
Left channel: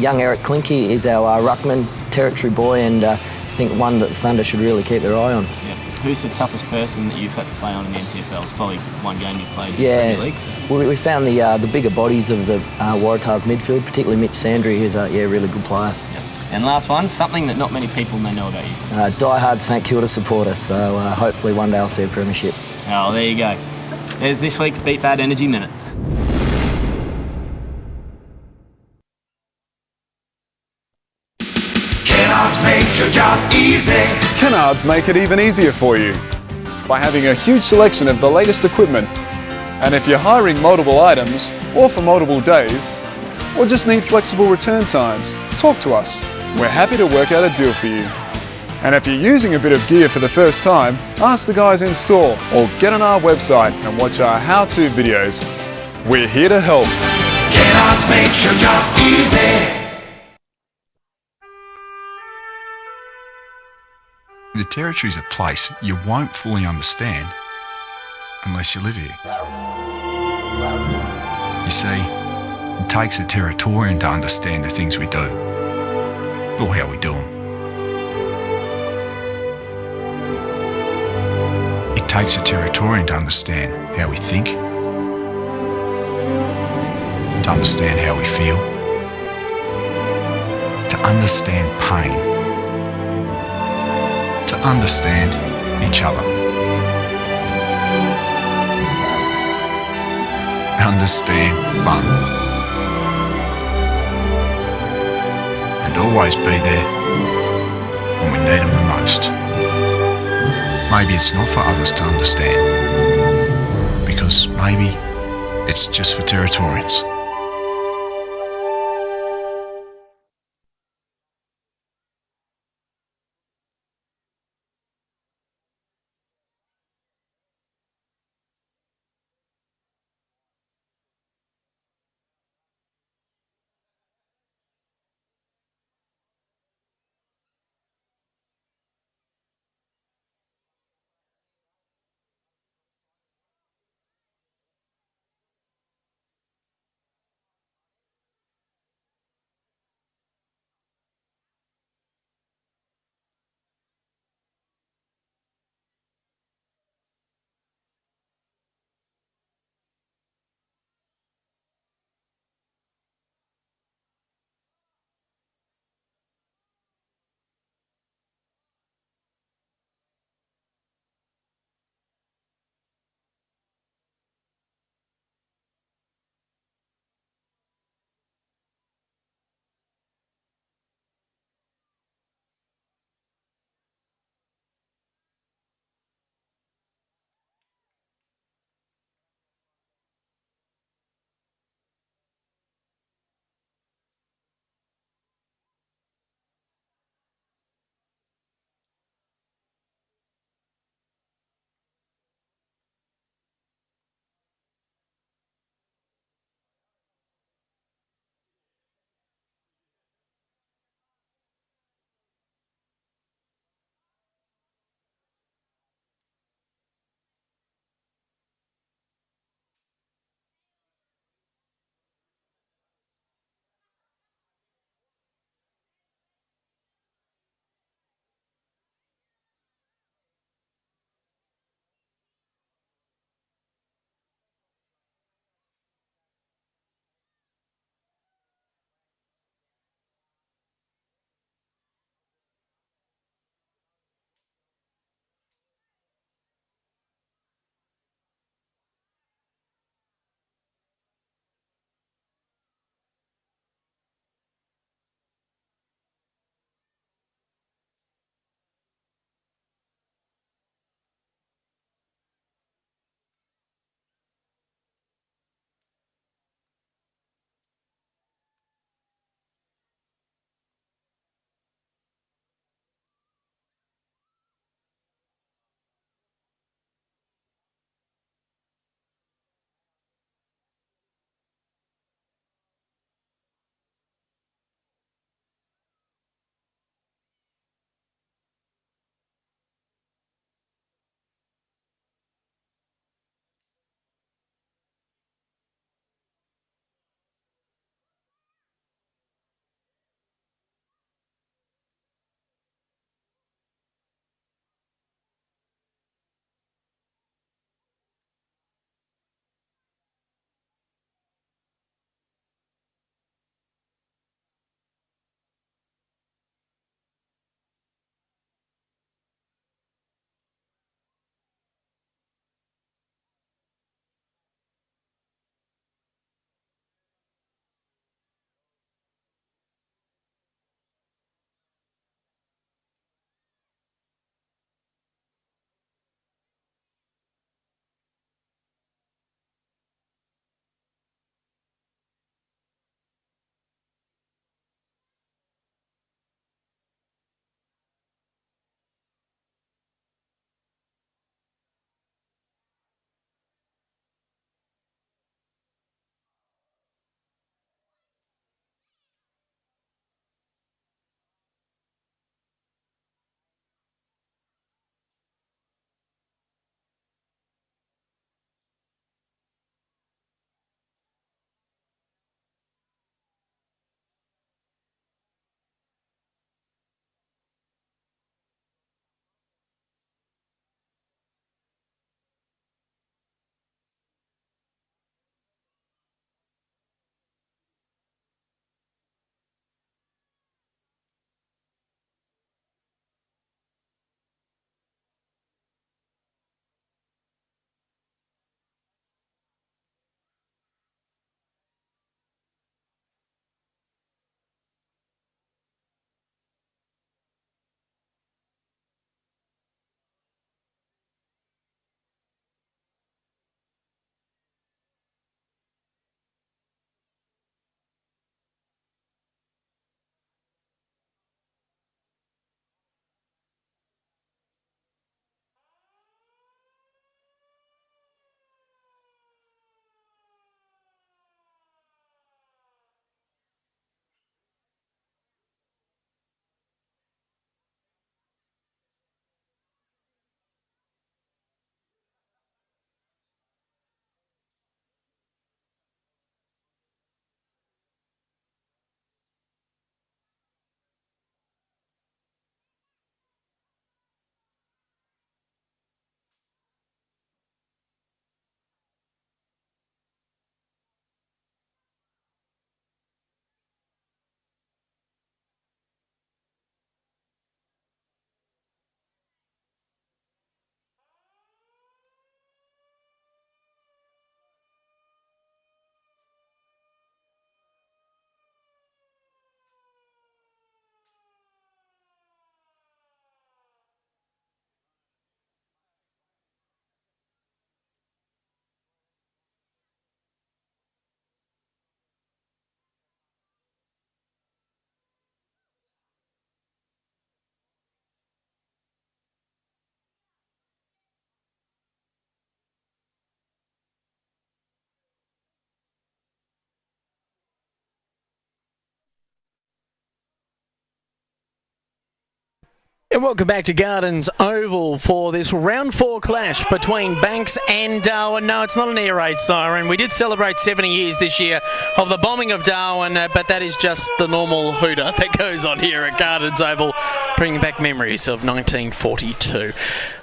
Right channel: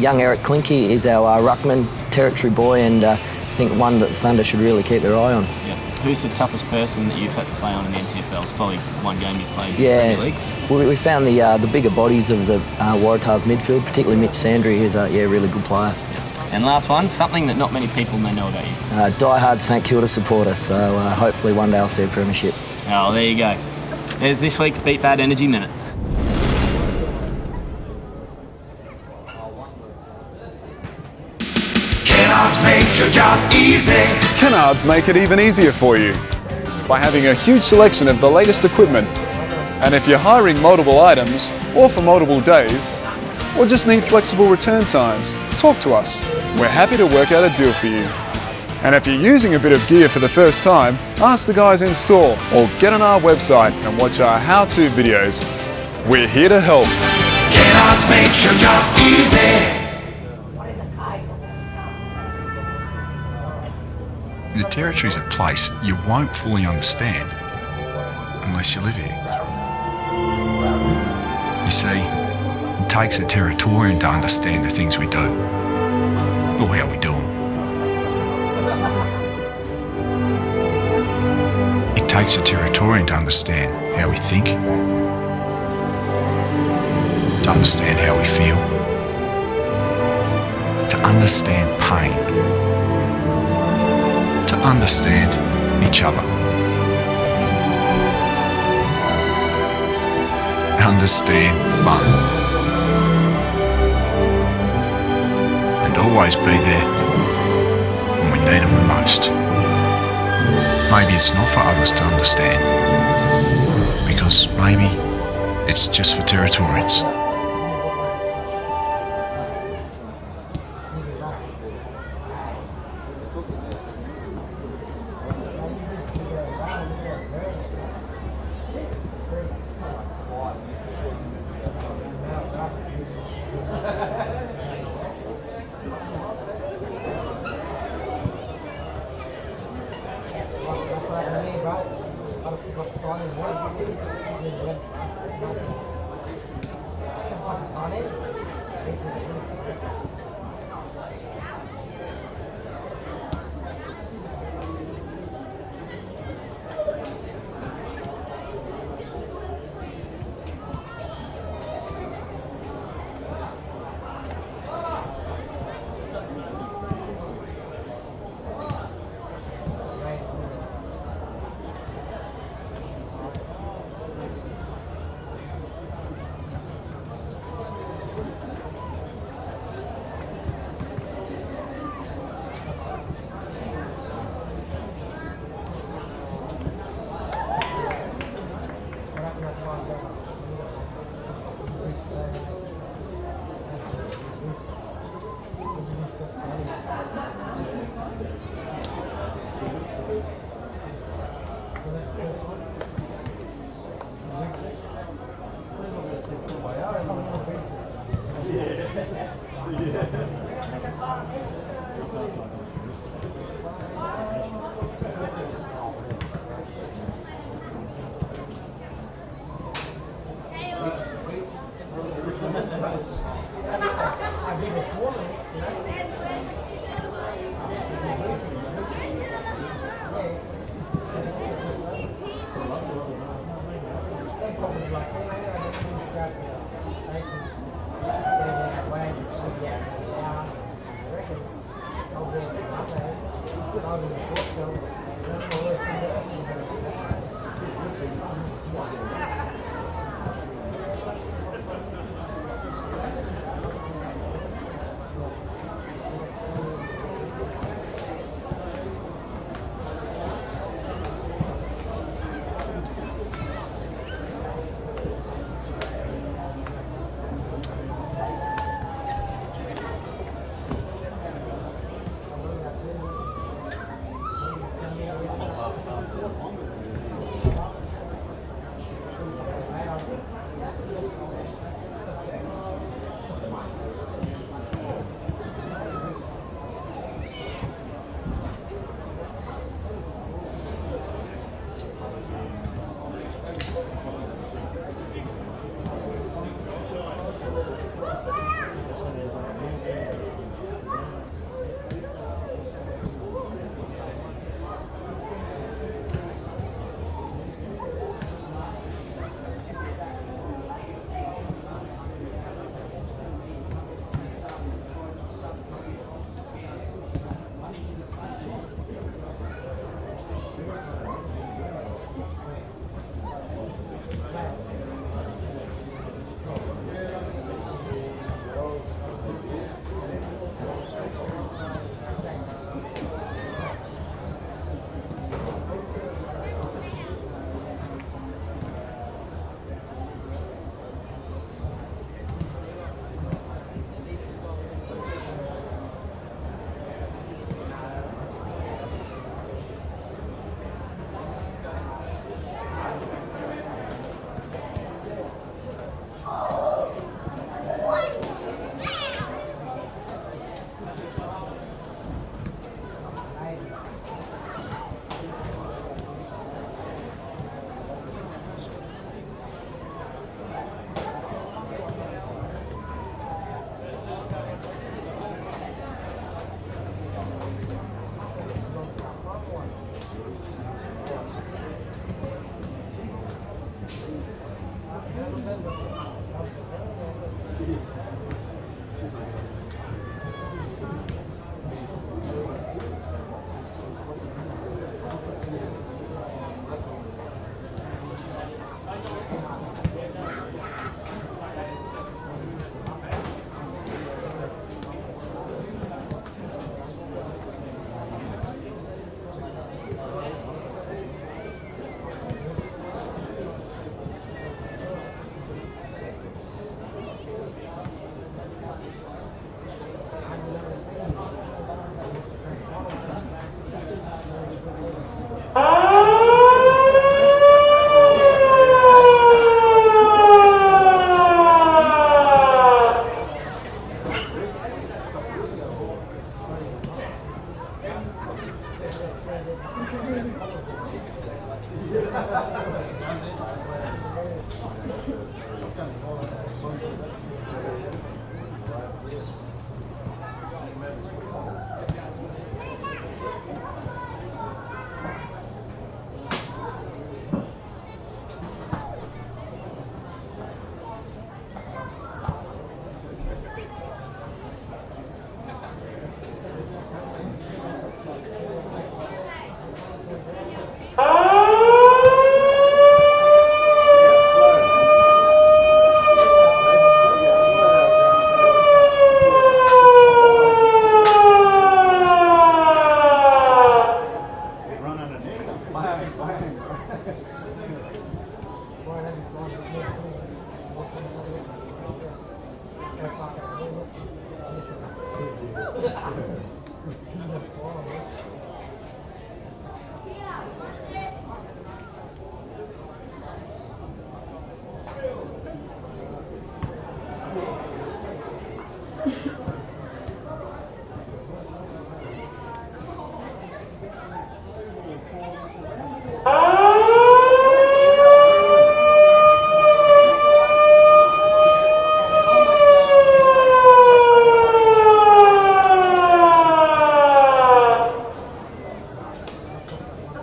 Young Eric Klinke is our ruckman, territory boy, and I think one that Thunder should really keep their eye on. Yep. Who's the toughest person that you've had to play on in the NTFL? It's probably one game you've played in the Premier Leagues. We found the bigger bodies of the Waratahs midfield, particularly Mitch Sandry, who's a really good player. Yep. And last one, something that not many people may know about you. Die-hard St Kilda supporter, so hopefully one day I'll see a premiership. Oh, there you go. There's this week's Beat Bad Energy Minute. Kennards makes your job easy. Kennards make it even easier for you by having a huge selection of the latest equipment. And if you're hiring multiple items, or for multiple days, or just need flexible return times, talk to us. We're happy to work out a deal for you. And if you're using a bit of gear for the first time, ask the guys in store or get on our website and watch our how-to videos. We're here to help. Kennards makes your job easy. The Territory's a place you won't fully understand unless you live here. You see, it takes a Territorian to understand the things we do, or how we do them. It takes a Territorian to understand how we think, to understand how we feel, to understand pain, to understand each other. Understand fun. And always be there when we need them the most. Maybe it's not for others to understand, because maybe it's just for Territorians. And welcome back to Gardens Oval for this round 4 clash between Banks and Darwin. No, it's not an air raid siren. We did celebrate 70 years this year of the bombing of Darwin, but that is just the normal hooter that goes on here at Gardens Oval, bringing back memories of 1942.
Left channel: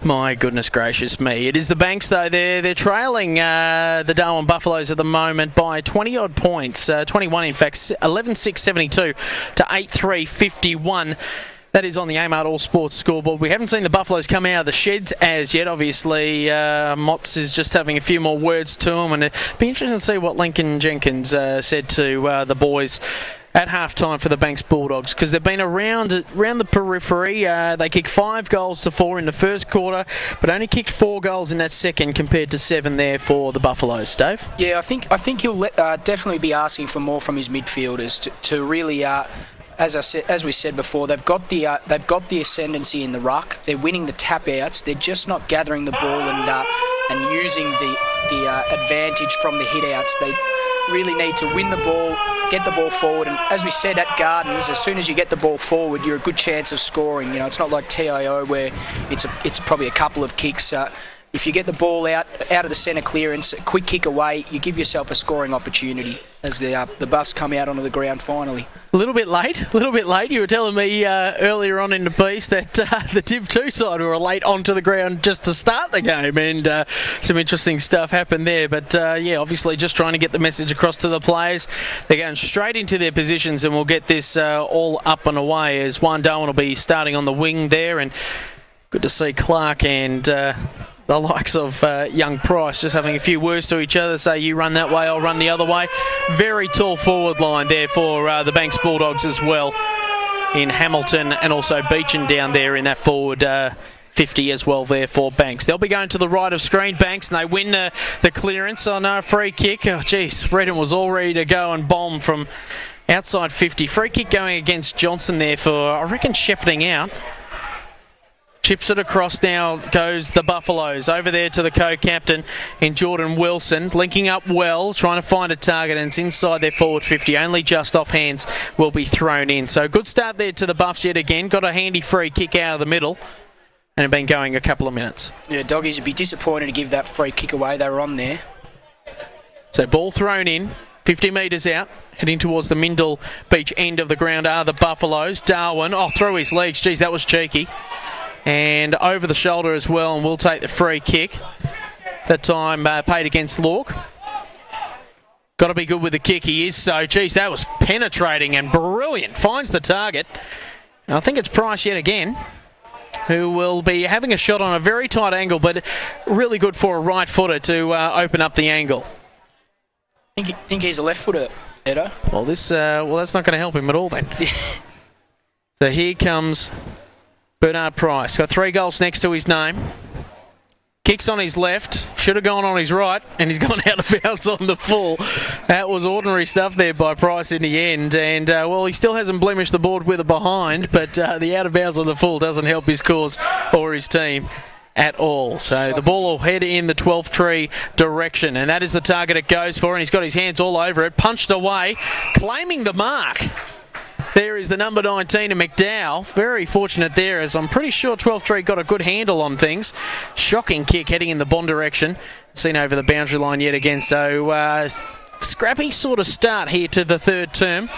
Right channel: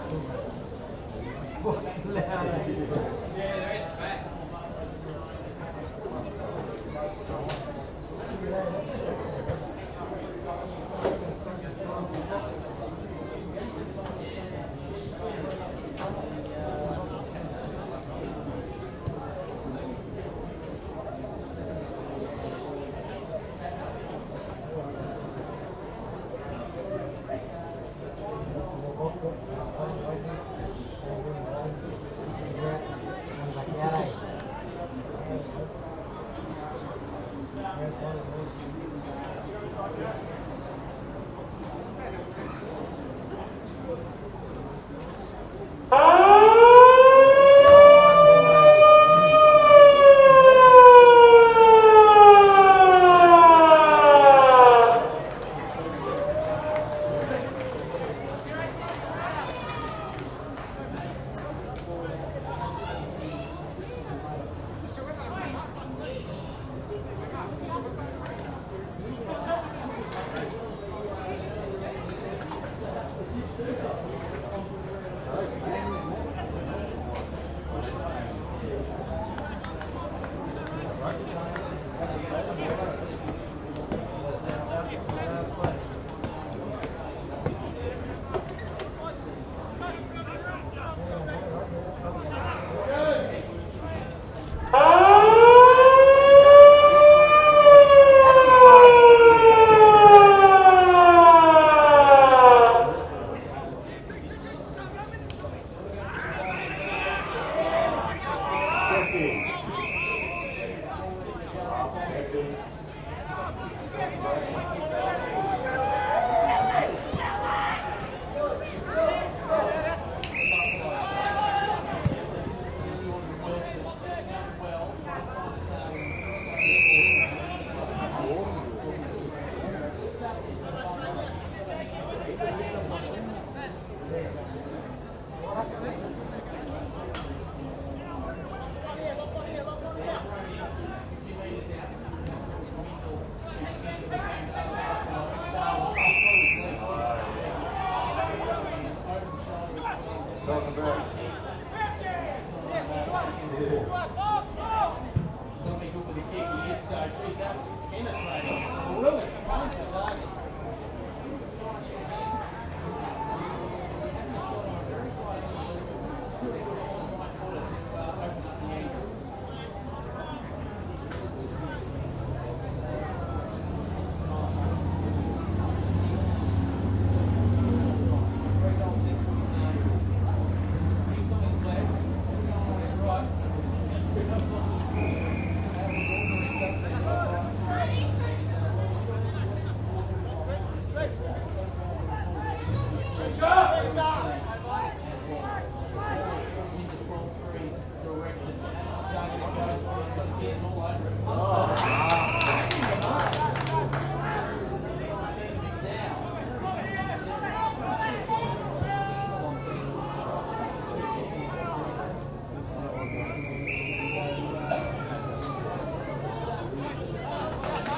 My goodness gracious me. It is the Banks, though. They're trailing the Darwin Buffaloes at the moment by 20-odd points. 21, in fact. 11-6-72 to 8-3-51. That is on the Amart All Sports scoreboard. We haven't seen the Buffaloes come out of the sheds as yet. Obviously, Motts is just having a few more words to him, and it'd be interesting to see what Lincoln Jenkins said to the boys at halftime for the Banks Bulldogs, because they've been around the periphery. They kicked 5 goals to 4 in the first quarter, but only kicked 4 goals in that second compared to 7 there for the Buffaloes. Dave? Yeah, I think he'll definitely be asking for more from his midfielders to really. As we said before, they've got the ascendancy in the ruck. They're winning the tap outs. They're just not gathering the ball and using the advantage from the hit outs. They really need to win the ball, get the ball forward. And as we said at Gardens, as soon as you get the ball forward, you're a good chance of scoring. You know, it's not like TIO where it's probably a couple of kicks. If you get the ball out of the centre clearance, quick kick away, you give yourself a scoring opportunity as the Buffs come out onto the ground finally. A little bit late. You were telling me earlier on in the piece that the Div 2 side were late onto the ground just to start the game, and some interesting stuff happened there. But yeah, obviously just trying to get the message across to the players. They're going straight into their positions, and we'll get this all up and away as Juan Darwin will be starting on the wing there, and good to see Clark and the likes of young Price just having a few words to each other, say you run that way, I'll run the other way. Very tall forward line there for the Banks Bulldogs as well in Hamilton, and also Beechin down there in that forward 50 as well there for Banks. They'll be going to the right of screen, Banks, and they win the clearance on a free kick. Oh geez, Redden was all ready to go and bomb from outside 50. Free kick going against Johnson there for, I reckon, shepherding out. Chips it across now, goes the Buffaloes. Over there to the co-captain in Jordan Wilson. Linking up well, trying to find a target, and it's inside their forward 50. Only just off hands will be thrown in. So good start there to the Buffs yet again. Got a handy free kick out of the middle, and have been going a couple of minutes. Yeah, Doggies would be disappointed to give that free kick away. They were on there. So ball thrown in, 50 metres out. Heading towards the Mindle Beach end of the ground are the Buffaloes. Darwin, through his legs. Geez, that was cheeky. And over the shoulder as well, and we'll take the free kick. That time paid against Lork. Got to be good with the kick, he is so. Geez, that was penetrating and brilliant. Finds the target. Now, I think it's Price yet again, who will be having a shot on a very tight angle, but really good for a right footer to open up the angle. Think he's a left footer, Edo? Well, that's not going to help him at all then. So here comes Bernard Price. Got 3 goals next to his name. Kicks on his left. Should have gone on his right, and he's gone out of bounds on the full. That was ordinary stuff there by Price in the end. And, well, he still hasn't blemished the board with a behind, but the out of bounds on the full doesn't help his cause or his team at all. So the ball will head in the 12th tree direction, and that is the target it goes for, and he's got his hands all over it. Punched away, claiming the mark. There is the number 19 of McDowell. Very fortunate there, as I'm pretty sure 12th Tree got a good handle on things. Shocking kick heading in the Bond direction. Seen over the boundary line yet again. So scrappy sort of start here to the third term.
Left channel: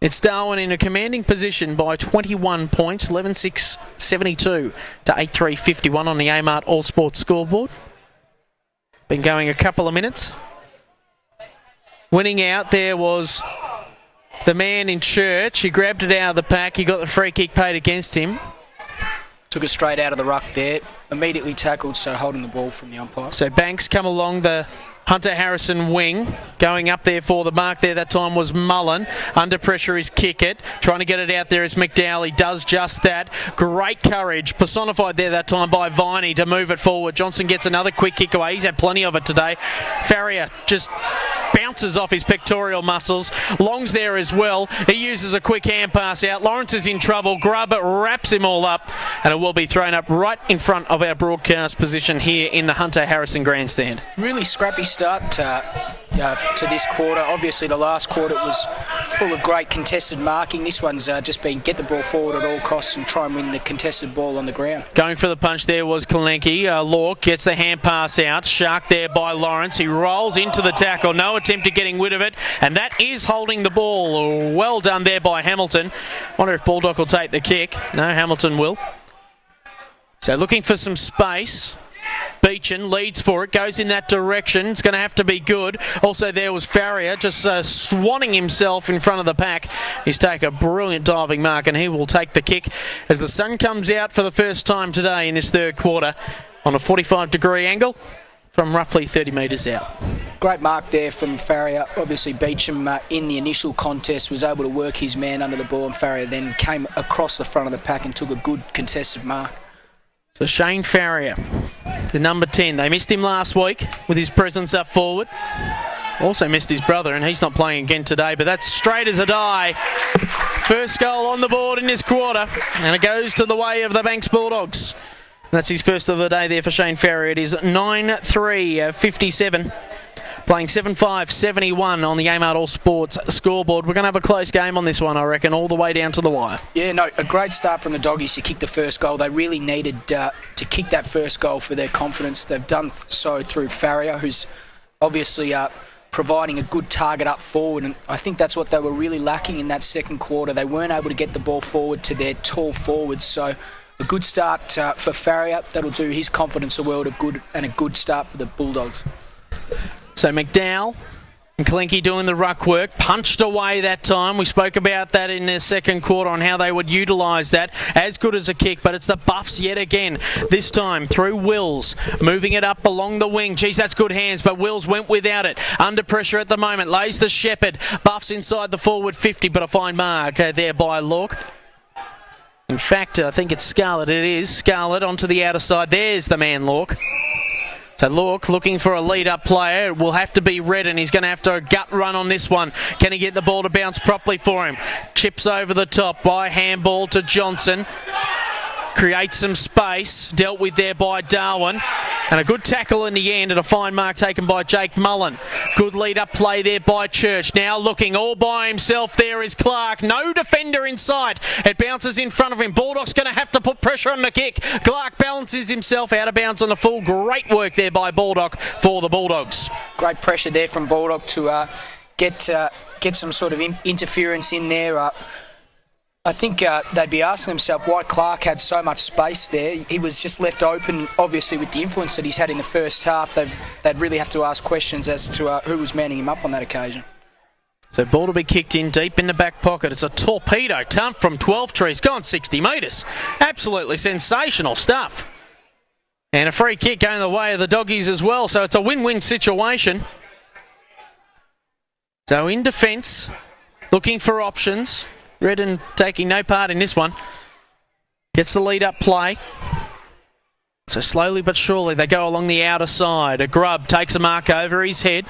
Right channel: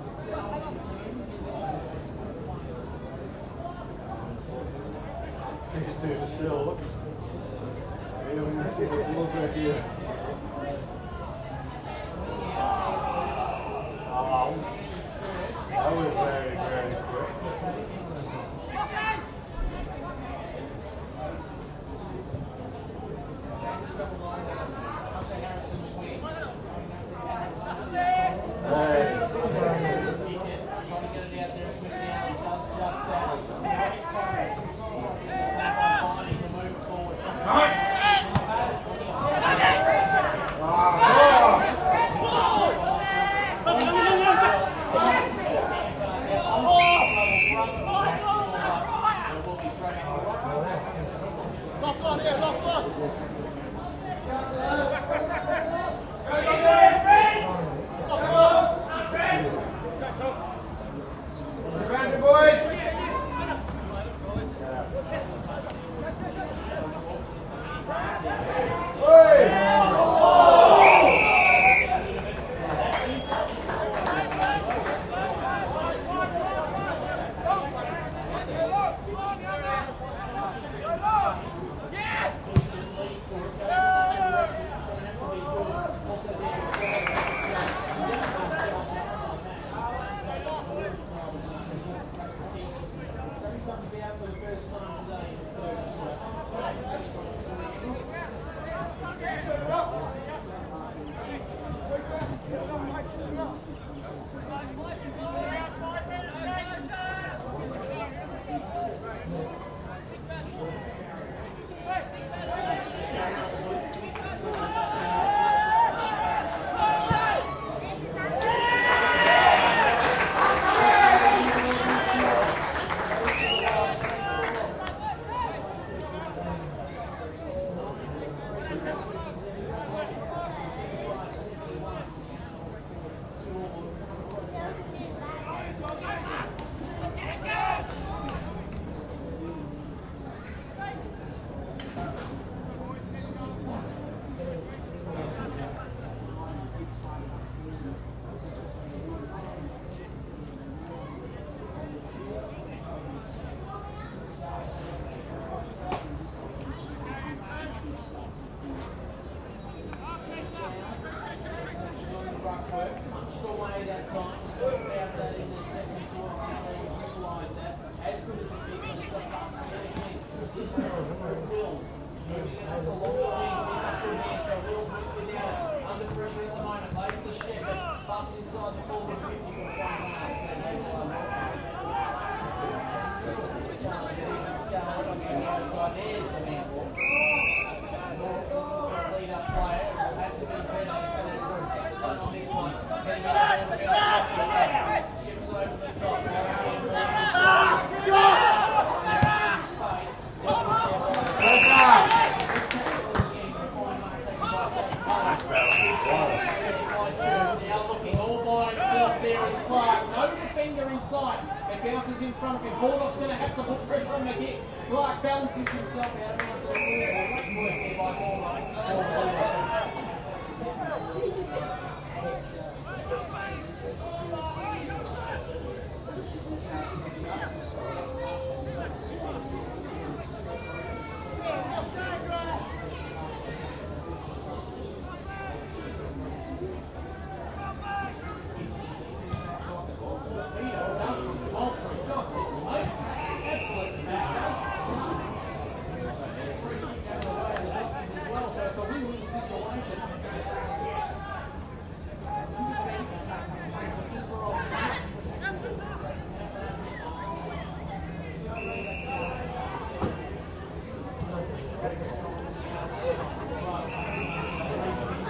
It's Darwin in a commanding position by 21 points. 11-6-72 to 8-3-51 on the Amart All Sports scoreboard. Been going a couple of minutes. Winning out there was the man in Church. He grabbed it out of the pack. He got the free kick paid against him. Took it straight out of the ruck there. Immediately tackled, so holding the ball from the umpire. So Banks come along the Hunter Harrison wing. Going up there for the mark there that time was Mullen. Under pressure is Kickett. Trying to get it out there is McDowell. He does just that. Great courage. Personified there that time by Viney to move it forward. Johnson gets another quick kick away. He's had plenty of it today. Farrier just bounces off his pectoral muscles. Long's there as well. He uses a quick hand pass out. Lawrence is in trouble. Grubbert wraps him all up, and it will be thrown up right in front of our broadcast position here in the Hunter Harrison grandstand. Really scrappy start to this quarter. Obviously the last quarter was full of great contested marking. This one's just been get the ball forward at all costs and try and win the contested ball on the ground. Going for the punch there was Kalenki. Lork gets the hand pass out. Shark there by Lawrence. He rolls into the tackle. No attempt at getting rid of it. And that is holding the ball. Well done there by Hamilton. Wonder if Bulldog will take the kick. No, Hamilton will. So looking for some space. Beechin leads for it, goes in that direction. It's going to have to be good. Also there was Farrier just swanning himself in front of the pack. He's taken a brilliant diving mark and he will take the kick as the sun comes out for the first time today in this third quarter on a 45-degree angle from roughly 30 metres out. Great mark there from Farrier. Obviously Beecham in the initial contest was able to work his man under the ball, and Farrier then came across the front of the pack and took a good contested mark. So Shane Farrier, the number 10. They missed him last week with his presence up forward. Also missed his brother, and he's not playing again today, but that's straight as a die. First goal on the board in this quarter, and it goes to the way of the Banks Bulldogs. That's his first of the day there for Shane Farrier. It is 9-3-57. Playing 7-5-71 on the Amart All Sports scoreboard. We're going to have a close game on this one, I reckon, all the way down to the wire. Yeah, no, a great start from the Doggies to kick the first goal. They really needed to kick that first goal for their confidence. They've done so through Farrier, who's obviously providing a good target up forward, and I think that's what they were really lacking in that second quarter. They weren't able to get the ball forward to their tall forwards, so a good start for Farrier. That'll do his confidence a world of good, and a good start for the Bulldogs. So McDowell and Kalenki doing the ruck work, punched away that time. We spoke about that in the second quarter on how they would utilise that. As good as a kick, but it's the Buffs yet again. This time through Wills, moving it up along the wing. Geez, that's good hands, but Wills went without it. Under pressure at the moment, lays the Shepherd. Buffs inside the forward 50, but a fine mark there by Lork. In fact, I think it's Scarlett. It is Scarlett onto the outer side. There's the man, Lork. So Lork looking for a lead-up player. It will have to be Redden. He's going to have to gut run on this one. Can he get the ball to bounce properly for him? Chips over the top by handball to Johnson. Creates some space. Dealt with there by Darwin. And a good tackle in the end and a fine mark taken by Jake Mullen. Good lead-up play there by Church. Now looking all by himself there is Clark. No defender in sight. It bounces in front of him. Bulldog's going to have to put pressure on the kick. Clark balances himself out of bounds on the full. Great work there by Bulldog for the Bulldogs. Great pressure there from Bulldog to get some sort of interference in there. I think they'd be asking themselves why Clark had so much space there. He was just left open, obviously, with the influence that he's had in the first half. They'd really have to ask questions as to who was manning him up on that occasion. So ball to be kicked in deep in the back pocket. It's a torpedo dump from 12 trees, gone 60 metres. Absolutely sensational stuff. And a free kick going the way of the Doggies as well, so it's a win-win situation. So in defence, looking for options. Redden taking no part in this one. Gets the lead-up play. So slowly but surely they go along the outer side. A Grubb takes a mark over his head.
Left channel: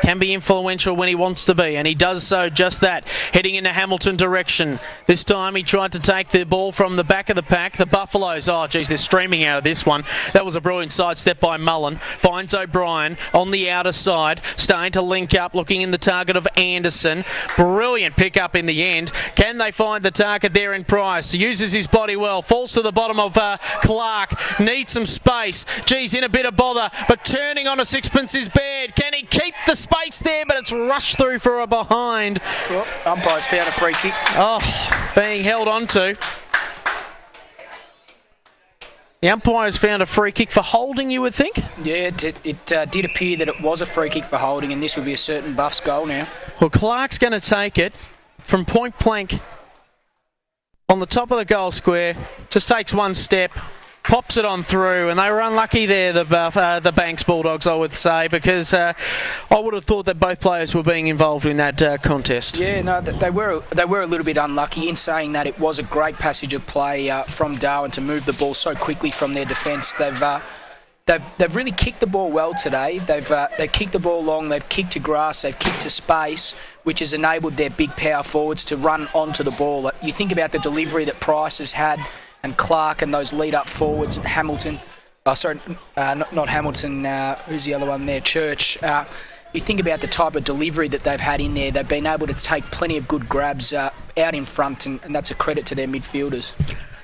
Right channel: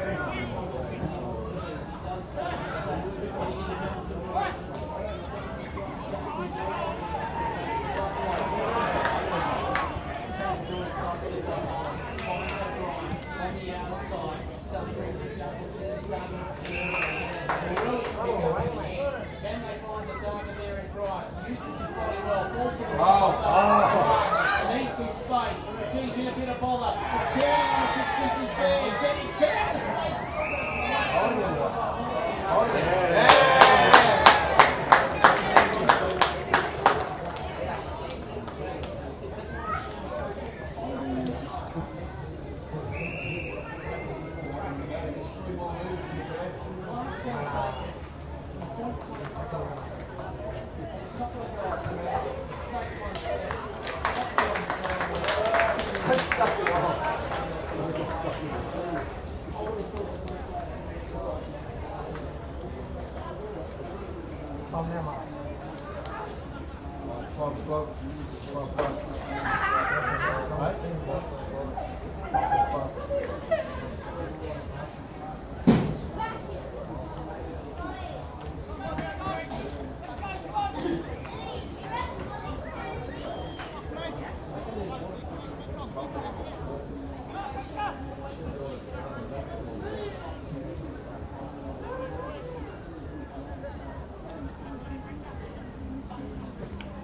Can be influential when he wants to be, and he does so just that. Heading in the Hamilton direction. This time he tried to take the ball from the back of the pack. The Buffaloes, oh geez, they're streaming out of this one. That was a brilliant sidestep by Mullen. Finds O'Brien on the outer side. Starting to link up, looking in the target of Anderson. Brilliant pick up in the end. Can they find the target there in Price? Uses his body well. Falls to the bottom of Clark. Needs some space. Geez, in a bit of bother, but turning on a sixpence is bad. Can he keep the space there, but it's rushed through for a behind. Umpire's found a free kick. Oh, being held on to. The umpire's found a free kick for holding, you would think? Yeah, it did appear that it was a free kick for holding, and this will be a certain Buffs goal now. Well, Clark's going to take it from point blank on the top of the goal square. Just takes one step. Pops it on through, and they were unlucky there, the Banks Bulldogs, I would say, because I would have thought that both players were being involved in that contest. Yeah, no, they were a little bit unlucky. In saying that, it was a great passage of play from Darwin to move the ball so quickly from their defence. They've really kicked the ball well today. They've kicked the ball long, they've kicked to grass, they've kicked to space, which has enabled their big power forwards to run onto the ball. You think about the delivery that Price has had, and Clark and those lead-up forwards, Hamilton, not Hamilton, who's the other one there, Church. you think about the type of delivery that they've had in there, they've been able to take plenty of good grabs out in front, and that's a credit to their midfielders.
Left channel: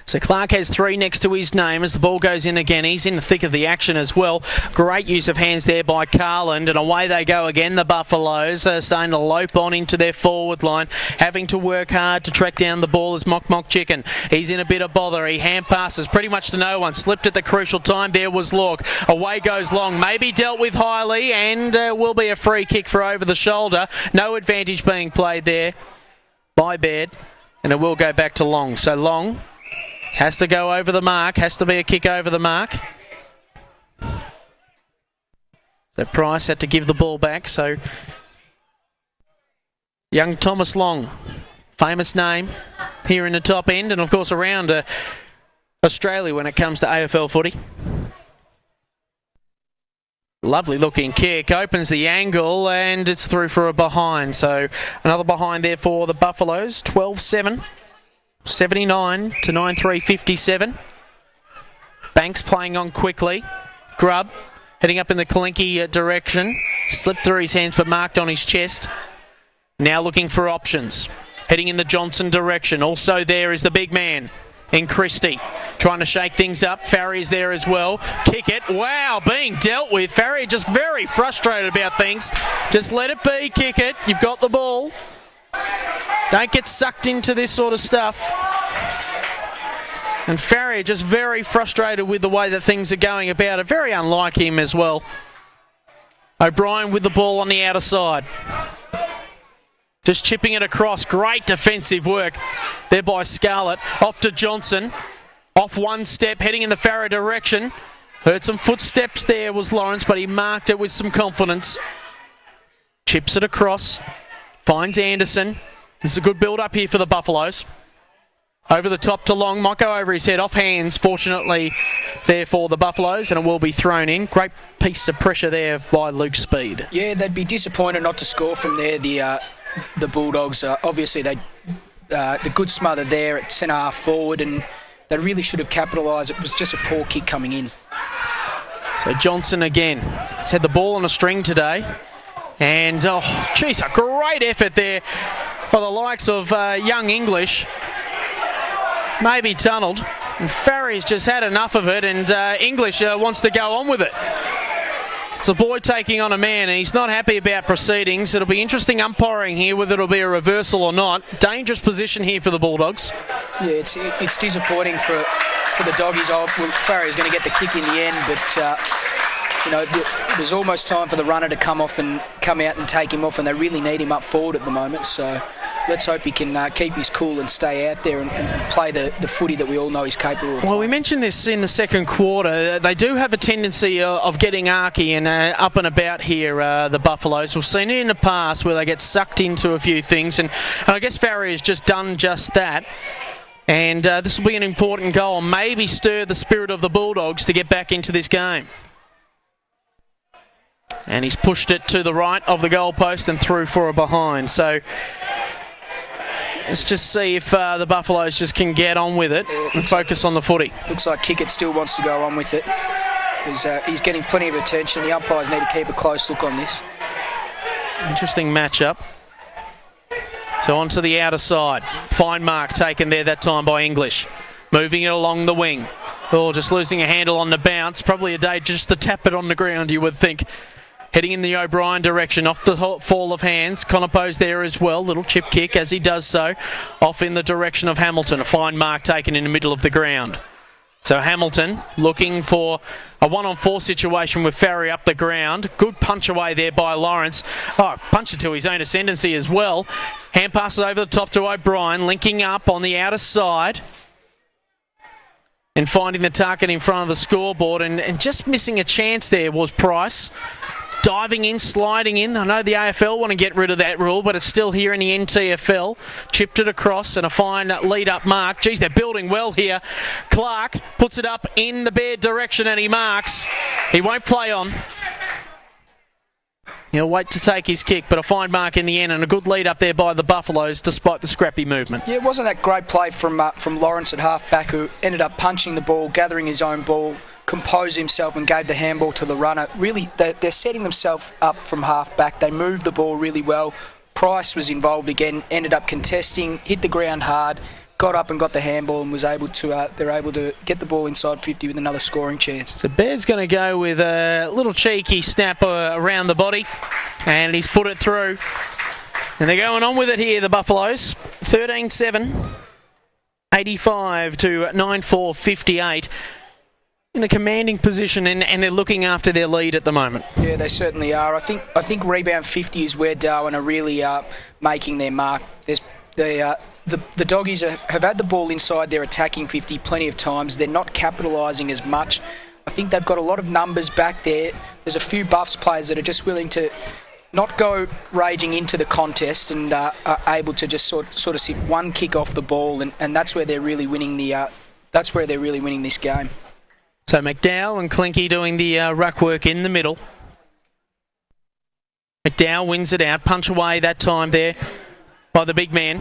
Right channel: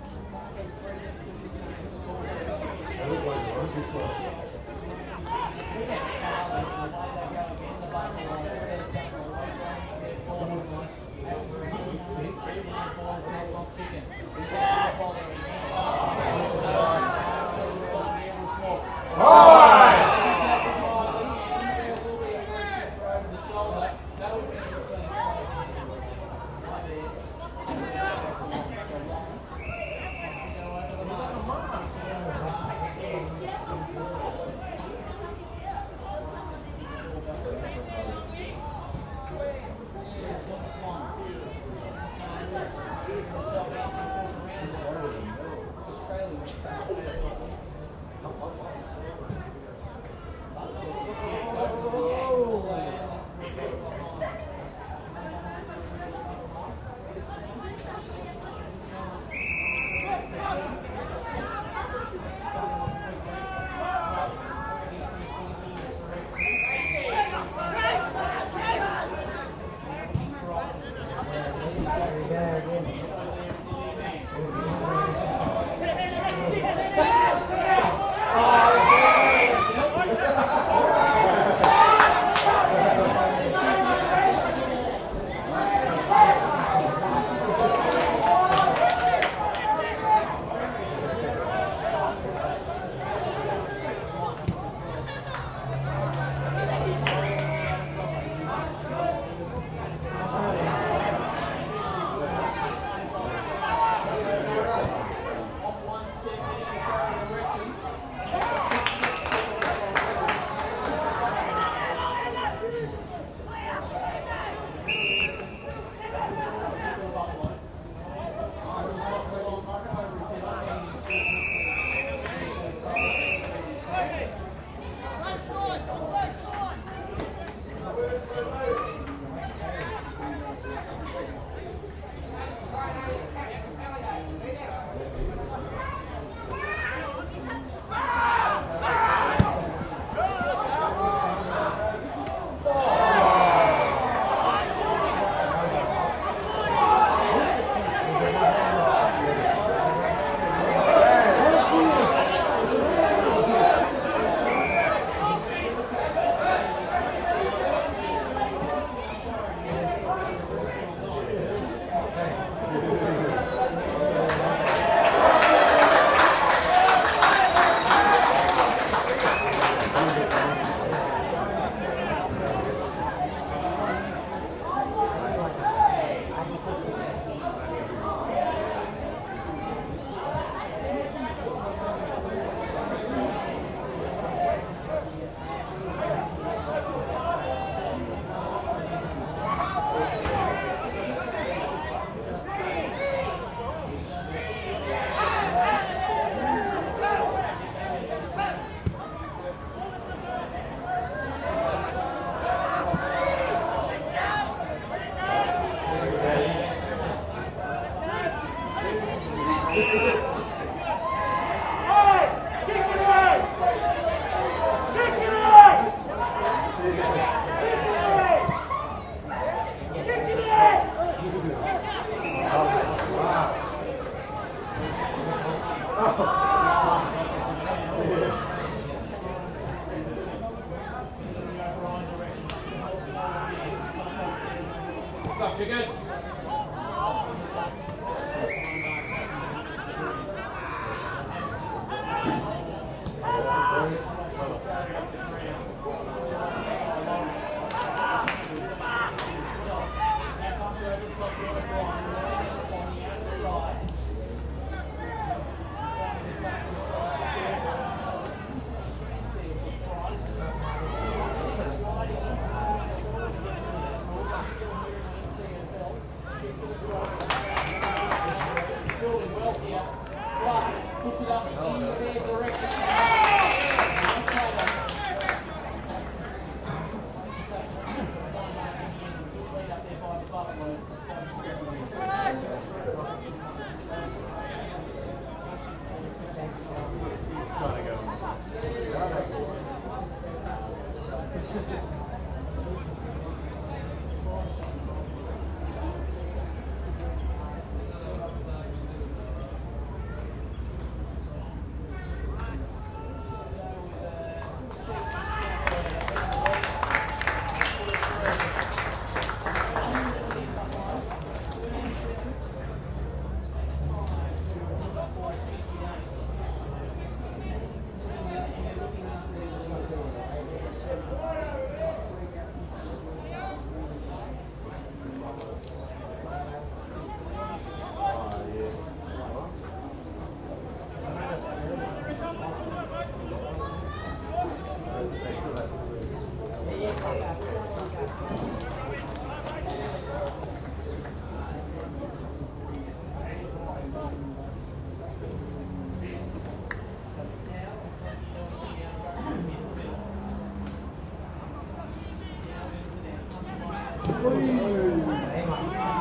So Clark has 3 next to his name as the ball goes in again. He's in the thick of the action as well. Great use of hands there by Carland, and away they go again. The Buffaloes are starting to lope on into their forward line, having to work hard to track down the ball as Mock Chicken. He's in a bit of bother. He hand passes pretty much to no one. Slipped at the crucial time. There was Locke. Away goes Long. Maybe dealt with highly, and will be a free kick for over the shoulder. No advantage being played there by Baird, and it will go back to Long. So Long has to go over the mark, has to be a kick over the mark. The Price had to give the ball back, so young Thomas Long, famous name here in the top end, and of course around Australia when it comes to AFL footy. Lovely looking kick, opens the angle, and it's through for a behind. So another behind there for the Buffaloes, 12-7. 79 to 9-3-57. Banks playing on quickly. Grubb heading up in the Kalinke direction. Slipped through his hands but marked on his chest. Now looking for options. Heading in the Johnson direction. Also there is the big man in Christie. Trying to shake things up. Farrier's there as well. Kick it. Wow, being dealt with. Farrier just very frustrated about things. Just let it be. Kick it. You've got the ball. Don't get sucked into this sort of stuff. And Farrier just very frustrated with the way that things are going about it. Very unlike him as well. O'Brien with the ball on the outer side. Just chipping it across. Great defensive work there by Scarlett. Off to Johnson. Off one step, heading in the Farrier direction. Heard some footsteps there was Lawrence, but he marked it with some confidence. Chips it across. Finds Anderson. This is a good build-up here for the Buffaloes. Over the top to Long. Might go over his head. Off hands, fortunately, there for the Buffaloes, and it will be thrown in. Great piece of pressure there by Luke Speed. Yeah, they'd be disappointed not to score from there. The Bulldogs, obviously, the good smother there at centre-half forward, and they really should have capitalised. It was just a poor kick coming in. So Johnson again. He's had the ball on a string today. And, oh, geez, a great effort there by the likes of young English. Maybe tunnelled. And Farrier's just had enough of it, and English wants to go on with it. It's a boy taking on a man, and he's not happy about proceedings. It'll be interesting umpiring here, whether it'll be a reversal or not. Dangerous position here for the Bulldogs. Yeah, it's disappointing for the Doggies. Farrier's going to get the kick in the end, but there's almost time for the runner to come off and come out and take him off, and they really need him up forward at the moment. So let's hope he can keep his cool and stay out there and play the footy that we all know he's capable of. Well, we mentioned this in the second quarter. They do have a tendency of getting arky and up and about here, the Buffaloes. We've seen it in the past where they get sucked into a few things, and I guess Farrier's just done just that. And this will be an important goal, maybe stir the spirit of the Bulldogs to get back into this game. And he's pushed it to the right of the goalpost and through for a behind. So let's just see if the Buffaloes just can get on with it and focus on the footy. Looks like Kickett still wants to go on with it. He's getting plenty of attention. The umpires need to keep a close look on this. Interesting matchup. So onto the outer side. Fine mark taken there that time by English. Moving it along the wing. Oh, just losing a handle on the bounce. Probably a day just to tap it on the ground, you would think. Heading in the O'Brien direction, off the fall of hands. Conopo's there as well, little chip kick as he does so. Off in the direction of Hamilton, a fine mark taken in the middle of the ground. So Hamilton looking for a 1-on-4 situation with Farrier up the ground. Good punch away there by Lawrence. Oh, punch it to his own ascendancy as well. Hand passes over the top to O'Brien, linking up on the outer side. And finding the target in front of the scoreboard, and just missing a chance there was Price. Diving in, sliding in. I know the AFL want to get rid of that rule, but it's still here in the NTFL. Chipped it across and a fine lead-up mark. Geez, they're building well here. Clark puts it up in the Baird direction and he marks. He won't play on. He'll wait to take his kick, but a fine mark in the end and a good lead up there by the Buffaloes despite the scrappy movement. Yeah, it wasn't that great play from Lawrence at half-back, who ended up punching the ball, gathering his own ball, composed himself and gave the handball to the runner. Really, they're setting themselves up from half-back. They moved the ball really well. Price was involved again, ended up contesting, hit the ground hard, got up and got the handball and was able to. They're able to get the ball inside 50 with another scoring chance. So Baird's going to go with a little cheeky snap around the body, and he's put it through. And they're going on with it here, the Buffaloes. 13-7, 85 to 9-4-58. In a commanding position, and they're looking after their lead at the moment. Yeah, they certainly are. I think rebound 50 is where Darwin are really making their mark. The Doggies have had the ball inside their attacking 50 plenty of times. They're not capitalising as much. I think they've got a lot of numbers back there. There's a few Buffs players that are just willing to not go raging into the contest and are able to just sort of sit one kick off the ball, and that's where they're really winning this game. So McDowell and Clinky doing the ruck work in the middle. McDowell wins it out, punch away that time there by the big man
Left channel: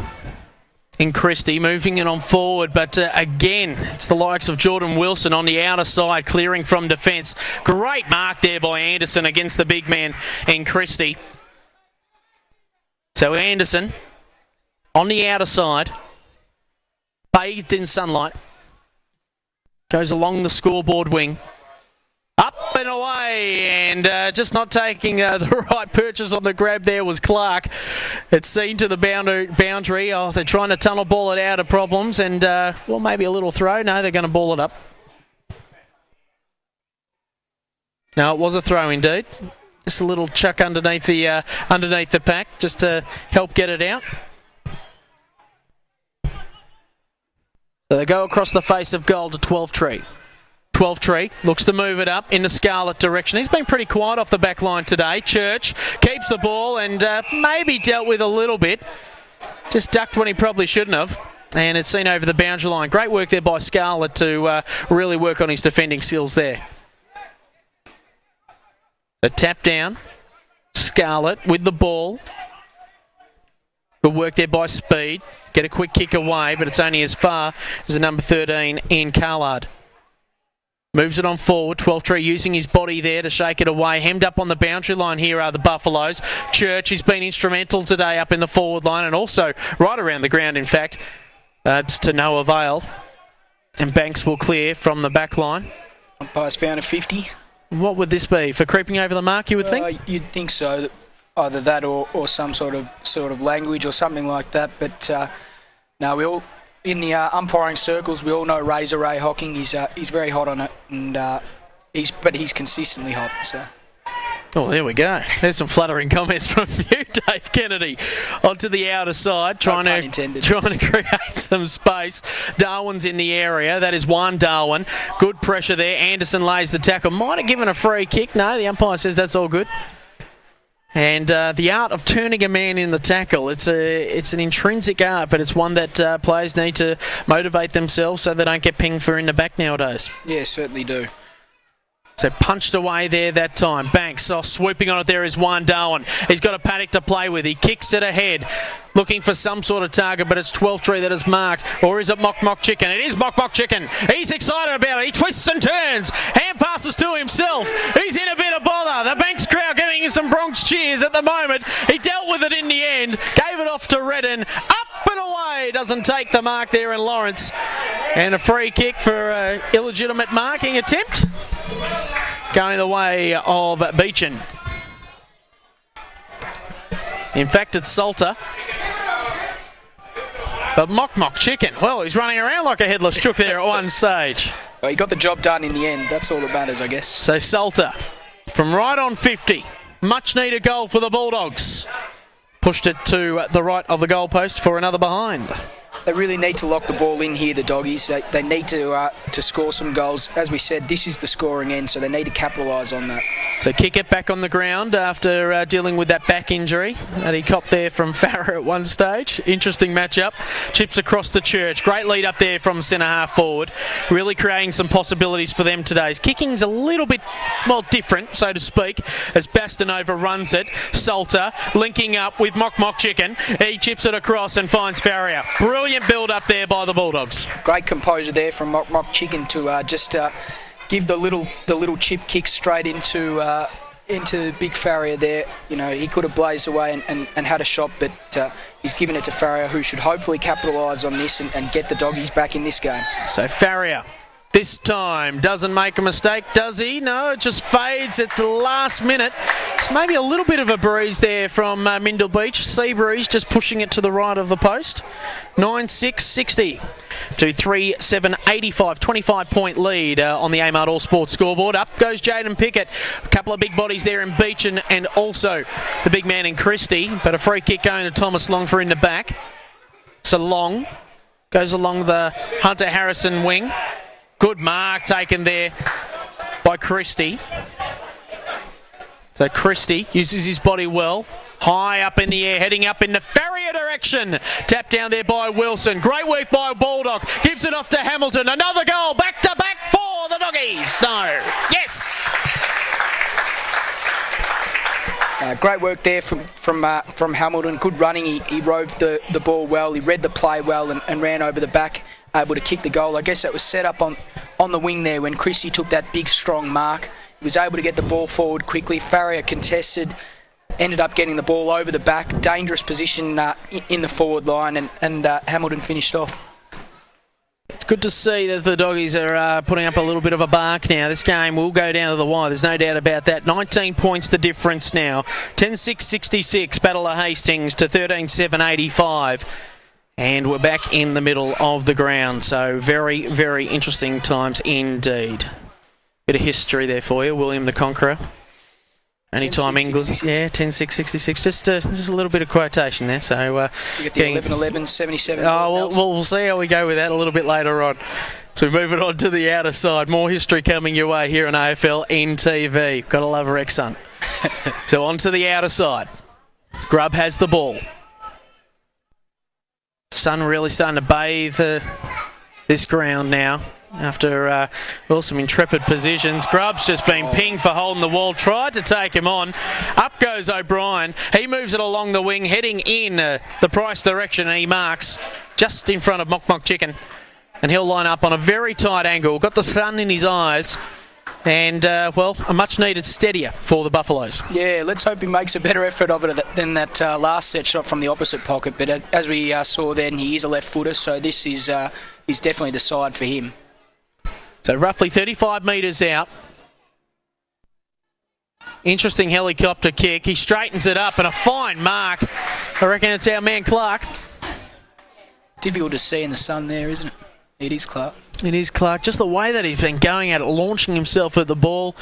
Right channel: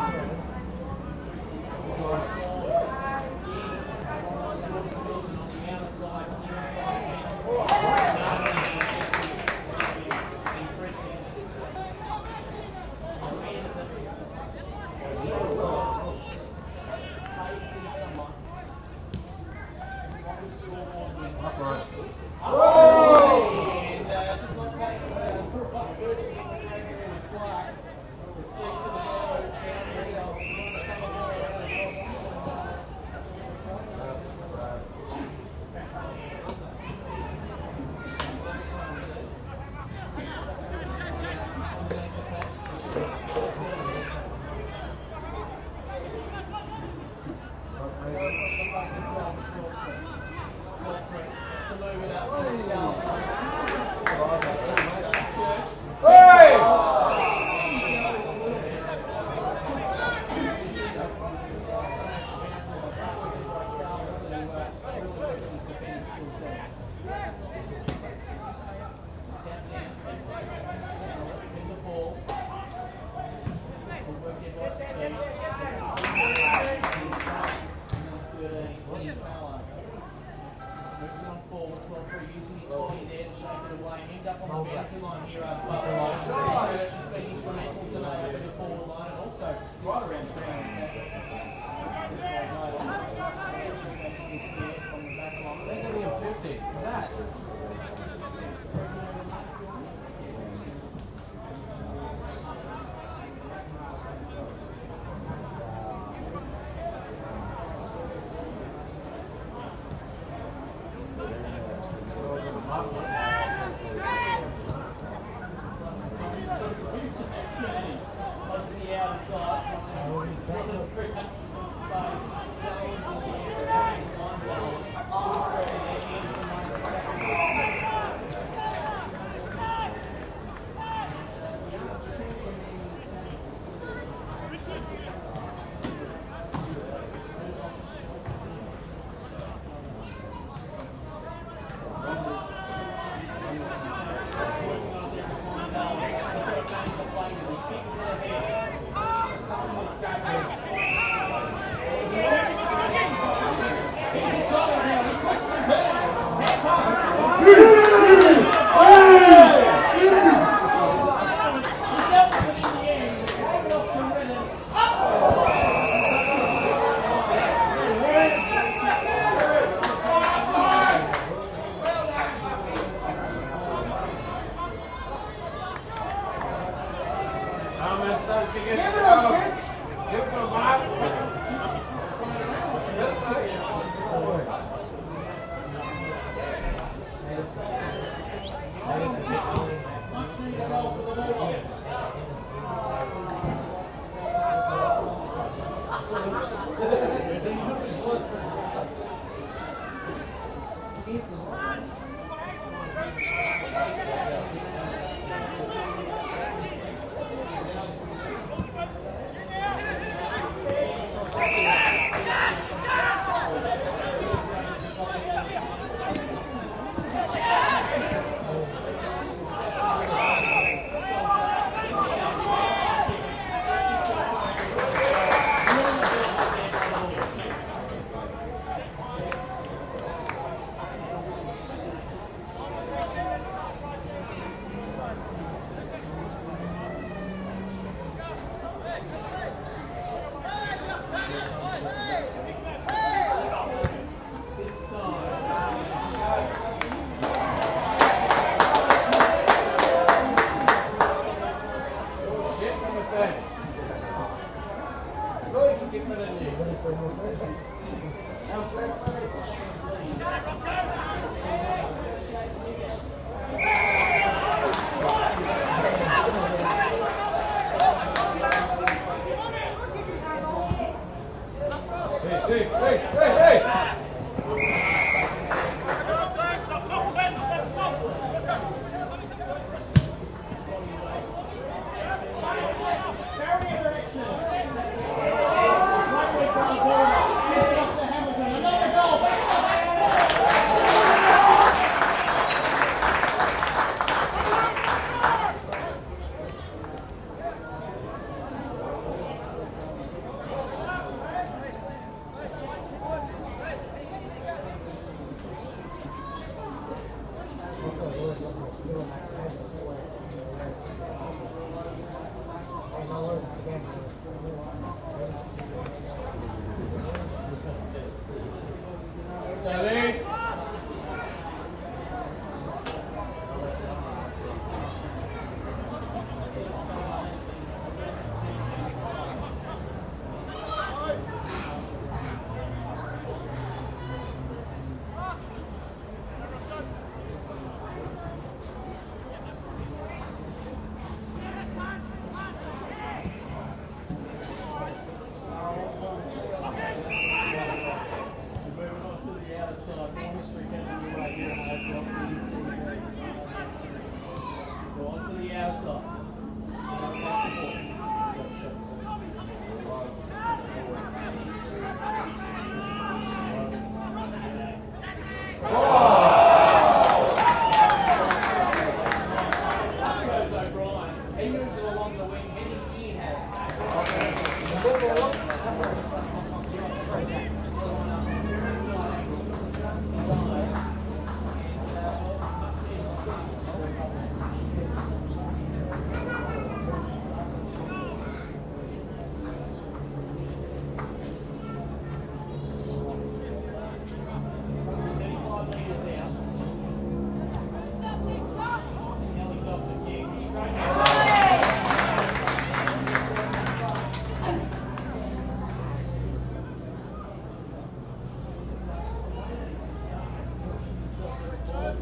in Christie, moving it on forward, but again, it's the likes of Jordan Wilson on the outer side, clearing from defence. Great mark there by Anderson against the big man in Christie. So Anderson on the outer side, bathed in sunlight, goes along the scoreboard wing, up and away, and just not taking the right purchase on the grab there was Clark. It's seen to the boundary. Oh, they're trying to tunnel ball it out of problems, and well, maybe a little throw. No, they're going to ball it up. No, it was a throw indeed. Just a little chuck underneath the pack, just to help get it out. So they go across the face of goal to 12-3. 12-3 looks to move it up in the Scarlet direction. He's been pretty quiet off the back line today. Church keeps the ball and maybe dealt with a little bit. Just ducked when he probably shouldn't have. And it's seen over the boundary line. Great work there by Scarlet to really work on his defending skills there. The tap down. Scarlet with the ball. Good work there by Speed. Get a quick kick away, but it's only as far as the number 13 in Carlard. Moves it on forward. 12-3 using his body there to shake it away. Hemmed up on the boundary line here are the Buffaloes. Church has been instrumental today up in the forward line and also right around the ground, in fact. It's to no avail. And Banks will clear from the back line. Umpire's found a 50. What would this be? For creeping over the mark, you would think? You'd think so. Either that or some sort of language or something like that. But no, we all in the umpiring circles. We all know Razor Ray Hocking. He's very hot on it, and he's consistently hot. So. Oh, there we go. There's some flattering comments from you, Dave Kennedy. Onto the outer side, trying to create some space. Darwin's in the area. That is one Darwin. Good pressure there. Anderson lays the tackle. Might have given a free kick. No, the umpire says that's all good. And the art of turning a man in the tackle, it's an intrinsic art, but it's one that players need to motivate themselves so they don't get pinged for in the back nowadays. Yeah, certainly do. So punched away there that time. Banks swooping on it there is one Darwin. He's got a panic to play with. He kicks it ahead, looking for some sort of target, but it's 12-3 that is marked. Or is it Mock Chicken? It is Mock Chicken. He's excited about it. He twists and turns. Hand passes to himself. He's in a bit of ball. The Banks crowd getting some Bronx cheers at the moment. He dealt with it in the end. Gave it off to Redden. Up and away. Doesn't take the mark there in Lawrence. And a free kick for illegitimate marking attempt. Going the way of Beechin. In fact, it's Salter. But Mock Chicken, well, he's running around like a headless chook there at one stage. Well, he got the job done in the end. That's all that matters, I guess. So Salter, from right on 50, much needed goal for the Bulldogs. Pushed it to the right of the goalpost for another behind. They really need to lock the ball in here, the Doggies. They need to score some goals. As we said, this is the scoring end, so they need to capitalise on that. So kick it back on the ground after dealing with that back injury that he copped there from Farah at one stage. Interesting matchup. Chips across the church. Great lead up there from centre half forward. Really creating some possibilities for them today. His kicking's a little bit more different, so to speak, as Bastanova runs it. Salter linking up with Mock Chicken. He chips it across and finds Farrier. Brilliant build up there by the Bulldogs. Great composure there from Mock Chicken to just give the little chip kick straight into Big Farrier there. You know, he could have blazed away and had a shot, but he's given it to Farrier, who should hopefully capitalise on this and get the Doggies back in this game. So Farrier this time doesn't make a mistake, does he? No, it just fades at the last minute. It's maybe a little bit of a breeze there from Mindle Beach. Sea breeze just pushing it to the right of the post. 9-6-60 to 3-7-85. 25-point lead on the Amart All Sports scoreboard. Up goes Jaden Pickett. A couple of big bodies there in Beach and also the big man in Christie. But a free kick going to Thomas Longfor in the back. So Long goes along the Hunter Harrison wing. Good mark taken there by Christie. So Christie uses his body well. High up in the air, heading up in the Farrier direction. Tapped down there by Wilson. Great work by Bulldog. Gives it off to Hamilton. Another goal. Back to back for the Doggies. No. Yes. Great work there from Hamilton. Good running. He rode the ball well. He read the play well and ran over the back, able to kick the goal. I guess that was set up on the wing there when Christie took that big, strong mark. He was able to get the ball forward quickly. Farrier contested, ended up getting the ball over the back. Dangerous position in the forward line, and Hamilton finished off. It's good to see that the Doggies are putting up a little bit of a bark now. This game will go down to the wire, there's no doubt about that. 19 points the difference now. 10-6-66, Battle of Hastings to 13-7-85. And we're back in the middle of the ground, so very, very interesting times indeed. Bit of history there for you, William the Conqueror. Anytime England, yeah, 10-6-66. Just a little bit of quotation there. So you get the 11-11, 77. Oh, we'll see how we go with that a little bit later on. So we move it on to the outer side. More history coming your way here on AFLNTv. Gotta love Rex Hunt. So on to the outer side. Grubb has the ball. Sun really starting to bathe this ground now. After some intrepid positions. Grubb's just been pinged for holding the wall. Tried to take him on. Up goes O'Brien. He moves it along the wing, heading in the Price direction. And he marks just in front of Mock Chicken. And he'll line up on a very tight angle. Got the sun in his eyes. And, a much-needed steadier for the Buffaloes. Yeah, let's hope he makes a better effort of it than that last set shot from the opposite pocket. But as we saw then, he is a left footer, so this is definitely the side for him. So roughly 35 metres out. Interesting helicopter kick. He straightens it up and a fine mark. I reckon it's our man Clark. Difficult to see in the sun there, isn't it? It is Clark. It is Clark. Just the way that he's been going at it, launching himself at the ball.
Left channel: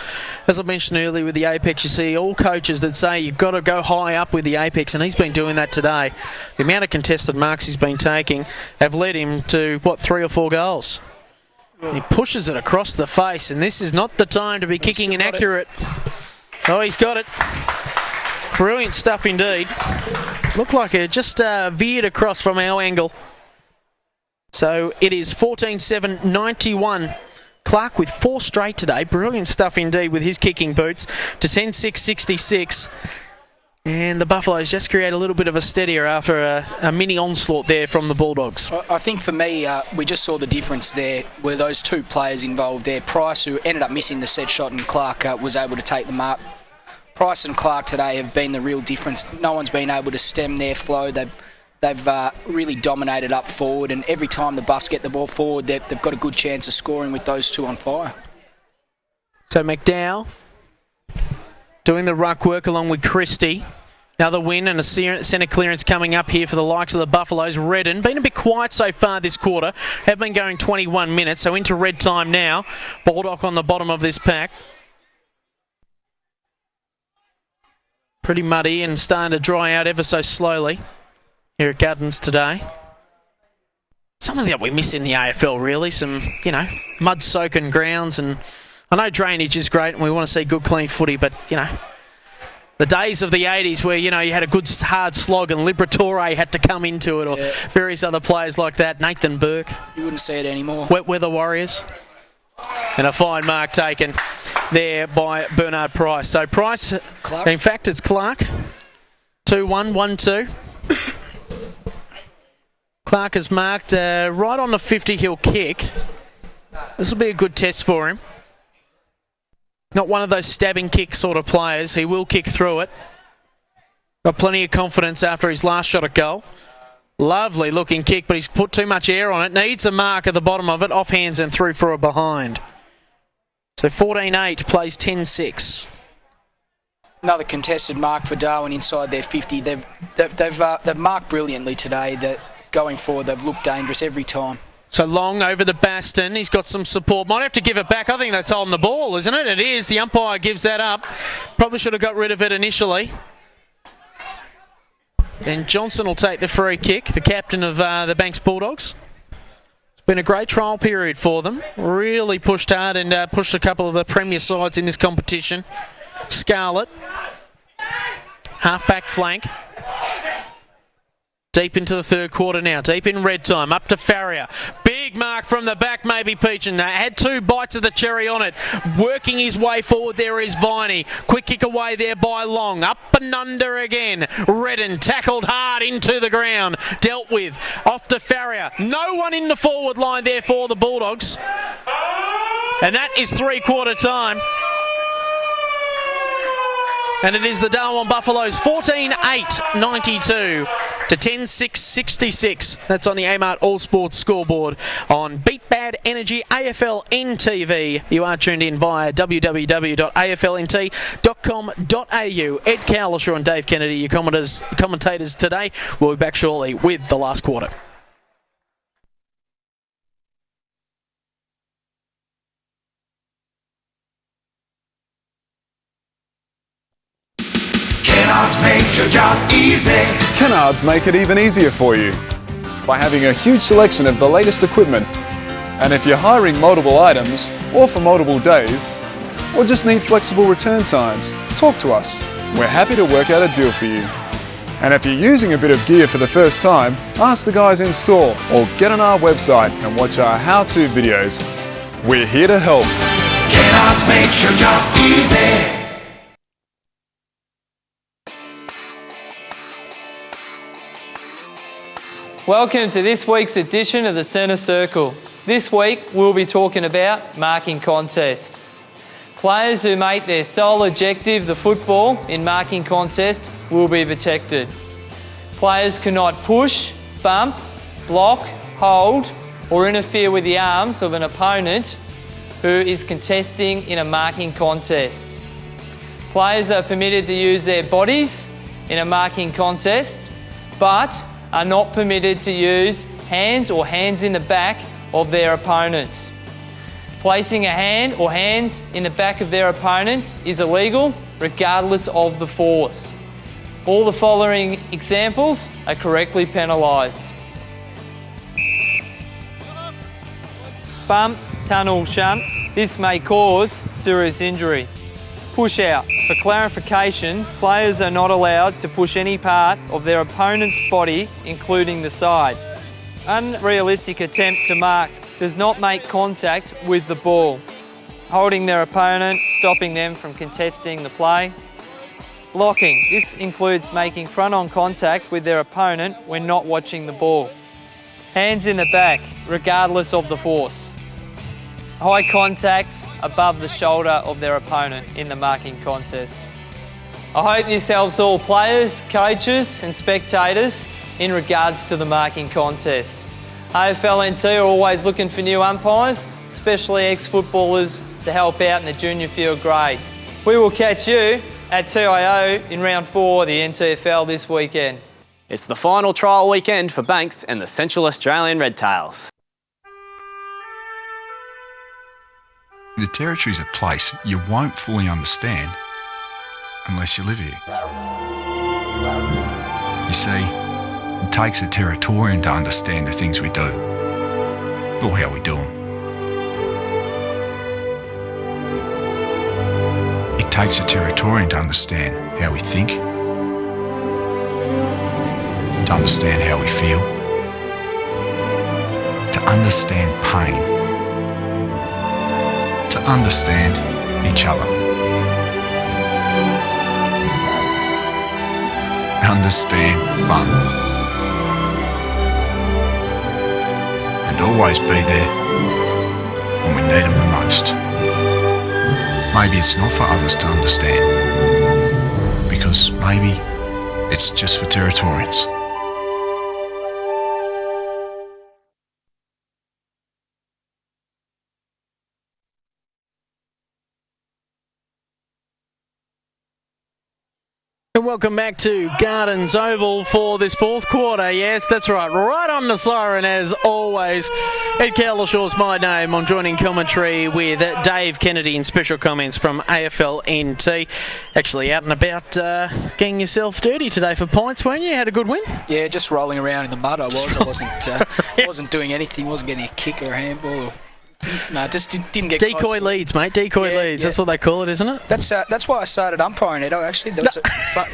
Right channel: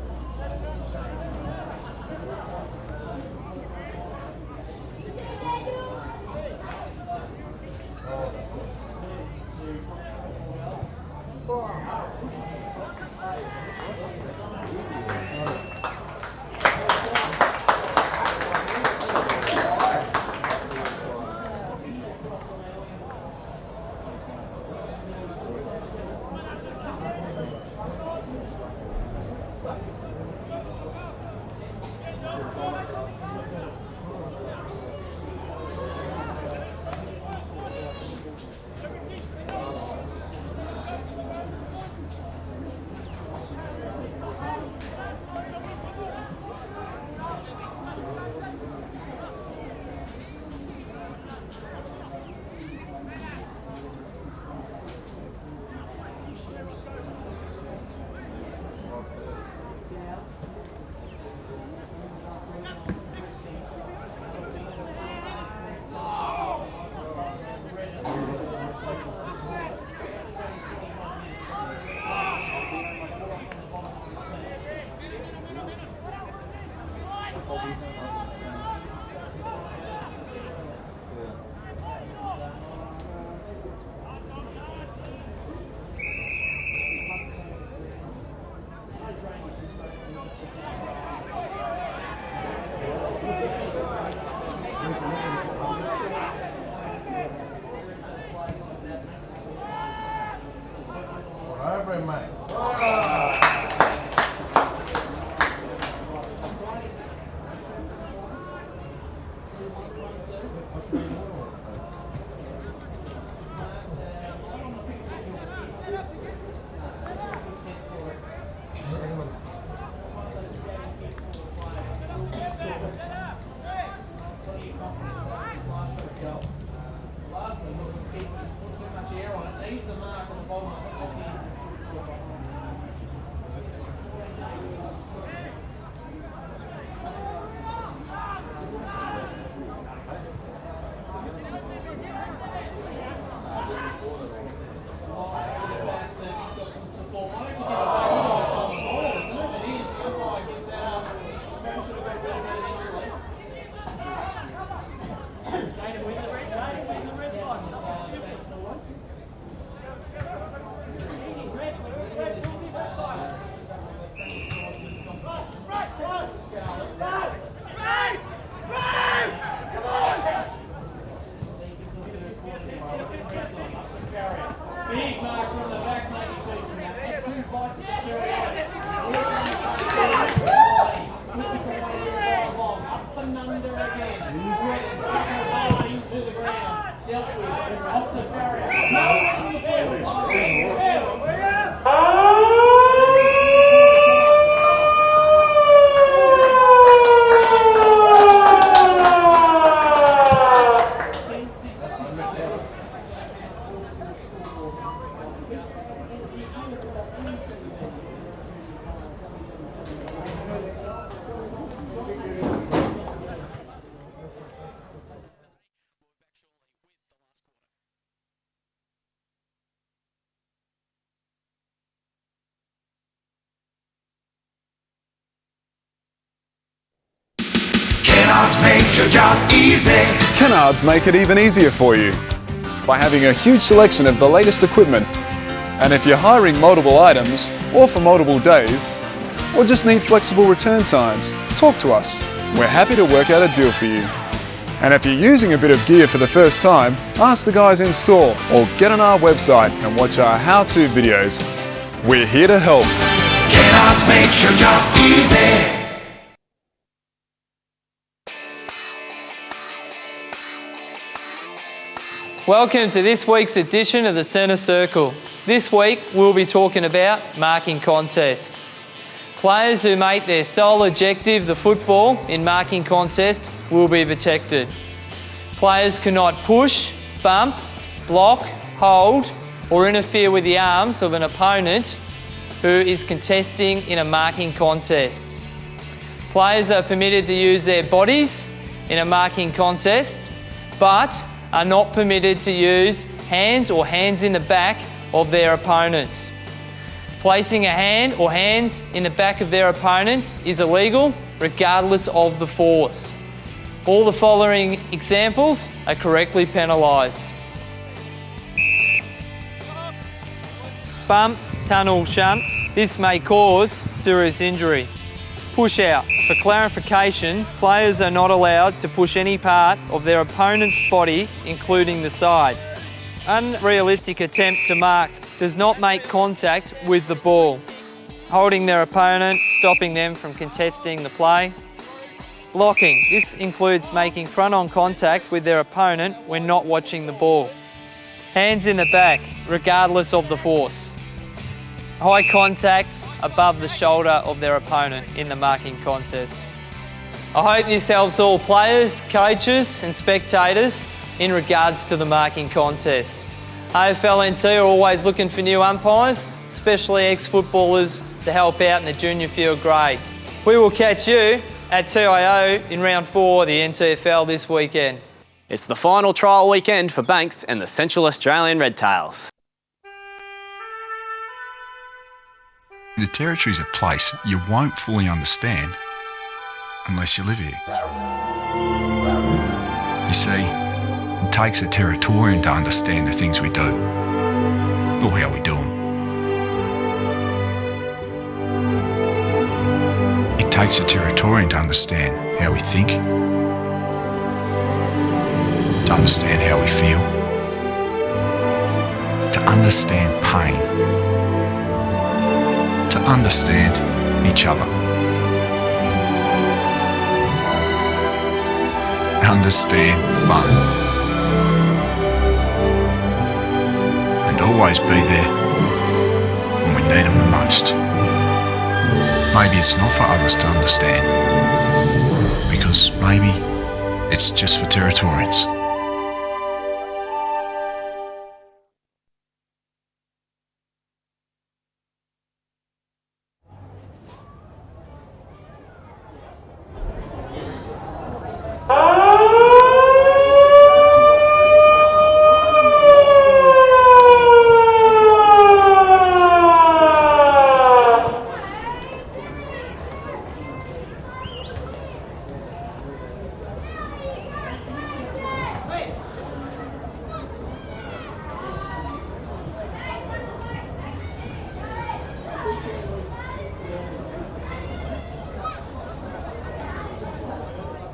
As I mentioned earlier with the Apex, you see all coaches that say you've got to go high up with the Apex, and he's been doing that today. The amount of contested marks he's been taking have led him to, 3 or 4 goals. He pushes it across the face, and this is not the time to be kicking inaccurate. Oh, he's got it. Brilliant stuff indeed. Looked like it just veered across from our angle. So it is 14-7-91. Clark with 4 straight today. Brilliant stuff indeed with his kicking boots to 10-6-66. And the Buffaloes just create a little bit of a steadier after a mini onslaught there from the Bulldogs. I think for me, we just saw the difference there were those 2 players involved there. Price, who ended up missing the set shot, and Clark was able to take the mark. Price and Clark today have been the real difference. No one's been able to stem their flow. They've really dominated up forward, and every time the Buffs get the ball forward, they've got a good chance of scoring with those 2 on fire. So McDowell doing the ruck work along with Christie. Another win and a centre clearance coming up here for the likes of the Buffaloes. Redden, been a bit quiet so far this quarter. Have been going 21 minutes, so into red time now. Baldock on the bottom of this pack. Pretty muddy and starting to dry out ever so slowly here at Gardens today. something that we miss in the AFL, really. Some, you know, mud-soaking grounds, and I know drainage is great and we want to see good, clean footy, but, you know, the days of the 80s where, you know, you had a good hard slog and Liberatore had to come into it, or various other players like that, Nathan Burke. You wouldn't see it anymore. Wet Weather Warriors. And a fine mark taken there by Bernard Price. So Price, Clark. in fact, it's Clark. 2-1, 1-2. Clark is marked right on the 50. He'll kick. This will be a good test for him. Not one of those stabbing kick sort of players. He will kick through it. Got plenty of confidence after his last shot at goal. Lovely looking kick, but he's put too much air on it. Needs a mark at the bottom of it. Off hands and through for a behind. So 14-8 plays 10-6. Another contested mark for Darwin inside their 50. They've marked brilliantly today. That going forward, they've looked dangerous every time. So Long over the Baston. He's got some support. Might have to give it back. I think that's holding the ball, isn't it? It is. The umpire gives that up. Probably should have got rid of it initially. And Johnson will take the free kick, the captain of the Banks Bulldogs. It's been a great trial period for them. Really pushed hard and pushed a couple of the premier sides in this competition. Scarlett. Half-back flank. Deep into the third quarter now, deep in red time, up to Farrier. Big mark from the back, maybe Peachin. Had two bites of the cherry on it. Working his way forward there is Viney. Quick kick away there by Long. Up and under again. Redden tackled hard into the ground. Dealt with. Off to Farrier. No one in the forward line there for the Bulldogs. And that is three-quarter time. And it is the Darwin Buffaloes 14-8-92 to 10-6-66. That's on the Amart All Sports scoreboard on Beat Bad Energy AFLNTv. You are tuned in via www.aflnt.com.au. Ed Calishaw and Dave Kennedy, your commentators today. We'll be back shortly with the last quarter. Kennards makes your job easy. Kennards make it even easier for you by having a huge selection of the latest equipment. And if you're hiring multiple items, or for multiple days, or just need flexible return times, talk to us. We're happy to work out a deal for you. And if you're using a bit of gear for the first time, ask the guys in store or get on our website and watch our how-to videos. We're here to help. Kennards makes your job easy. Welcome to this week's edition of the Centre Circle. This week we'll be talking about marking contest. Players who make their sole objective the football in marking contest will be protected. Players cannot push, bump, block, hold or interfere with the arms of an opponent who is contesting in a marking contest. Players are permitted to use their bodies in a marking contest, but are not permitted to use hands or hands in the back of their opponents. Placing a hand or hands in the back of their opponents is illegal regardless of the force. All the following examples are correctly penalised. Bump, tunnel, shunt. This may cause serious injury. Push out. For clarification, players are not allowed to push any part of their opponent's body, including the side. Unrealistic attempt to mark does not make contact with the ball. Holding their opponent, stopping them from contesting the play. Blocking. This includes making front-on contact with their opponent when not watching the ball. Hands in the back, regardless of the force. High contact above the shoulder of their opponent in the marking contest. I hope this helps all players, coaches and spectators in regards to the marking contest. AFLNT are always looking for new umpires, especially ex-footballers to help out in the junior field grades. We will catch you at TIO in round 4 of the NTFL this weekend. It's the final trial weekend for Banks and the Central Australian Redtails. The Territory is a place you won't fully understand unless you live here. You see, it takes a Territorian to understand the things we do. or how we do them. It takes a Territorian to understand how we think, to understand how we feel, to understand pain, to understand each other. Understand fun. And always be there when we need them the most. Maybe it's not for others to understand, because maybe it's just for Territorians. And welcome back to Gardens Oval for this fourth quarter. Yes, that's right. Right on the siren as always. Ed Calishaw's my name. I'm joining commentary with Dave Kennedy and special comments from AFLNT. Actually out and about getting yourself dirty today for pints, weren't you? Had a good win? Yeah, just rolling around in the mud I was. I wasn't doing anything. Wasn't getting a kick or a handball. Or no, just didn't get decoy close. Leads, mate. Decoy leads. Yeah. That's what they call it, isn't it? That's why I started umpiring, Edo, actually. There was a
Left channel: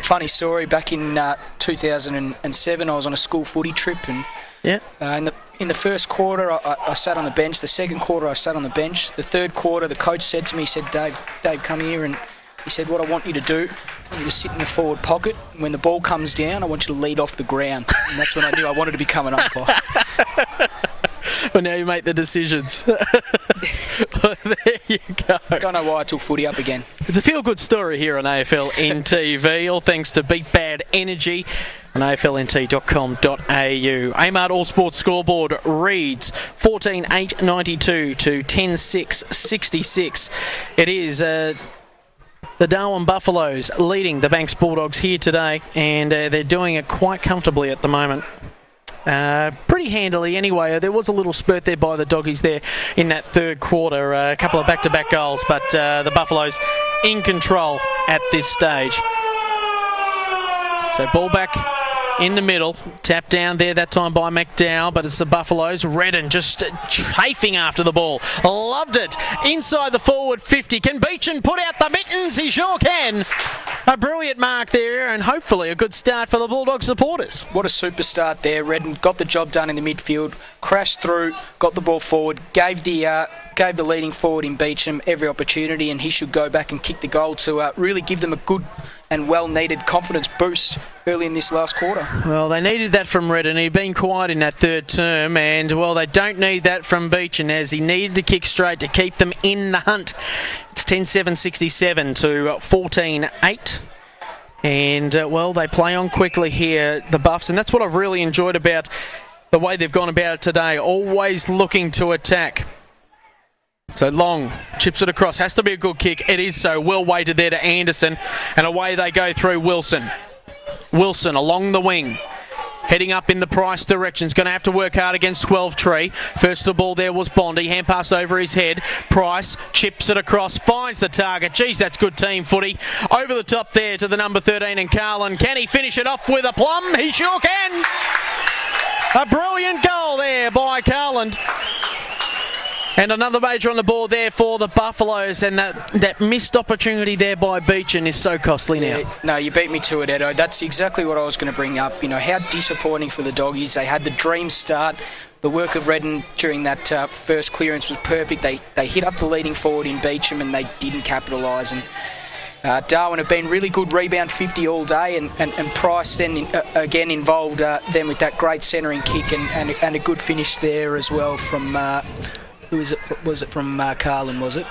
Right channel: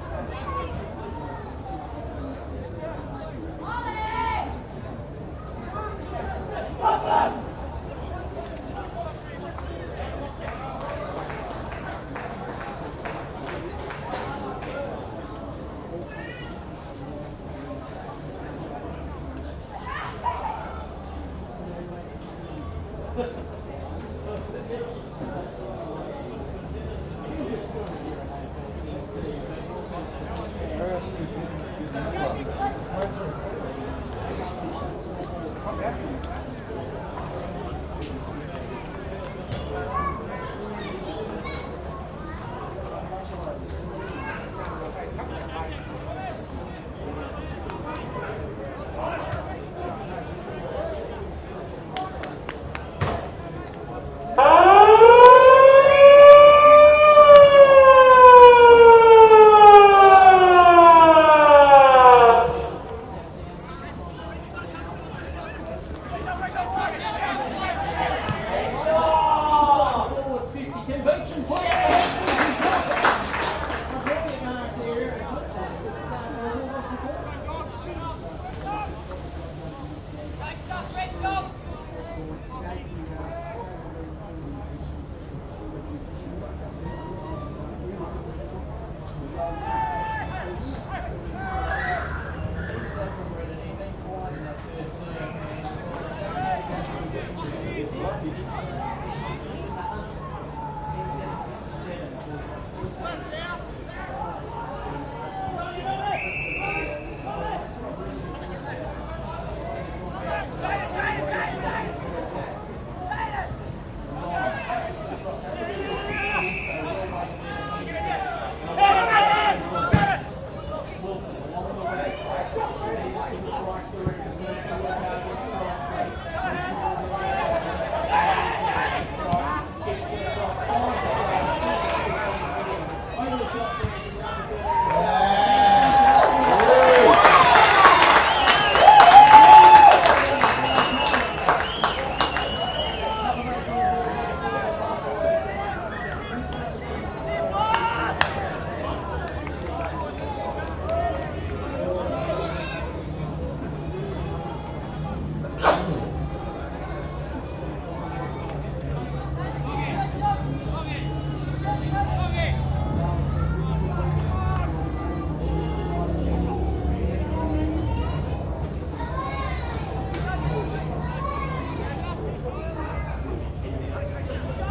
funny story. Back in 2007, I was on a school footy trip, and in the first quarter, I sat on the bench. The second quarter, I sat on the bench. The third quarter, the coach said to me, he said, Dave, come here. And he said, what I want you to do is sit in the forward pocket. When the ball comes down, I want you to lead off the ground. And that's what I do. I wanted to become an umpire. Well, now you make the decisions. Well, there you go. Don't know why I took footy up again. It's a feel-good story here on AFLNTv, all thanks to Beat Bad Energy on AFLNT.com.au. Amart All Sports scoreboard reads 14-8-92 to 10-6-66. It is the Darwin Buffaloes leading the Banks Bulldogs here today, and they're doing it quite comfortably at the moment. Pretty handily anyway. There was a little spurt there by the doggies there in that third quarter. A couple of back-to-back goals, but the Buffaloes in control at this stage. So ball back in the middle. Tap down there that time by McDowell, but it's the Buffaloes. Redden just chafing after the ball. Loved it. Inside the forward 50. Can Beecham put out the mittens? He sure can. A brilliant mark there, and hopefully a good start for the Bulldog supporters. What a super start there. Redden got the job done in the midfield, crashed through, got the ball forward, gave the leading forward in Beecham every opportunity, and he should go back and kick the goal to really give them a good and well-needed confidence boost early in this last quarter. Well, they needed that from Redden. He'd been quiet in that third term, and, well, they don't need that from Beecham, as he needed to kick straight to keep them in the hunt. It's 10-7-67 to 14-8. And, well, they play on quickly here, the Buffs, and that's what I've really enjoyed about the way they've gone about it today, always looking to attack. So Long chips it across, has to be a good kick. It is so, well weighted there to Anderson, and away they go through Wilson. Wilson along the wing, heading up in the Price direction. He's going to have to work hard against 12 Tree. First of all there was Bondi, hand pass over his head. Price chips it across, finds the target. Geez, that's good team footy. Over the top there to the number 13 in Carlin. Can he finish it off with a plum? He sure can. A brilliant goal there by Carlin. And another major on the board there for the Buffaloes, and that missed opportunity there by Beecham is so costly now. Yeah, no, you beat me to it, Edo. That's exactly what I was going to bring up. You know, how disappointing for the doggies. They had the dream start. The work of Redden during that first clearance was perfect. They hit up the leading forward in Beecham, and they didn't capitalise. And Darwin have been really good rebound 50 all day, and Price then again involved them with that great centering kick and a good finish there as well from... Was it from Carlin, was it?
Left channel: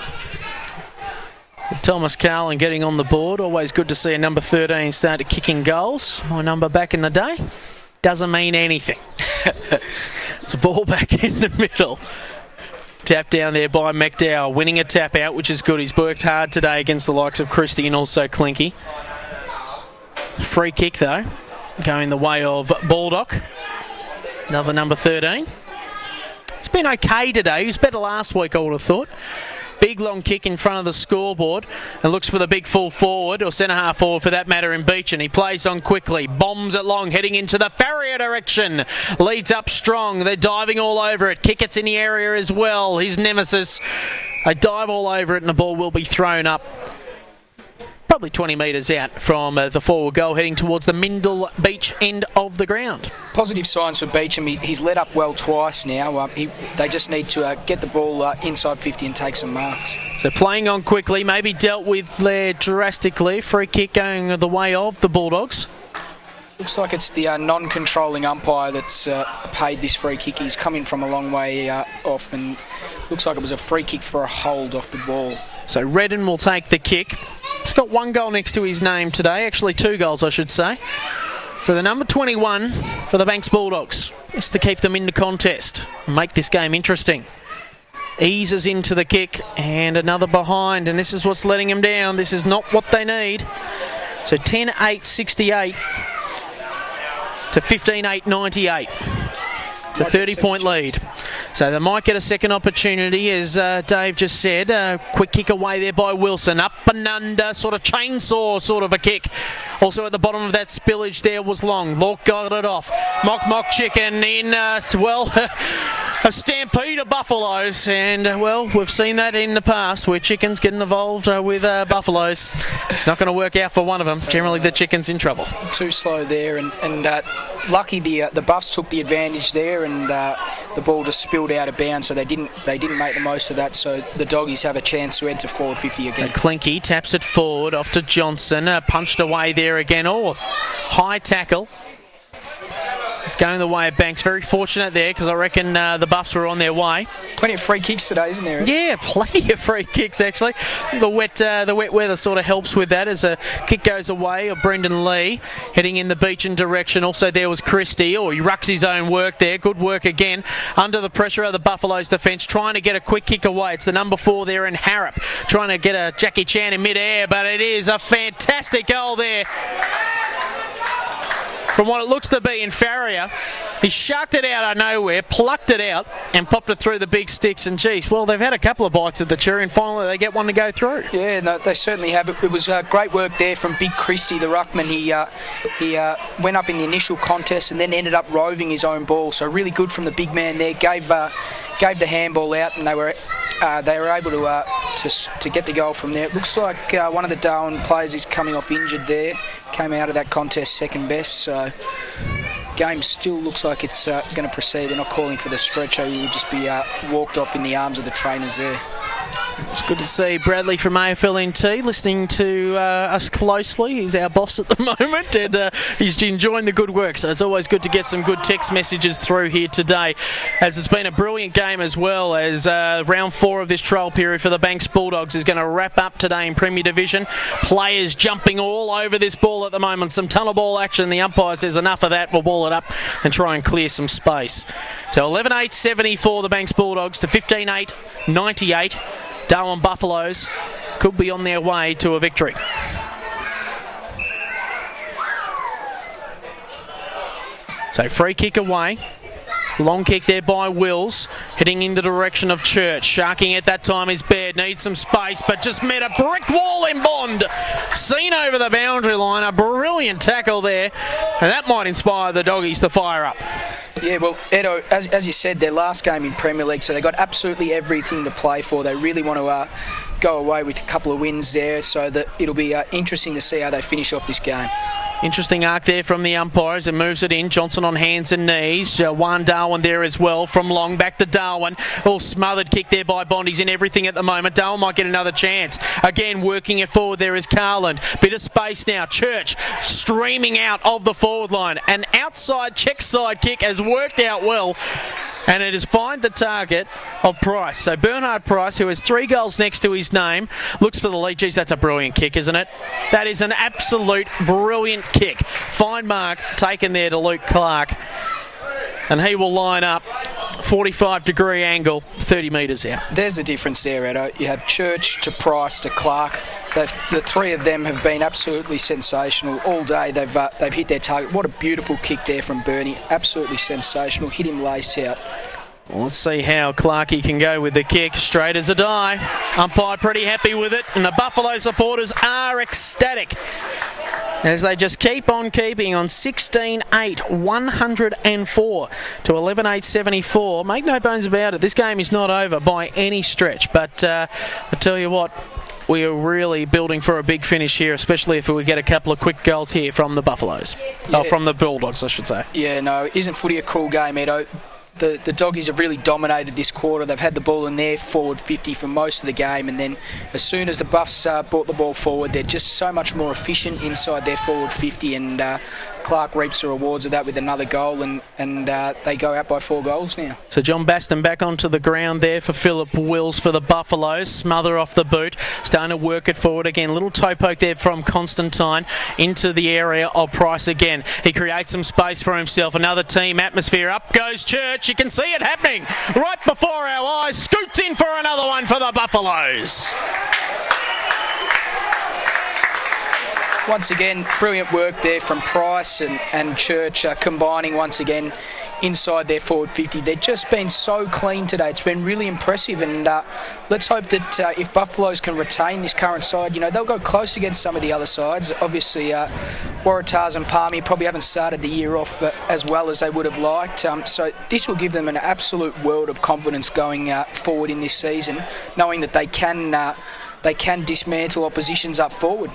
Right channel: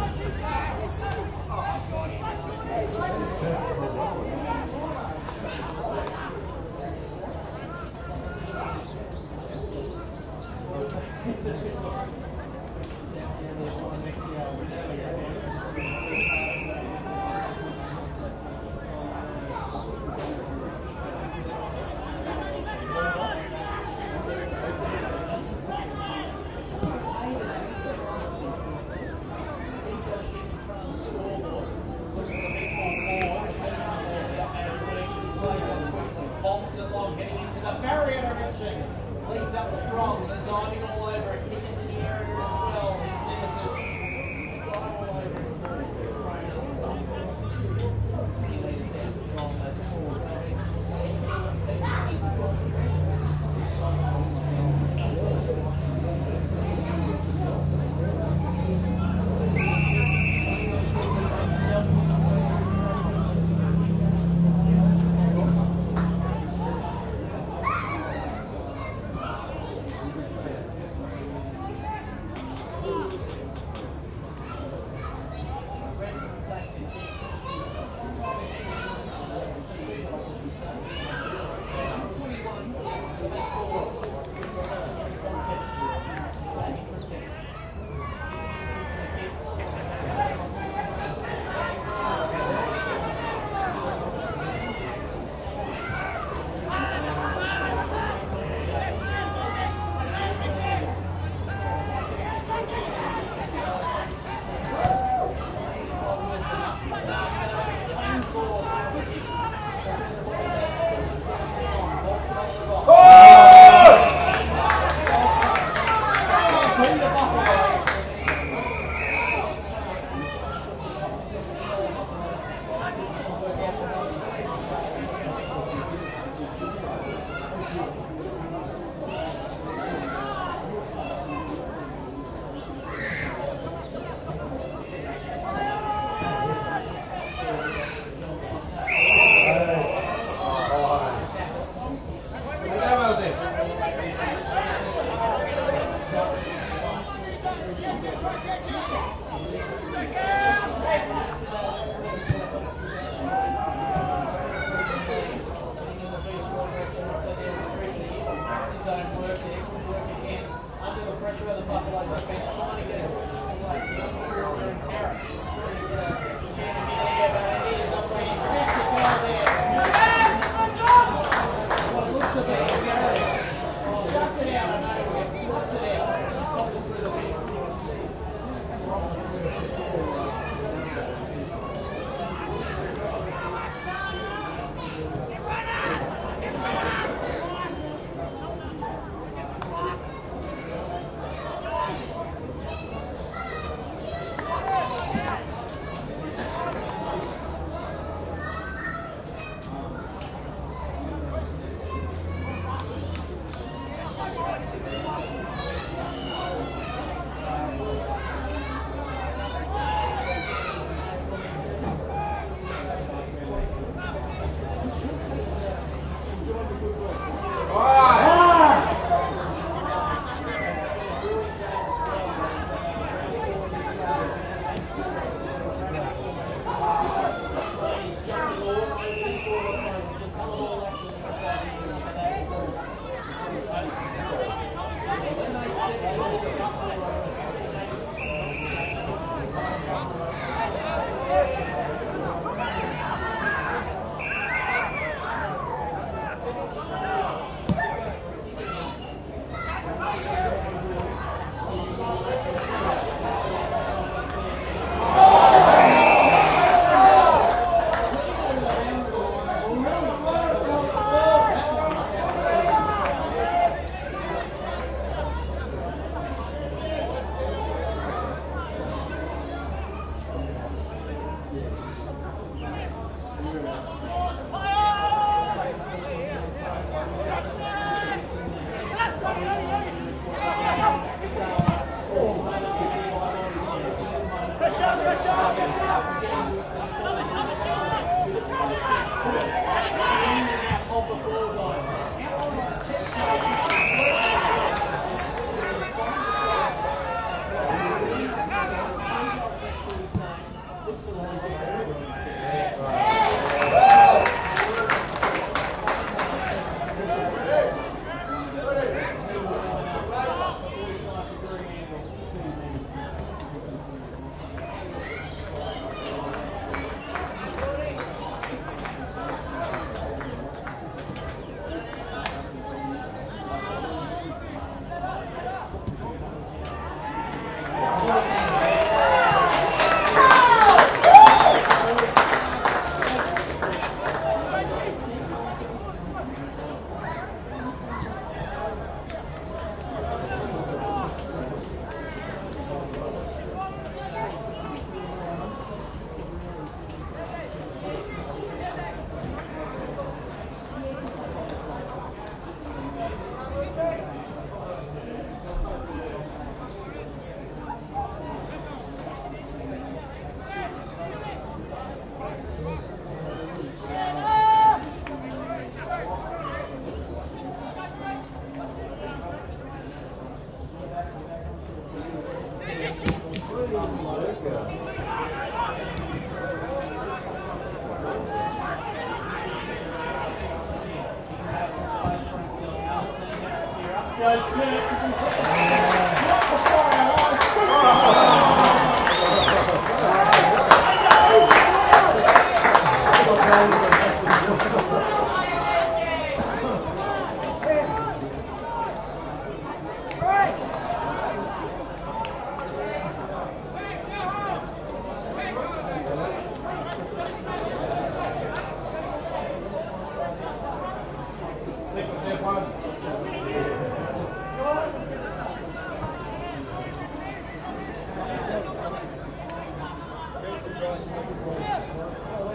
Thomas Carlin getting on the board. Always good to see a number 13 start to kicking goals. My number back in the day. Doesn't mean anything. It's a ball back in the middle. Tap down there by McDowell, winning a tap out, which is good. He's worked hard today against the likes of Christie and also Clinky. Free kick, though, going the way of Baldock. Another number 13. It's been okay today. He was better last week, I would have thought. big long kick in front of the scoreboard and looks for the big full forward, or centre half forward for that matter, in Beach, and he plays on quickly, bombs it long, heading into the Farrier direction, leads up strong, they're diving all over it, Kickett's in the area as well, his nemesis, they dive all over it and the ball will be thrown up probably 20 metres out from the forward goal, heading towards the Mindle Beach end of the ground. Positive signs for Beecham. He's let up well twice now. They just need to get the ball inside 50 and take some marks. So playing on quickly, maybe dealt with there drastically. Free kick going the way of the Bulldogs. Looks like it's the non-controlling umpire that's paid this free kick. He's coming from a long way off, and looks like it was a free kick for a hold off the ball. So Redden will take the kick. He's got one goal next to his name today, actually 2 goals I should say. So the number 21 for the Banks Bulldogs is to keep them in the contest and make this game interesting. Eases into the kick and another behind, and this is what's letting him down. This is not what they need. So 10-8-68 to 15-8-98. It's a 30-point lead. So they might get a second opportunity, as Dave just said. Quick kick away there by Wilson. Up and under, sort of chainsaw sort of a kick. Also at the bottom of that spillage there was Long. Lork got it off. More chicken in, a stampede of Buffaloes. And, well, we've seen that in the past where chickens getting involved with Buffaloes. It's not going to work out for one of them. Generally, the chicken's in trouble. Too slow there, and lucky the Buffs took the advantage there, and the ball just spilled out of bounds, so they didn't make the most of that. So the Doggies have a chance to head to 450 again. Clinky taps it forward off to Johnson, punched away there again. Oh, high tackle. It's going the way of Banks. Very fortunate there, because I reckon the Buffs were on their way. Plenty of free kicks today, isn't there? Yeah, plenty of free kicks actually. The wet weather sort of helps with that, as a kick goes away of Brendan Lee, heading in the Beechin direction. Also there was Christie. Oh, he rucks his own work there. Good work again. Under the pressure of the Buffaloes defence, trying to get a quick kick away. It's the number 4 there in Harrop, trying to get a Jackie Chan in mid-air, but it is a fantastic goal there from what it looks to be in Farrier. He shucked it out of nowhere, plucked it out, and popped it through the big sticks. And geez, well, they've had a couple of bites at the cherry, and finally they get one to go through. Yeah, no, they certainly have. It was great work there from Big Christie, the ruckman. He went up in the initial contest and then ended up roving his own ball. So really good from the big man there. Gave the handball out, and they were able to get the goal from there. It looks like one of the Darwin players is coming off injured there. Came out of that contest second best. So game still looks like it's going to proceed. They're not calling for the stretcher. He would just be walked off in the arms of the trainers there. It's good to see Bradley from AFLNT listening to us closely. He's our boss at the moment, and he's enjoying the good work. So it's always good to get some good text messages through here today, as it's been a brilliant game, as well as round 4 of this trial period for the Banks Bulldogs is going to wrap up today in Premier Division. Players jumping all over this ball at the moment. Some tunnel ball action. The umpire says enough of that. We'll ball it up and try and clear some space. So 11-8-74 the Banks Bulldogs to 15-8-98. Darwin Buffaloes could be on their way to a victory. So free kick away. Long kick there by Wills, heading in the direction of Church. Sharking at that time is Baird, needs some space, but just met a brick wall in Bond. Seen over the boundary line, a brilliant tackle there, and that might inspire the Doggies to fire up. Yeah, well, Edo, as you said, their last game in Premier League, so they've got absolutely everything to play for. They really want to go away with a couple of wins there, so that it'll be interesting to see how they finish off this game. Interesting arc there from the umpires, and moves it in. Johnson on hands and knees. Juan Darwin there as well, from Long back to Darwin. All smothered kick there by Bond. He's in everything at the moment. Darwin might get another chance. Again, working it forward there is Carlin. Bit of space now. Church streaming out of the forward line. An outside check side kick has worked out well, and it has found the target of Price. So Bernard Price, who has 3 goals next to his name, looks for the lead. Geez, that's a brilliant kick, isn't it? That is an absolute brilliant kick. Fine mark taken there to Luke Clark, and he will line up 45-degree angle, 30 metres out. There's the difference there, Edo. You had Church to Price to Clark. The 3 of them have been absolutely sensational all day. They've hit their target. What a beautiful kick there from Bernie. Absolutely sensational. Hit him lace out. Well, let's see how Clarkey can go with the kick. Straight as a die. Umpire pretty happy with it, and the Buffalo supporters are ecstatic as they just keep on keeping on 16-8, 104 to 11-8-74. Make no bones about it, this game is not over by any stretch, but I tell you what, we are really building for a big finish here, especially if we get a couple of quick goals here from the Buffaloes. Oh, from the Bulldogs, I should say. Yeah, no, isn't footy a cool game, Edo? The Doggies have really dominated this quarter. They've had the ball in their forward 50 for most of the game, and then as soon as the Buffs brought the ball forward, they're just so much more efficient inside their forward 50, and Clark reaps the rewards of that with another goal, and they go out by 4 goals now. So John Baston back onto the ground there for Philip Wills for the Buffaloes. Smother off the boot, starting to work it forward again. Little toe poke there from Constantine into the area of Price again. He creates some space for himself. Another team atmosphere. Up goes Church. You can see it happening right before our eyes. Scoots in for another one for the Buffaloes. Once again, brilliant work there from Price and Church, combining once again inside their forward 50. They've just been so clean today. It's been really impressive, and let's hope that if Buffaloes can retain this current side, they'll go close against some of the other sides. Obviously, Waratahs and Palmy probably haven't started the year off as well as they would have liked. So this will give them an absolute world of confidence going forward in this season, knowing that they can dismantle oppositions up forward.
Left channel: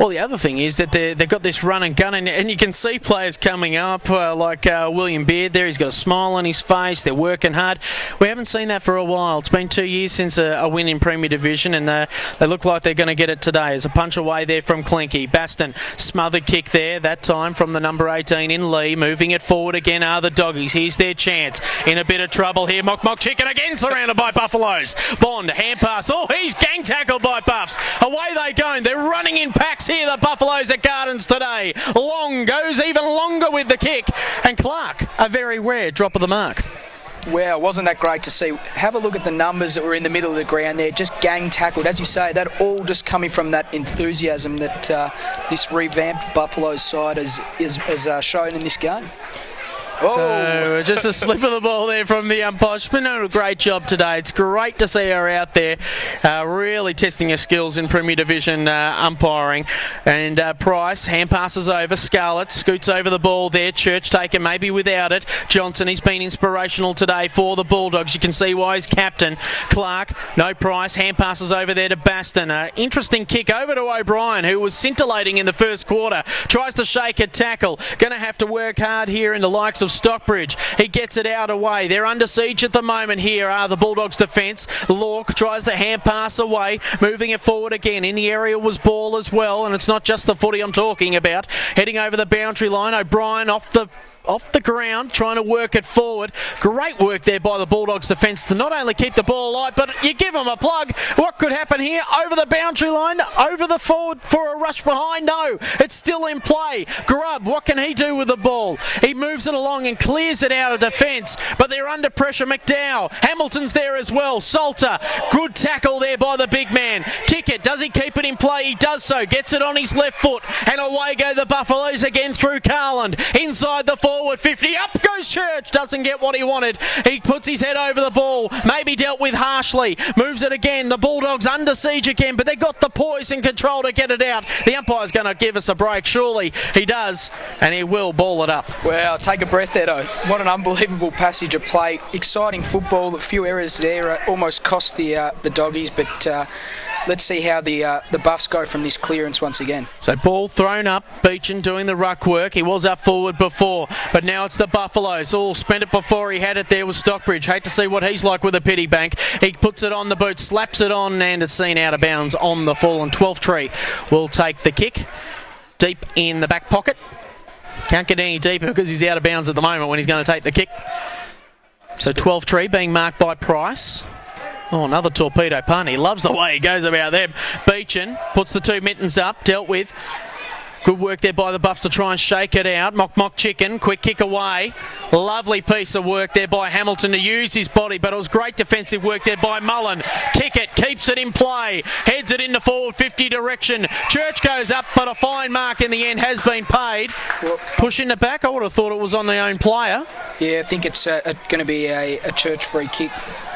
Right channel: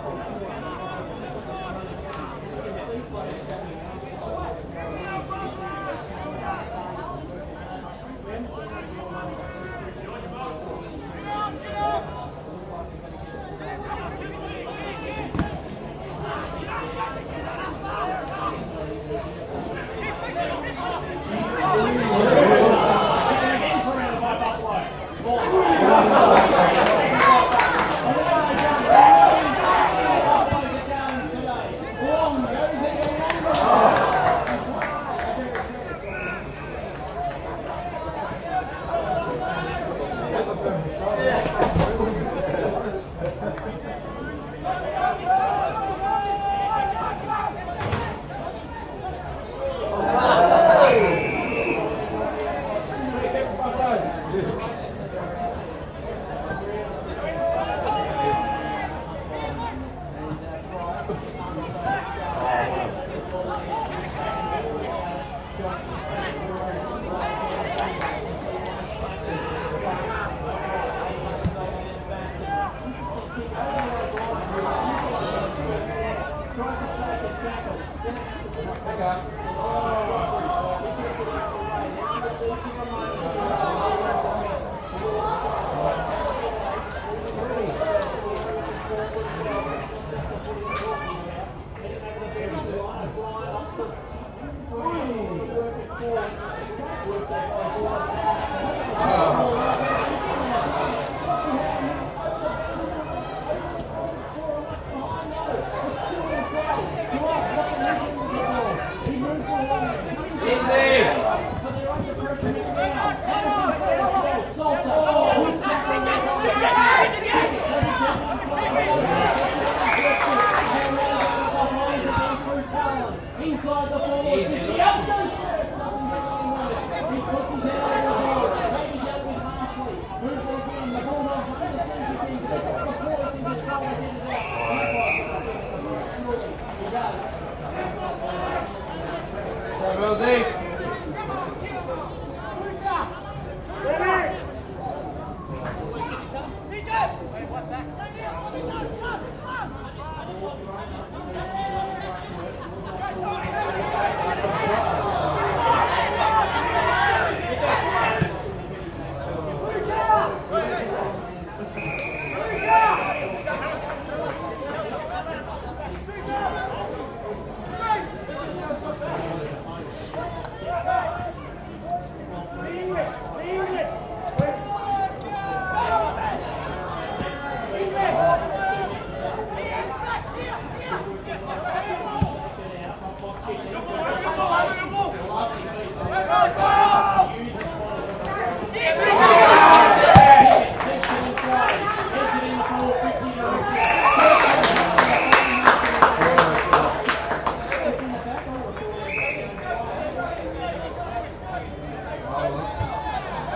Well, the other thing is that they've got this run and gun, and you can see players coming up like William Beard there. He's got a smile on his face. They're working hard. We haven't seen that for a while. It's been 2 years since a win in Premier Division, and they look like they're going to get it today. There's a punch away there from Clinky. Baston, smothered kick there, that time from the number 18 in Lee. Moving it forward again are the Doggies. Here's their chance. In a bit of trouble here. Mock Chicken again, surrounded by Buffaloes. Bond, hand pass. Oh, he's gang tackled by Buffs. Away they go. They're running in packs here, the Buffaloes at Gardens today. Long goes even longer with the kick. And Clark, a very rare drop of the mark. Wow, wasn't that great to see? Have a look at the numbers that were in the middle of the ground there, just gang tackled. As you say, that all just coming from that enthusiasm that this revamped Buffaloes side has shown in this game. Oh, just a slip of the ball there from the umpire. She's been doing a great job today. It's great to see her out there really testing her skills in Premier Division umpiring. And Price, hand passes over. Scarlett scoots over the ball there. Church taken maybe without it. Johnson, he's been inspirational today for the Bulldogs. You can see why he's captain. Clark, no Price. Hand passes over there to Baston. Interesting kick over to O'Brien, who was scintillating in the first quarter. Tries to shake a tackle. Going to have to work hard here in the likes of Stockbridge. He gets it out away. They're under siege at the moment here are the Bulldogs defence. Lork tries the hand pass away, moving it forward again. In the area was ball as well, and it's not just the footy I'm talking about. Heading over the boundary line, O'Brien off the ground, trying to work it forward. Great work there by the Bulldogs defence to not only keep the ball alive, but you give them a plug. What could happen here? Over the boundary line, over the forward for a rush behind. No, it's still in play. Grubb, what can he do with the ball? He moves it along and clears it out of defence, but they're under pressure. McDowell, Hamilton's there as well. Salter, good tackle there by the big man. Kick it, does he keep it in play? He does so, gets it on his left foot, and away go the Buffaloes again through Carland. Inside the forward 50, up goes Church, doesn't get what he wanted. He puts his head over the ball, maybe dealt with harshly, moves it again. The Bulldogs under siege again, but they've got the poise and control to get it out. The umpire's going to give us a break, surely he does, and he will ball it up. Wow, take a breath, Edo. What an unbelievable passage of play. Exciting football, a few errors there, almost cost the Doggies, but let's see how the Buffs go from this clearance once again. So ball thrown up, Beechin doing the ruck work. He was up forward before, but now it's the Buffaloes. Oh, spent it before he had it there with Stockbridge. Hate to see what he's like with a pity bank. He puts it on the boot, slaps it on, and it's seen out of bounds on the fallen 12th tree. Will take the kick deep in the back pocket. Can't get any deeper because he's out of bounds at the moment when he's going to take the kick. So 12th tree being marked by Price. Oh, another torpedo pun. He loves the way he goes about them. Beechin puts the two mittens up, dealt with. Good work there by the Buffs to try and shake it out. Mock Chicken, quick kick away. Lovely piece of work there by Hamilton to use his body, but it was great defensive work there by Mullen. Kick it, keeps it in play, heads it in the forward 50 direction. Church goes up, but a fine mark in the end has been paid. Pushing it back, I would have thought it was was on the own player. Yeah, I think it's going to be a Church free kick.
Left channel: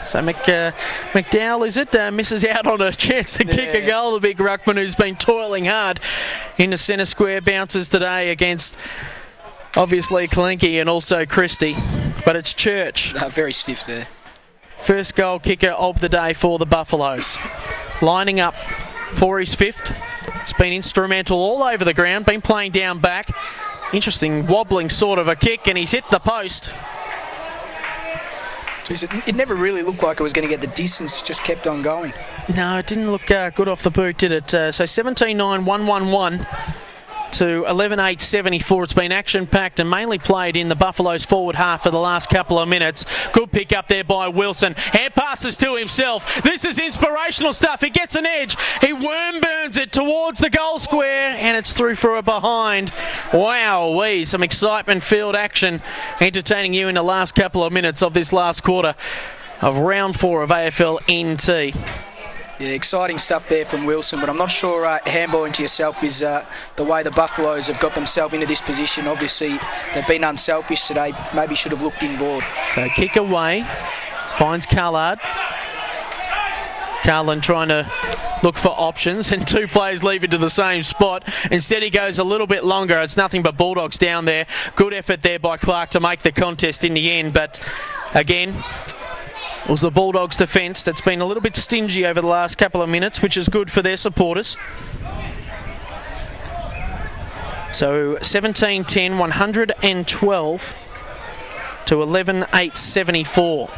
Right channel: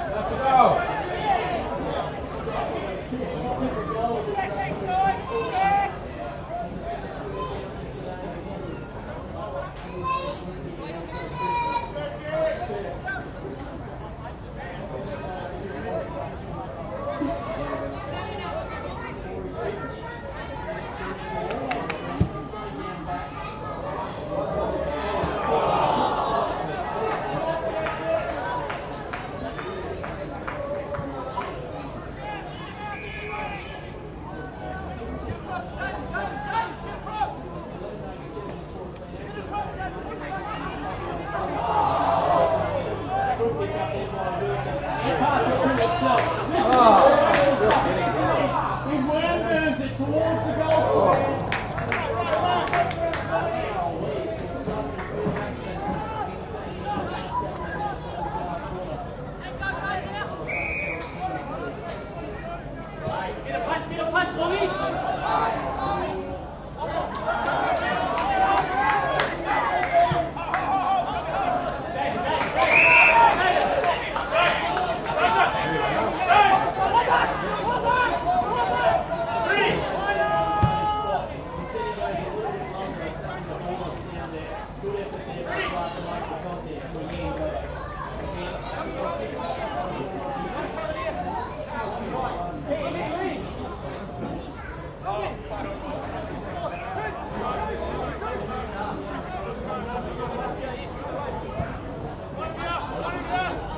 So McDowell, is it? Misses out on a chance to kick a goal. The big ruckman who's been toiling hard into centre square, bounces today against obviously Kalinke and also Christie. But it's Church. Very stiff there. First goal kicker of the day for the Buffaloes. Lining up for his fifth. He's been instrumental all over the ground, been playing down back. Interesting wobbling sort of a kick, and he's hit the post. Jeez, it never really looked like it was going to get the distance. It just kept on going. No, it didn't look good off the boot, did it? So 17-9, 1-1-1 to 11-8-74. It's been action-packed and mainly played in the Buffaloes forward half for the last couple of minutes. Good pick up there by Wilson. Hand passes to himself. This is inspirational stuff. He gets an edge. He worm burns it towards the goal square, and it's through for a behind. Wow-wee, some excitement-filled action entertaining you in the last couple of minutes of this last quarter of round 4 of AFLNT. Yeah, exciting stuff there from Wilson, but I'm not sure handball into yourself is the way the Buffaloes have got themselves into this position. Obviously, they've been unselfish today. Maybe should have looked inboard. So kick away, finds Carlard. Carlin trying to look for options, and two players leave it to the same spot. Instead, he goes a little bit longer. It's nothing but Bulldogs down there. Good effort there by Clark to make the contest in the end, but again, it was the Bulldogs' defence that's been a little bit stingy over the last couple of minutes, which is good for their supporters. So 17-10, 112 to 11-8-74.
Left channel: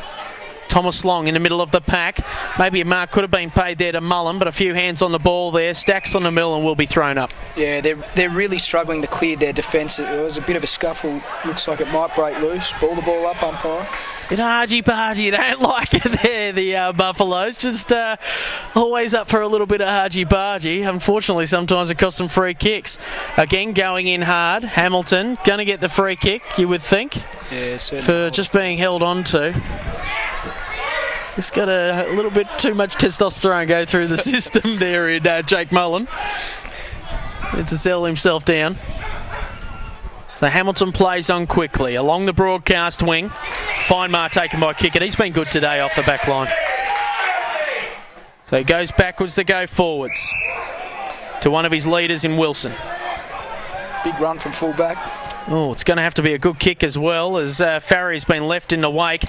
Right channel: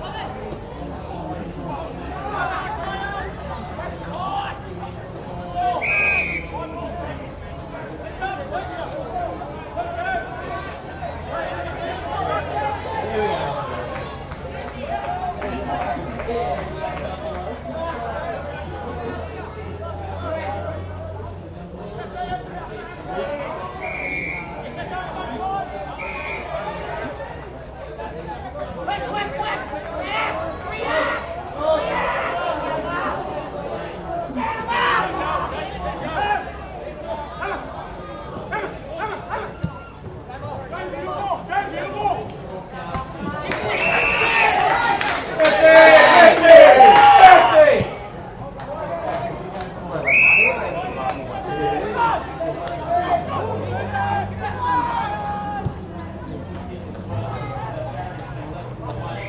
Thomas Long in the middle of the pack. Maybe a mark could have been paid there to Mullen, but a few hands on the ball there. Stacks on the mill and will be thrown up. Yeah, they're really struggling to clear their defence. It was a bit of a scuffle. Looks like it might break loose. Ball the ball up, umpire. Bit argy-bargy, don't like it there, the Buffaloes. Just always up for a little bit of argy-bargy. Unfortunately, sometimes it costs them free kicks. Again, going in hard. Hamilton going to get the free kick, you would think, for just being held on to. He's got a little bit too much testosterone go through the system there in Jake Mullen. Needs to settle himself down. So Hamilton plays on quickly along the broadcast wing. Fine mark taken by Kickett. He's been good today off the back line. So he goes backwards to go forwards to one of his leaders in Wilson. Big run from fullback. Oh, it's going to have to be a good kick as well, as Farry's been left in the wake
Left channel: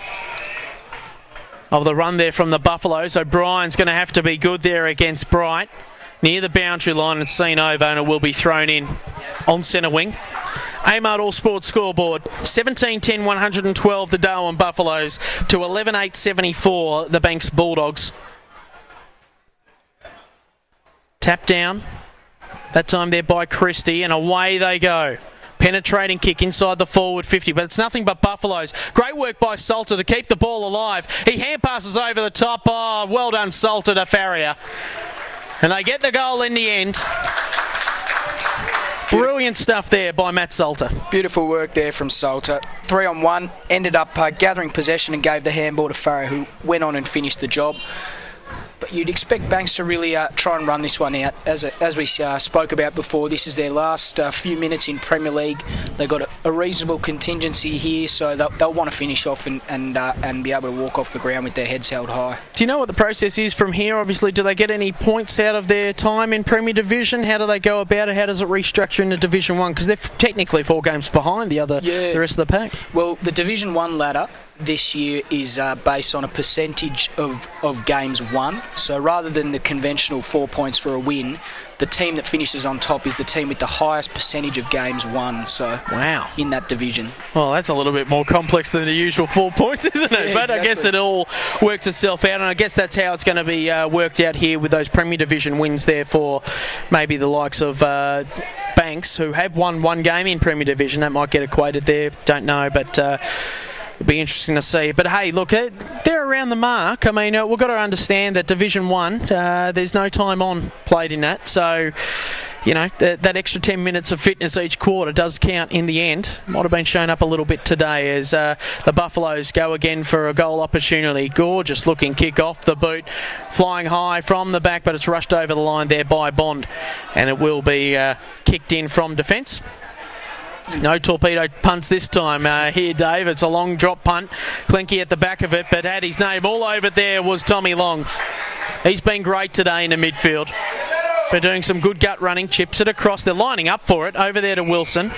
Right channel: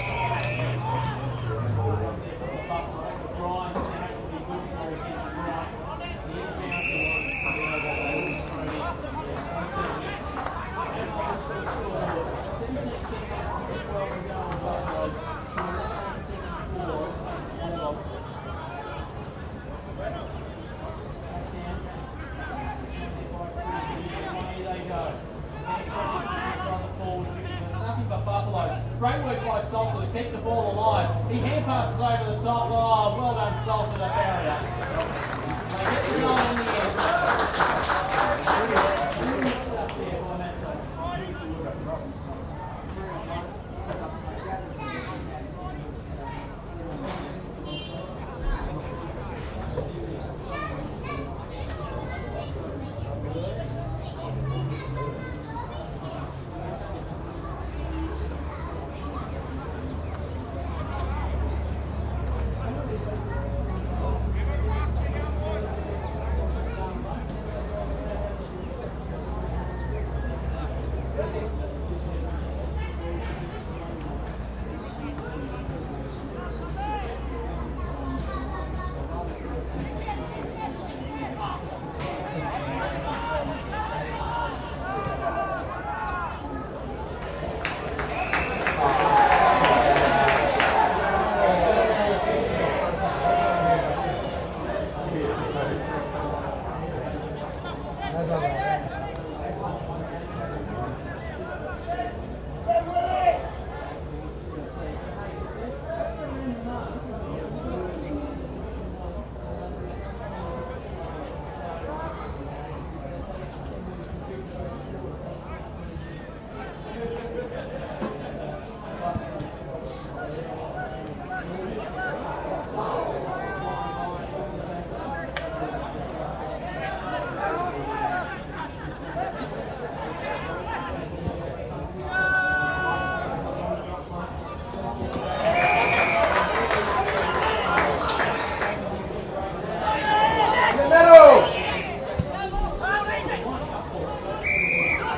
of the run there from the Buffaloes. So Brian's going to have to be good there against Bright. Near the boundary line and seen over, and it will be thrown in on centre wing. Amart All Sports scoreboard, 17-10, 112 the Darwin Buffaloes to 11-8-74 the Banks Bulldogs. Tap down, that time there by Christie, and away they go. Penetrating kick inside the forward 50, but it's nothing but Buffaloes. Great work by Salter to keep the ball alive. He hand passes over the top. Oh, well done, Salter to Farrier. And they get the goal in the end. Brilliant stuff there by Matt Salter. Beautiful work there from Salter. 3-on-1, ended up gathering possession and gave the handball to Farrier, who went on and finished the job. But you'd expect Banks to really try and run this one out. As we spoke about before, this is their last few minutes in Premier League. They've got a reasonable contingency here, so they'll want to finish off and be able to walk off the ground with their heads held high. Do you know what the process is from here? Obviously, do they get any points out of their time in Premier Division? How do they go about it? How does it restructure into Division 1? Because they're technically 4 games behind the rest of the pack. Well, the Division 1 ladder this year is based on a percentage of games won. So rather than the conventional 4 points for a win, the team that finishes on top is the team with the highest percentage of games won. So wow, in that division. Well, that's a little bit more complex than the usual 4 points, isn't it? Yeah, but I guess it all works itself out, and I guess that's how it's going to be worked out here with those Premier Division wins there for maybe the likes of Banks, who have won 1 game in Premier Division. That might get equated there, don't know, but it'll be interesting to see. But hey, look, they're around the mark. I mean, we've got to understand that Division 1, there's no time on played in that. So, you know, that extra 10 minutes of fitness each quarter does count in the end. Might have been shown up a little bit today as the Buffaloes go again for a goal opportunity. Gorgeous looking kick off the boot, flying high from the back, but it's rushed over the line there by Bond. And it will be kicked in from defence. No torpedo punts this time here, Dave. It's a long drop punt. Clinky at the back of it, but had his name all over it there was Tommy Long. He's been great today in the midfield. They're doing some good gut running, chips it across. They're lining up for it. Over there to Wilson.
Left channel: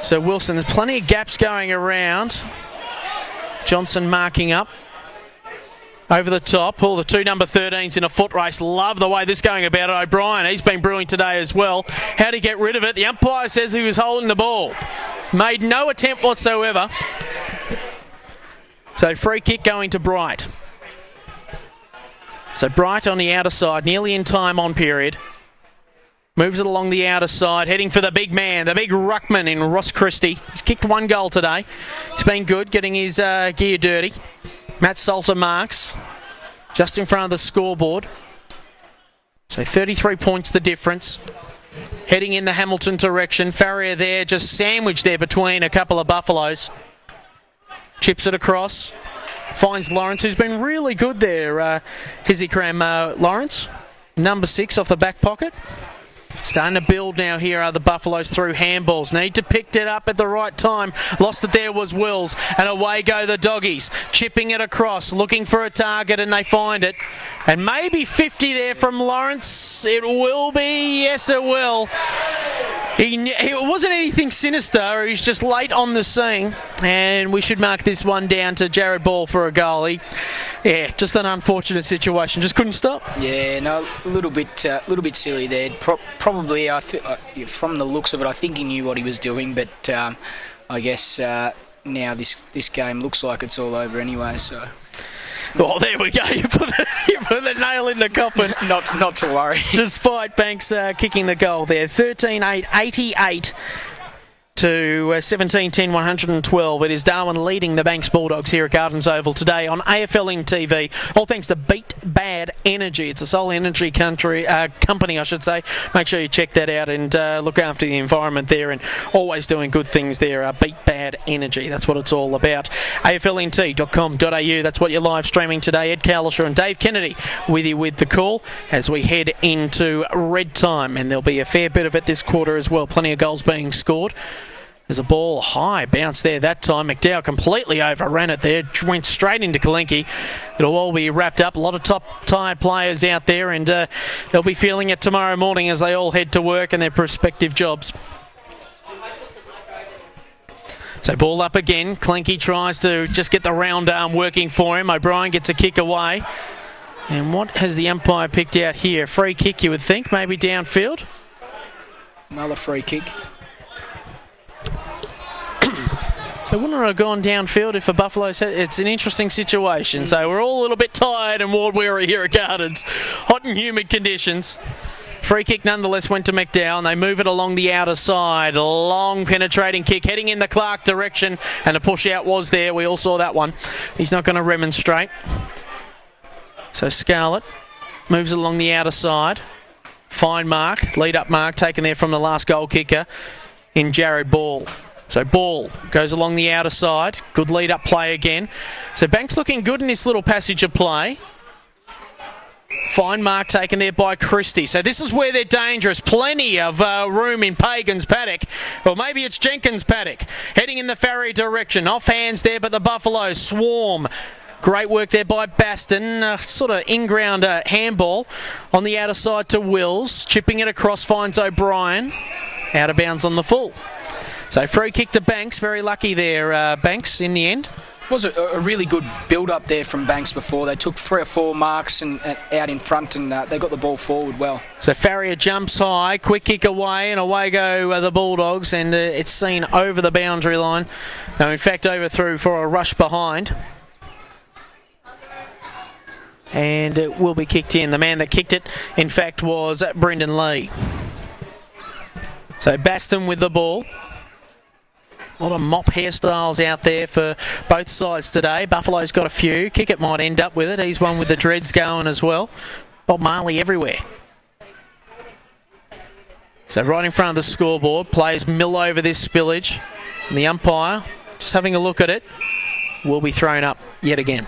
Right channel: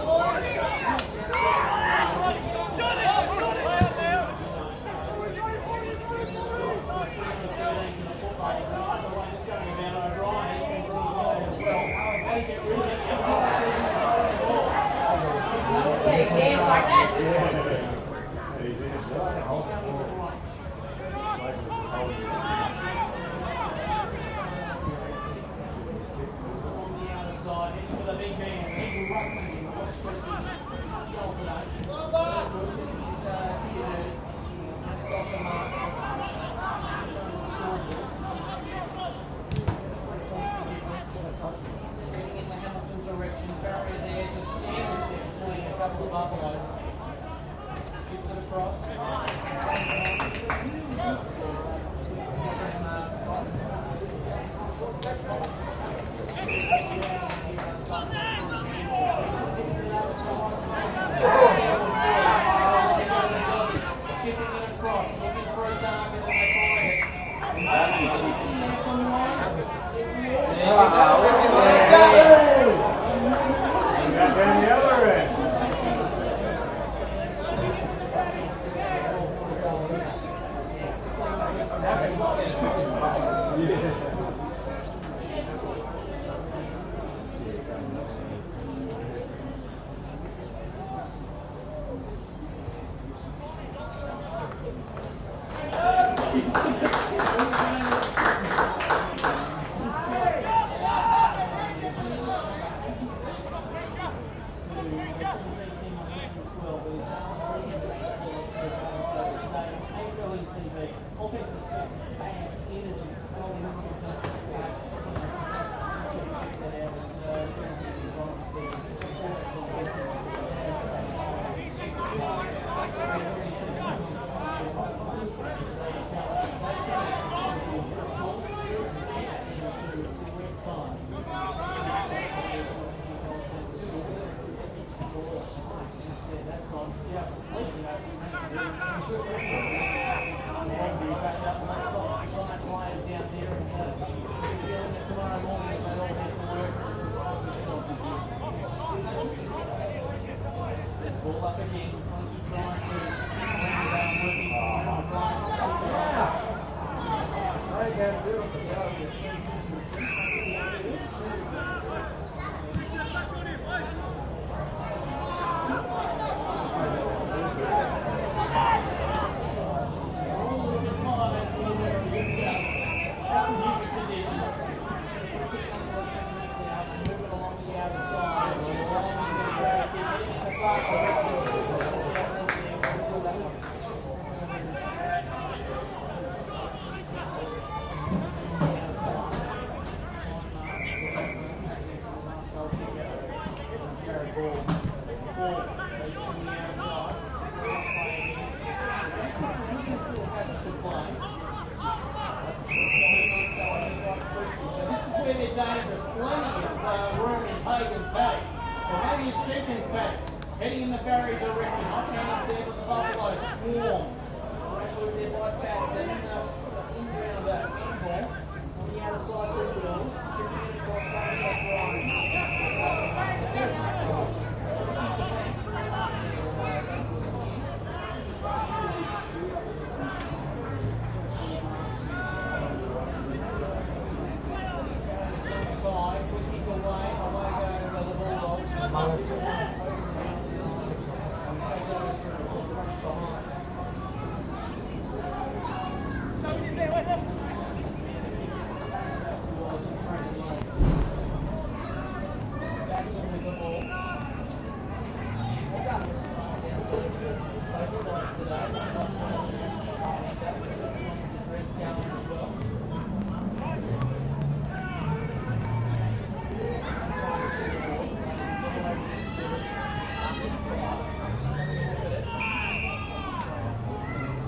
So Wilson, there's plenty of gaps going around. Johnson marking up. Over the top, all the two number 13s in a foot race. Love the way this is going about it. O'Brien, he's been brewing today as well. How to get rid of it? The umpire says he was holding the ball. Made no attempt whatsoever. So free kick going to Bright. So Bright on the outer side, nearly in time on period. Moves it along the outer side, heading for the big man, the big ruckman in Ross Christie. He's kicked one goal today. He's been good, getting his gear dirty. Matt Salter marks, just in front of the scoreboard. So 33 points the difference. Heading in the Hamilton direction. Farrier there, just sandwiched there between a couple of Buffaloes. Chips it across. Finds Lawrence, who's been really good there. Hizikram Lawrence, number 6 off the back pocket. Starting to build now here are the Buffaloes through handballs. Need to pick it up at the right time. Lost it there was Wills. And away go the Doggies. Chipping it across, looking for a target, and they find it. And maybe 50 there from Lawrence. It will be. Yes, it will. He wasn't anything sinister. He's just late on the scene. And we should mark this one down to Jared Ball for a goal. Yeah, just an unfortunate situation. Just couldn't stop. Yeah, no, a little bit silly there. Probably, from the looks of it, I think he knew what he was doing. But I guess now this game looks like it's all over anyway. So. Oh, there we go. You put the nail in the coffin. Not to worry. Despite Banks kicking the goal there, 13-8, 88. To 17-10, 112. It is Darwin leading the Banks Bulldogs here at Gardens Oval today on AFLNTv. All thanks to Beat Bad Energy. It's a solar energy company, I should say. Make sure you check that out and look after the environment there, and always doing good things there. Beat Bad Energy. That's what it's all about. AFLNT.com.au. That's what you're live streaming today. Ed Calishaw and Dave Kennedy with you with the call as we head into red time, and there'll be a fair bit of it this quarter as well. Plenty of goals being scored. There's a ball high bounce there that time. McDowell completely overran it there. Went straight into Kalinke. It'll all be wrapped up. A lot of top tired players out there, and they'll be feeling it tomorrow morning as they all head to work and their prospective jobs. So ball up again. Kalinke tries to just get the round arm working for him. O'Brien gets a kick away. And what has the umpire picked out here? Free kick, you would think, maybe downfield. Another free kick. So wouldn't it have gone downfield if a Buffalo said it's an interesting situation. So we're all a little bit tired and ward-weary here at Gardens. Hot and humid conditions. Free kick nonetheless went to McDowell, and they move it along the outer side. A long penetrating kick heading in the Clark direction, and a push out was there. We all saw that one. He's not going to remonstrate. So Scarlett moves it along the outer side. Fine mark, lead up mark taken there from the last goal kicker in Jared Ball. So Ball goes along the outer side. Good lead up play again. So Banks looking good in this little passage of play. Fine mark taken there by Christie. So this is where they're dangerous. Plenty of room in Pagan's paddock. Or maybe it's Jenkins' paddock. Heading in the Farrier direction. Off hands there, but the Buffaloes swarm. Great work there by Baston. Sort of in-ground handball on the outer side to Wills. Chipping it across, finds O'Brien. Out of bounds on the full. So free kick to Banks. Very lucky there, Banks, in the end. It was a really good build-up there from Banks before. They took 3 or 4 marks and out in front, and they got the ball forward well. So Farrier jumps high, quick kick away, and away go the Bulldogs, and it's seen over the boundary line. No, in fact, overthrew for a rush behind. And it will be kicked in. The man that kicked it, in fact, was Brendan Lee. So Baston with the ball. A lot of mop hairstyles out there for both sides today. Buffalo's got a few. Kickett might end up with it. He's one with the dreads going as well. Bob Marley everywhere. So right in front of the scoreboard, plays mill over this spillage. And the umpire, just having a look at it, will be thrown up yet again.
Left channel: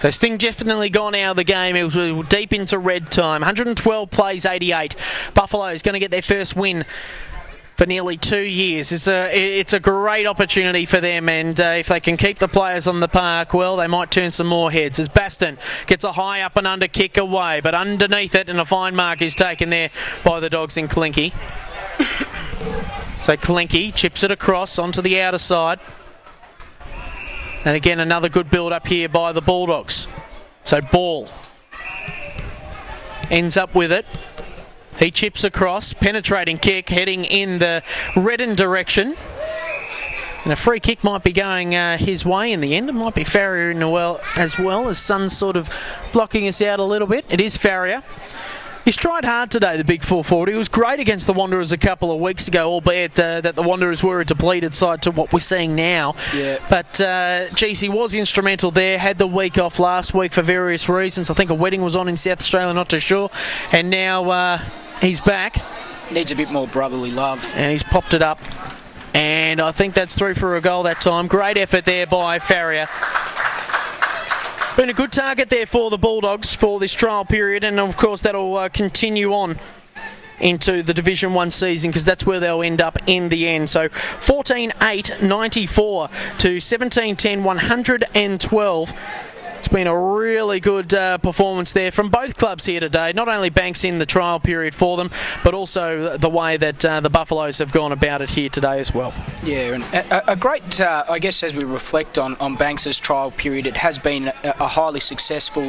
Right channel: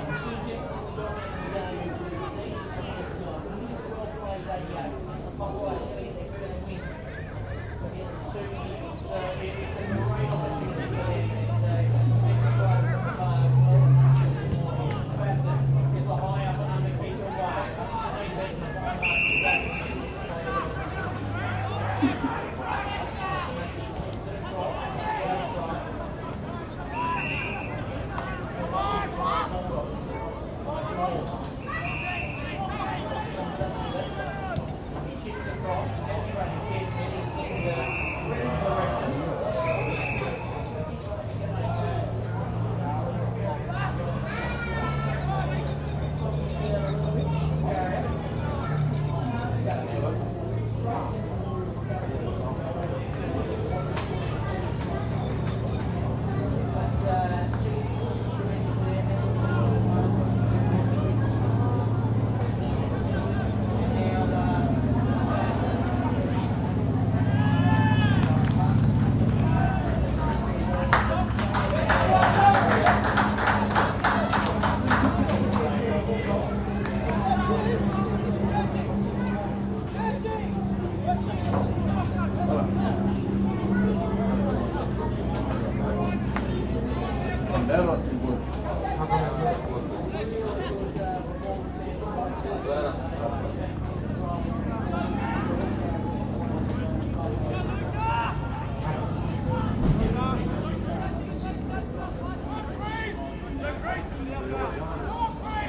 So Sting definitely gone out of the game. It was deep into red time. 112 plays 88. Buffalo's going to get their first win for nearly 2 years. It's a great opportunity for them, and if they can keep the players on the park, well, they might turn some more heads. As Baston gets a high up and under kick away, but underneath it, and a fine mark is taken there by the Dogs in Clinky. So Clinky chips it across onto the outer side. And again, another good build up here by the Bulldogs. So Ball ends up with it. He chips across, penetrating kick, heading in the Redden direction. And a free kick might be going his way in the end. It might be Farrier as well, as Sun's sort of blocking us out a little bit. It is Farrier. He's tried hard today, the big 440. He was great against the Wanderers a couple of weeks ago, albeit that the Wanderers were a depleted side to what we're seeing now. Yeah. But, geez, he was instrumental there. Had the week off last week for various reasons. I think a wedding was on in South Australia, not too sure. And now he's back. Needs a bit more brotherly love. And he's popped it up. And I think that's through for a goal that time. Great effort there by Farrier. Been a good target there for the Bulldogs for this trial period, and of course that'll continue on into the Division 1 season, because that's where they'll end up in the end. So 14-8-94 to 17-10, 112. It's been a really good performance there from both clubs here today. Not only Banks in the trial period for them, but also the way that the Buffaloes have gone about it here today as well. Yeah, and a great, I guess, as we reflect on Banks' trial period, it has been a highly successful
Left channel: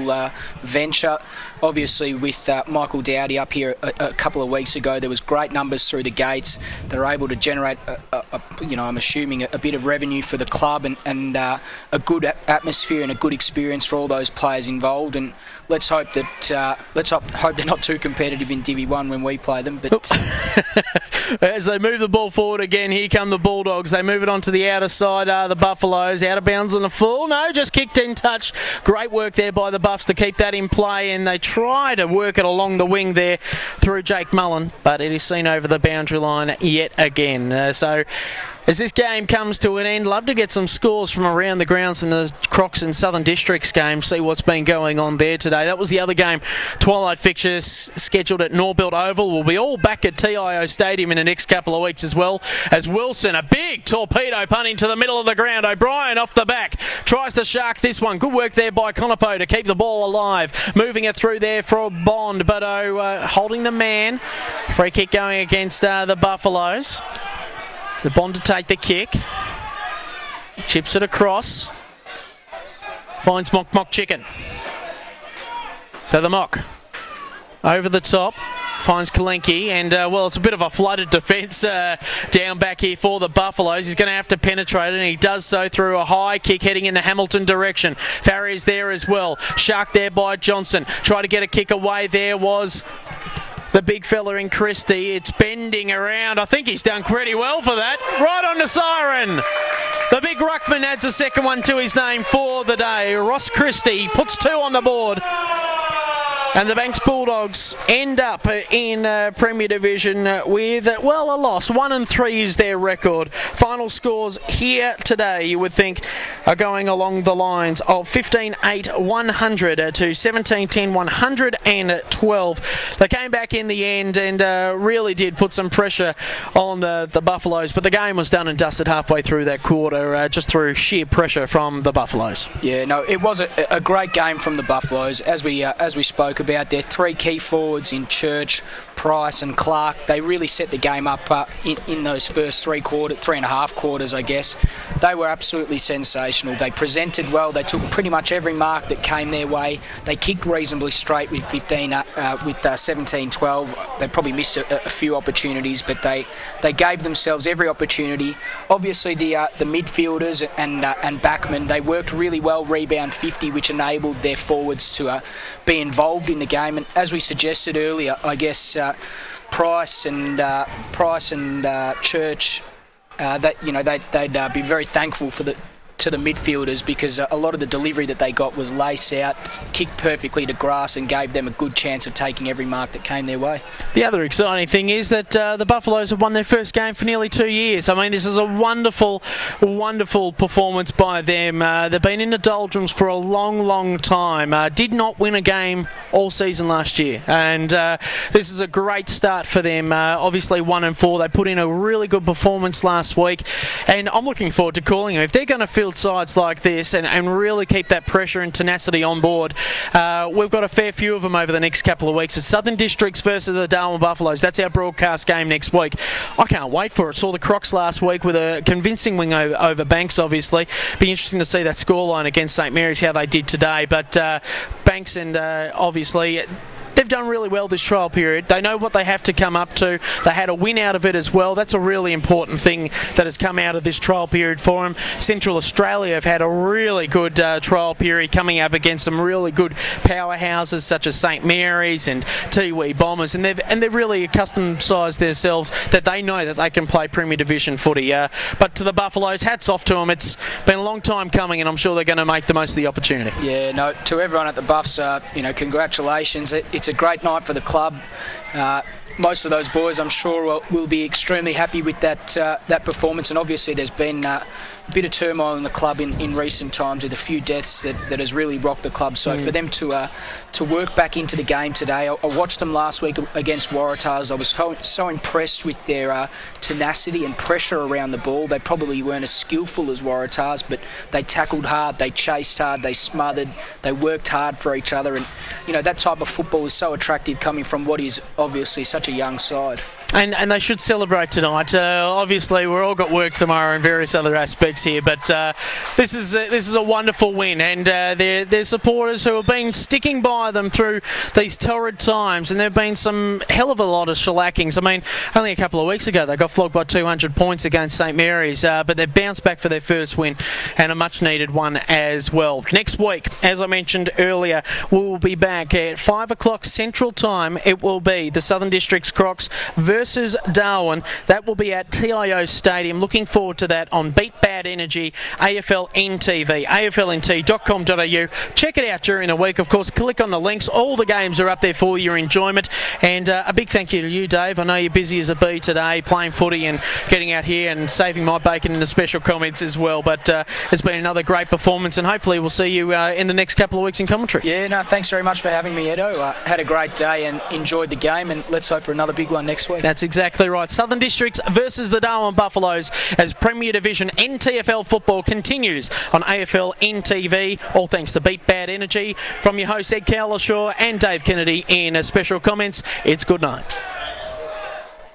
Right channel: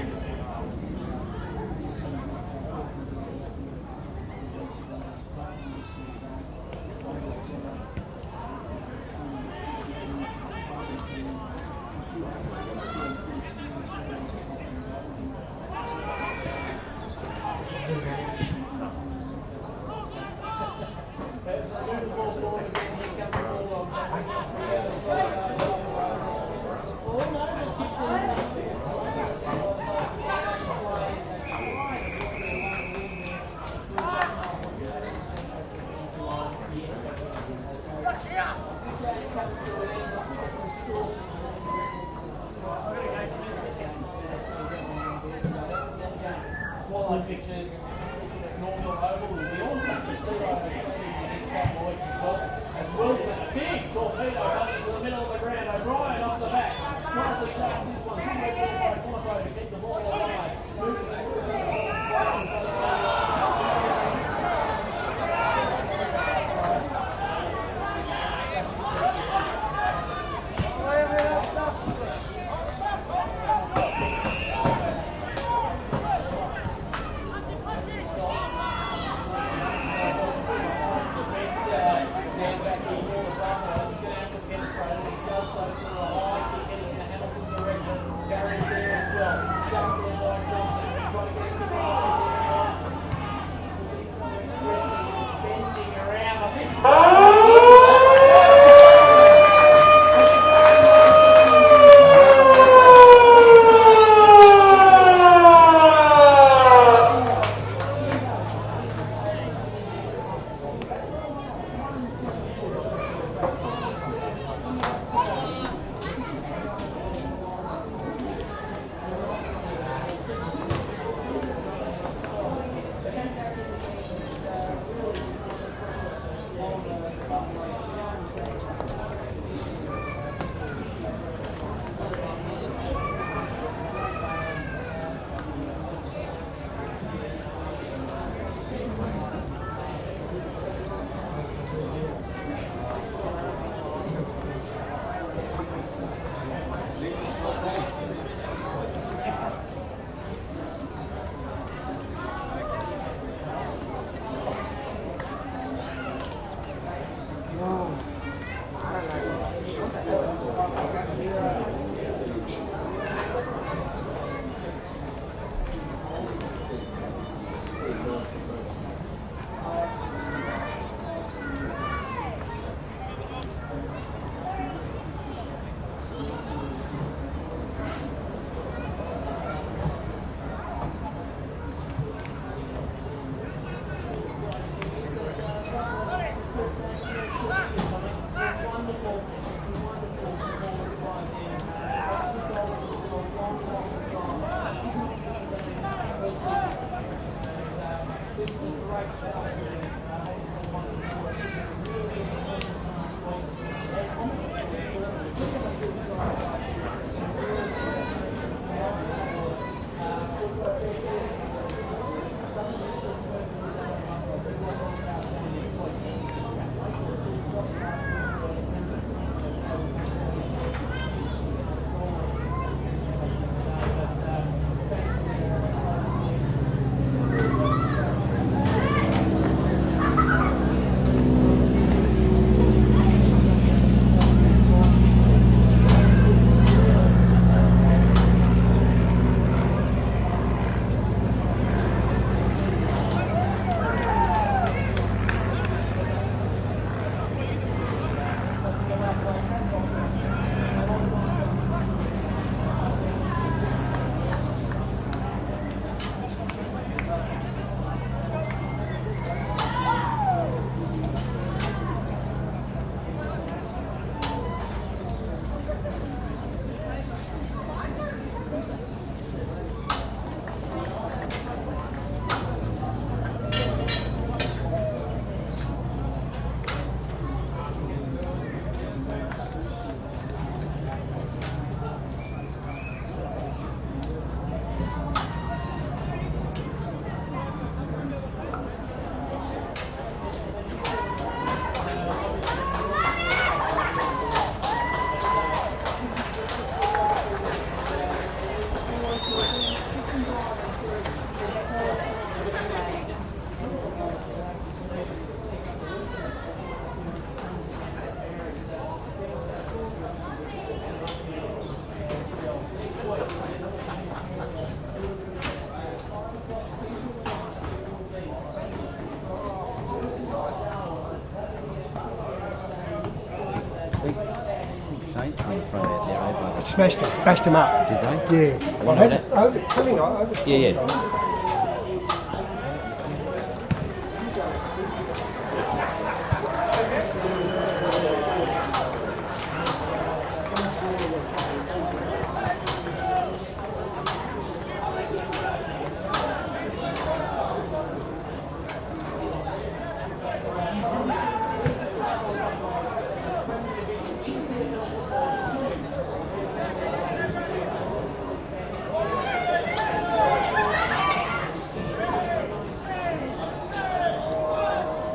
venture. Obviously, with Michael Dowdy up here a couple of weeks ago, there was great numbers through the gates. They were able to generate, I'm assuming, a bit of revenue for the club, and a good atmosphere and a good experience for all those players involved. And let's hope that hope they're not too competitive in Divi 1 when we play them. But as they move the ball forward again, here come the Bulldogs. They move it onto the outer side. The Buffaloes out of bounds on the full. No, just kicked in touch. Great work there by the Buffs to keep that in play, and they try to work it along the wing there through Jake Mullen, but it is seen over the boundary line yet again. So as this game comes to an end, love to get some scores from around the grounds in the Crocs and Southern Districts game, see what's been going on there today. That was the other game. Twilight fixtures scheduled at Norbuilt Oval. We'll be all back at TIO Stadium in the next couple of weeks as well, as Wilson, a big torpedo punt into the middle of the ground. O'Brien off the back, tries to shark this one. Good work there by Conopo to keep the ball alive. Moving it through there for Bond, but holding the man. Free kick going against the Buffaloes. The Bond to take the kick. Chips it across. Finds Mock Chicken. So the Mock over the top. Finds Kalenki, and well, it's a bit of a flooded defence down back here for the Buffaloes. He's going to have to penetrate it, and he does so through a high kick heading in the Hamilton direction. Farrier's there as well. Shark there by Johnson. Try to get a kick away. There was the big fella in Christie. It's bending around. I think he's done pretty well for that. Right on the siren. The big ruckman adds a second one to his name for the day. Ross Christie puts 2 on the board. And the Banks Bulldogs end up in Premier Division with, well, a loss. 1-3 is their record. Final scores here today, you would think, are going along the lines of 15-8, 100 to 17-10, 112. They came back in the end and really did put some pressure on the Buffaloes, but the game was done and dusted halfway through that quarter, just through sheer pressure from the Buffaloes. Yeah, no, it was a great game from the Buffaloes. As we spoke about, their 3 key forwards in Church, Price and Clark, they really set the game up in those first 3.5 quarters, I guess. They were absolutely sensational. They presented well. They took pretty much every mark that came their way. They kicked reasonably straight with 17-12. They probably missed a few opportunities, but they gave themselves every opportunity. Obviously, the midfielders and backmen, they worked really well, rebound 50, which enabled their forwards to be involved in the game. And as we suggested earlier, I guess Price and Church, that they'd be very thankful to the midfielders, because a lot of the delivery that they got was lace out, kicked perfectly to grass, and gave them a good chance of taking every mark that came their way. The other exciting thing is that the Buffaloes have won their first game for nearly 2 years. I mean, this is a wonderful, wonderful performance by them. They've been in the doldrums for a long, long time. Did not win a game all season last year, and this is a great start for them. Obviously 1-4. They put in a really good performance last week, and I'm looking forward to calling them. If they're going to field sides like this and really keep that pressure and tenacity on board, we've got a fair few of them over the next couple of weeks. It's Southern Districts versus the Darwin Buffaloes. That's our broadcast game next week. I can't wait for it. Saw the Crocs last week with a convincing win over Banks, obviously. Be interesting to see that scoreline against St Mary's, how they did today. But Banks and obviously, they've done really well this trial period. They know what they have to come up to. They had a win out of it as well. That's a really important thing that has come out of this trial period for them. Central Australia have had a really good trial period, coming up against some really good powerhouses such as St Mary's and Tiwi Bombers, and they've really accustomed-sized themselves that they know that they can play Premier Division footy. But to the Buffaloes, hats off to them. It's been a long time coming, and I'm sure they're going to make the most of the opportunity. Yeah, no, to everyone at the Buffs, congratulations. It's a great night for the club. Most of those boys, I'm sure, will be extremely happy with that performance. And obviously, there's been a bit of turmoil in the club in recent times, with a few deaths that has really rocked the club. So for them to work back into the game today, I watched them last week against Waratahs. I was so impressed with their tenacity and pressure around the ball. They probably weren't as skillful as Waratahs, but they tackled hard, they chased hard, they smothered, they worked hard for each other. And that type of football is so attractive, coming from what is obviously such a young side. And they should celebrate tonight. Obviously, we've all got work tomorrow and various other aspects here, but this is a wonderful win, and their supporters who have been sticking by them through these torrid times, and there have been some hell of a lot of shellackings. I mean, only a couple of weeks ago they got flogged by 200 points against St Mary's, but they've bounced back for their first win, and a much-needed one as well. Next week, as I mentioned earlier, we will be back at 5 o'clock Central Time. It will be the Southern Districts Crocs versus Darwin. That will be at TIO Stadium. Looking forward to that on Beat Bad Energy AFLNTv, AFLNT.com.au. Check it out during the week. Of course, click on the links. All the games are up there for your enjoyment. And a big thank you to you, Dave. I know you're busy as a bee today, playing footy and getting out here and saving my bacon in the special comments as well. But it's been another great performance, and hopefully we'll see you in the next couple of weeks in commentary. Yeah, no, thanks very much for having me, Edo. Had a great day and enjoyed the game, and let's hope for another big one next week. That's exactly right. Southern Districts versus the Darwin Buffaloes as Premier Division NTFL football continues on AFLNTv. All thanks to Beat Bad Energy. From your hosts Ed Calishaw and Dave Kennedy in special comments, it's good night.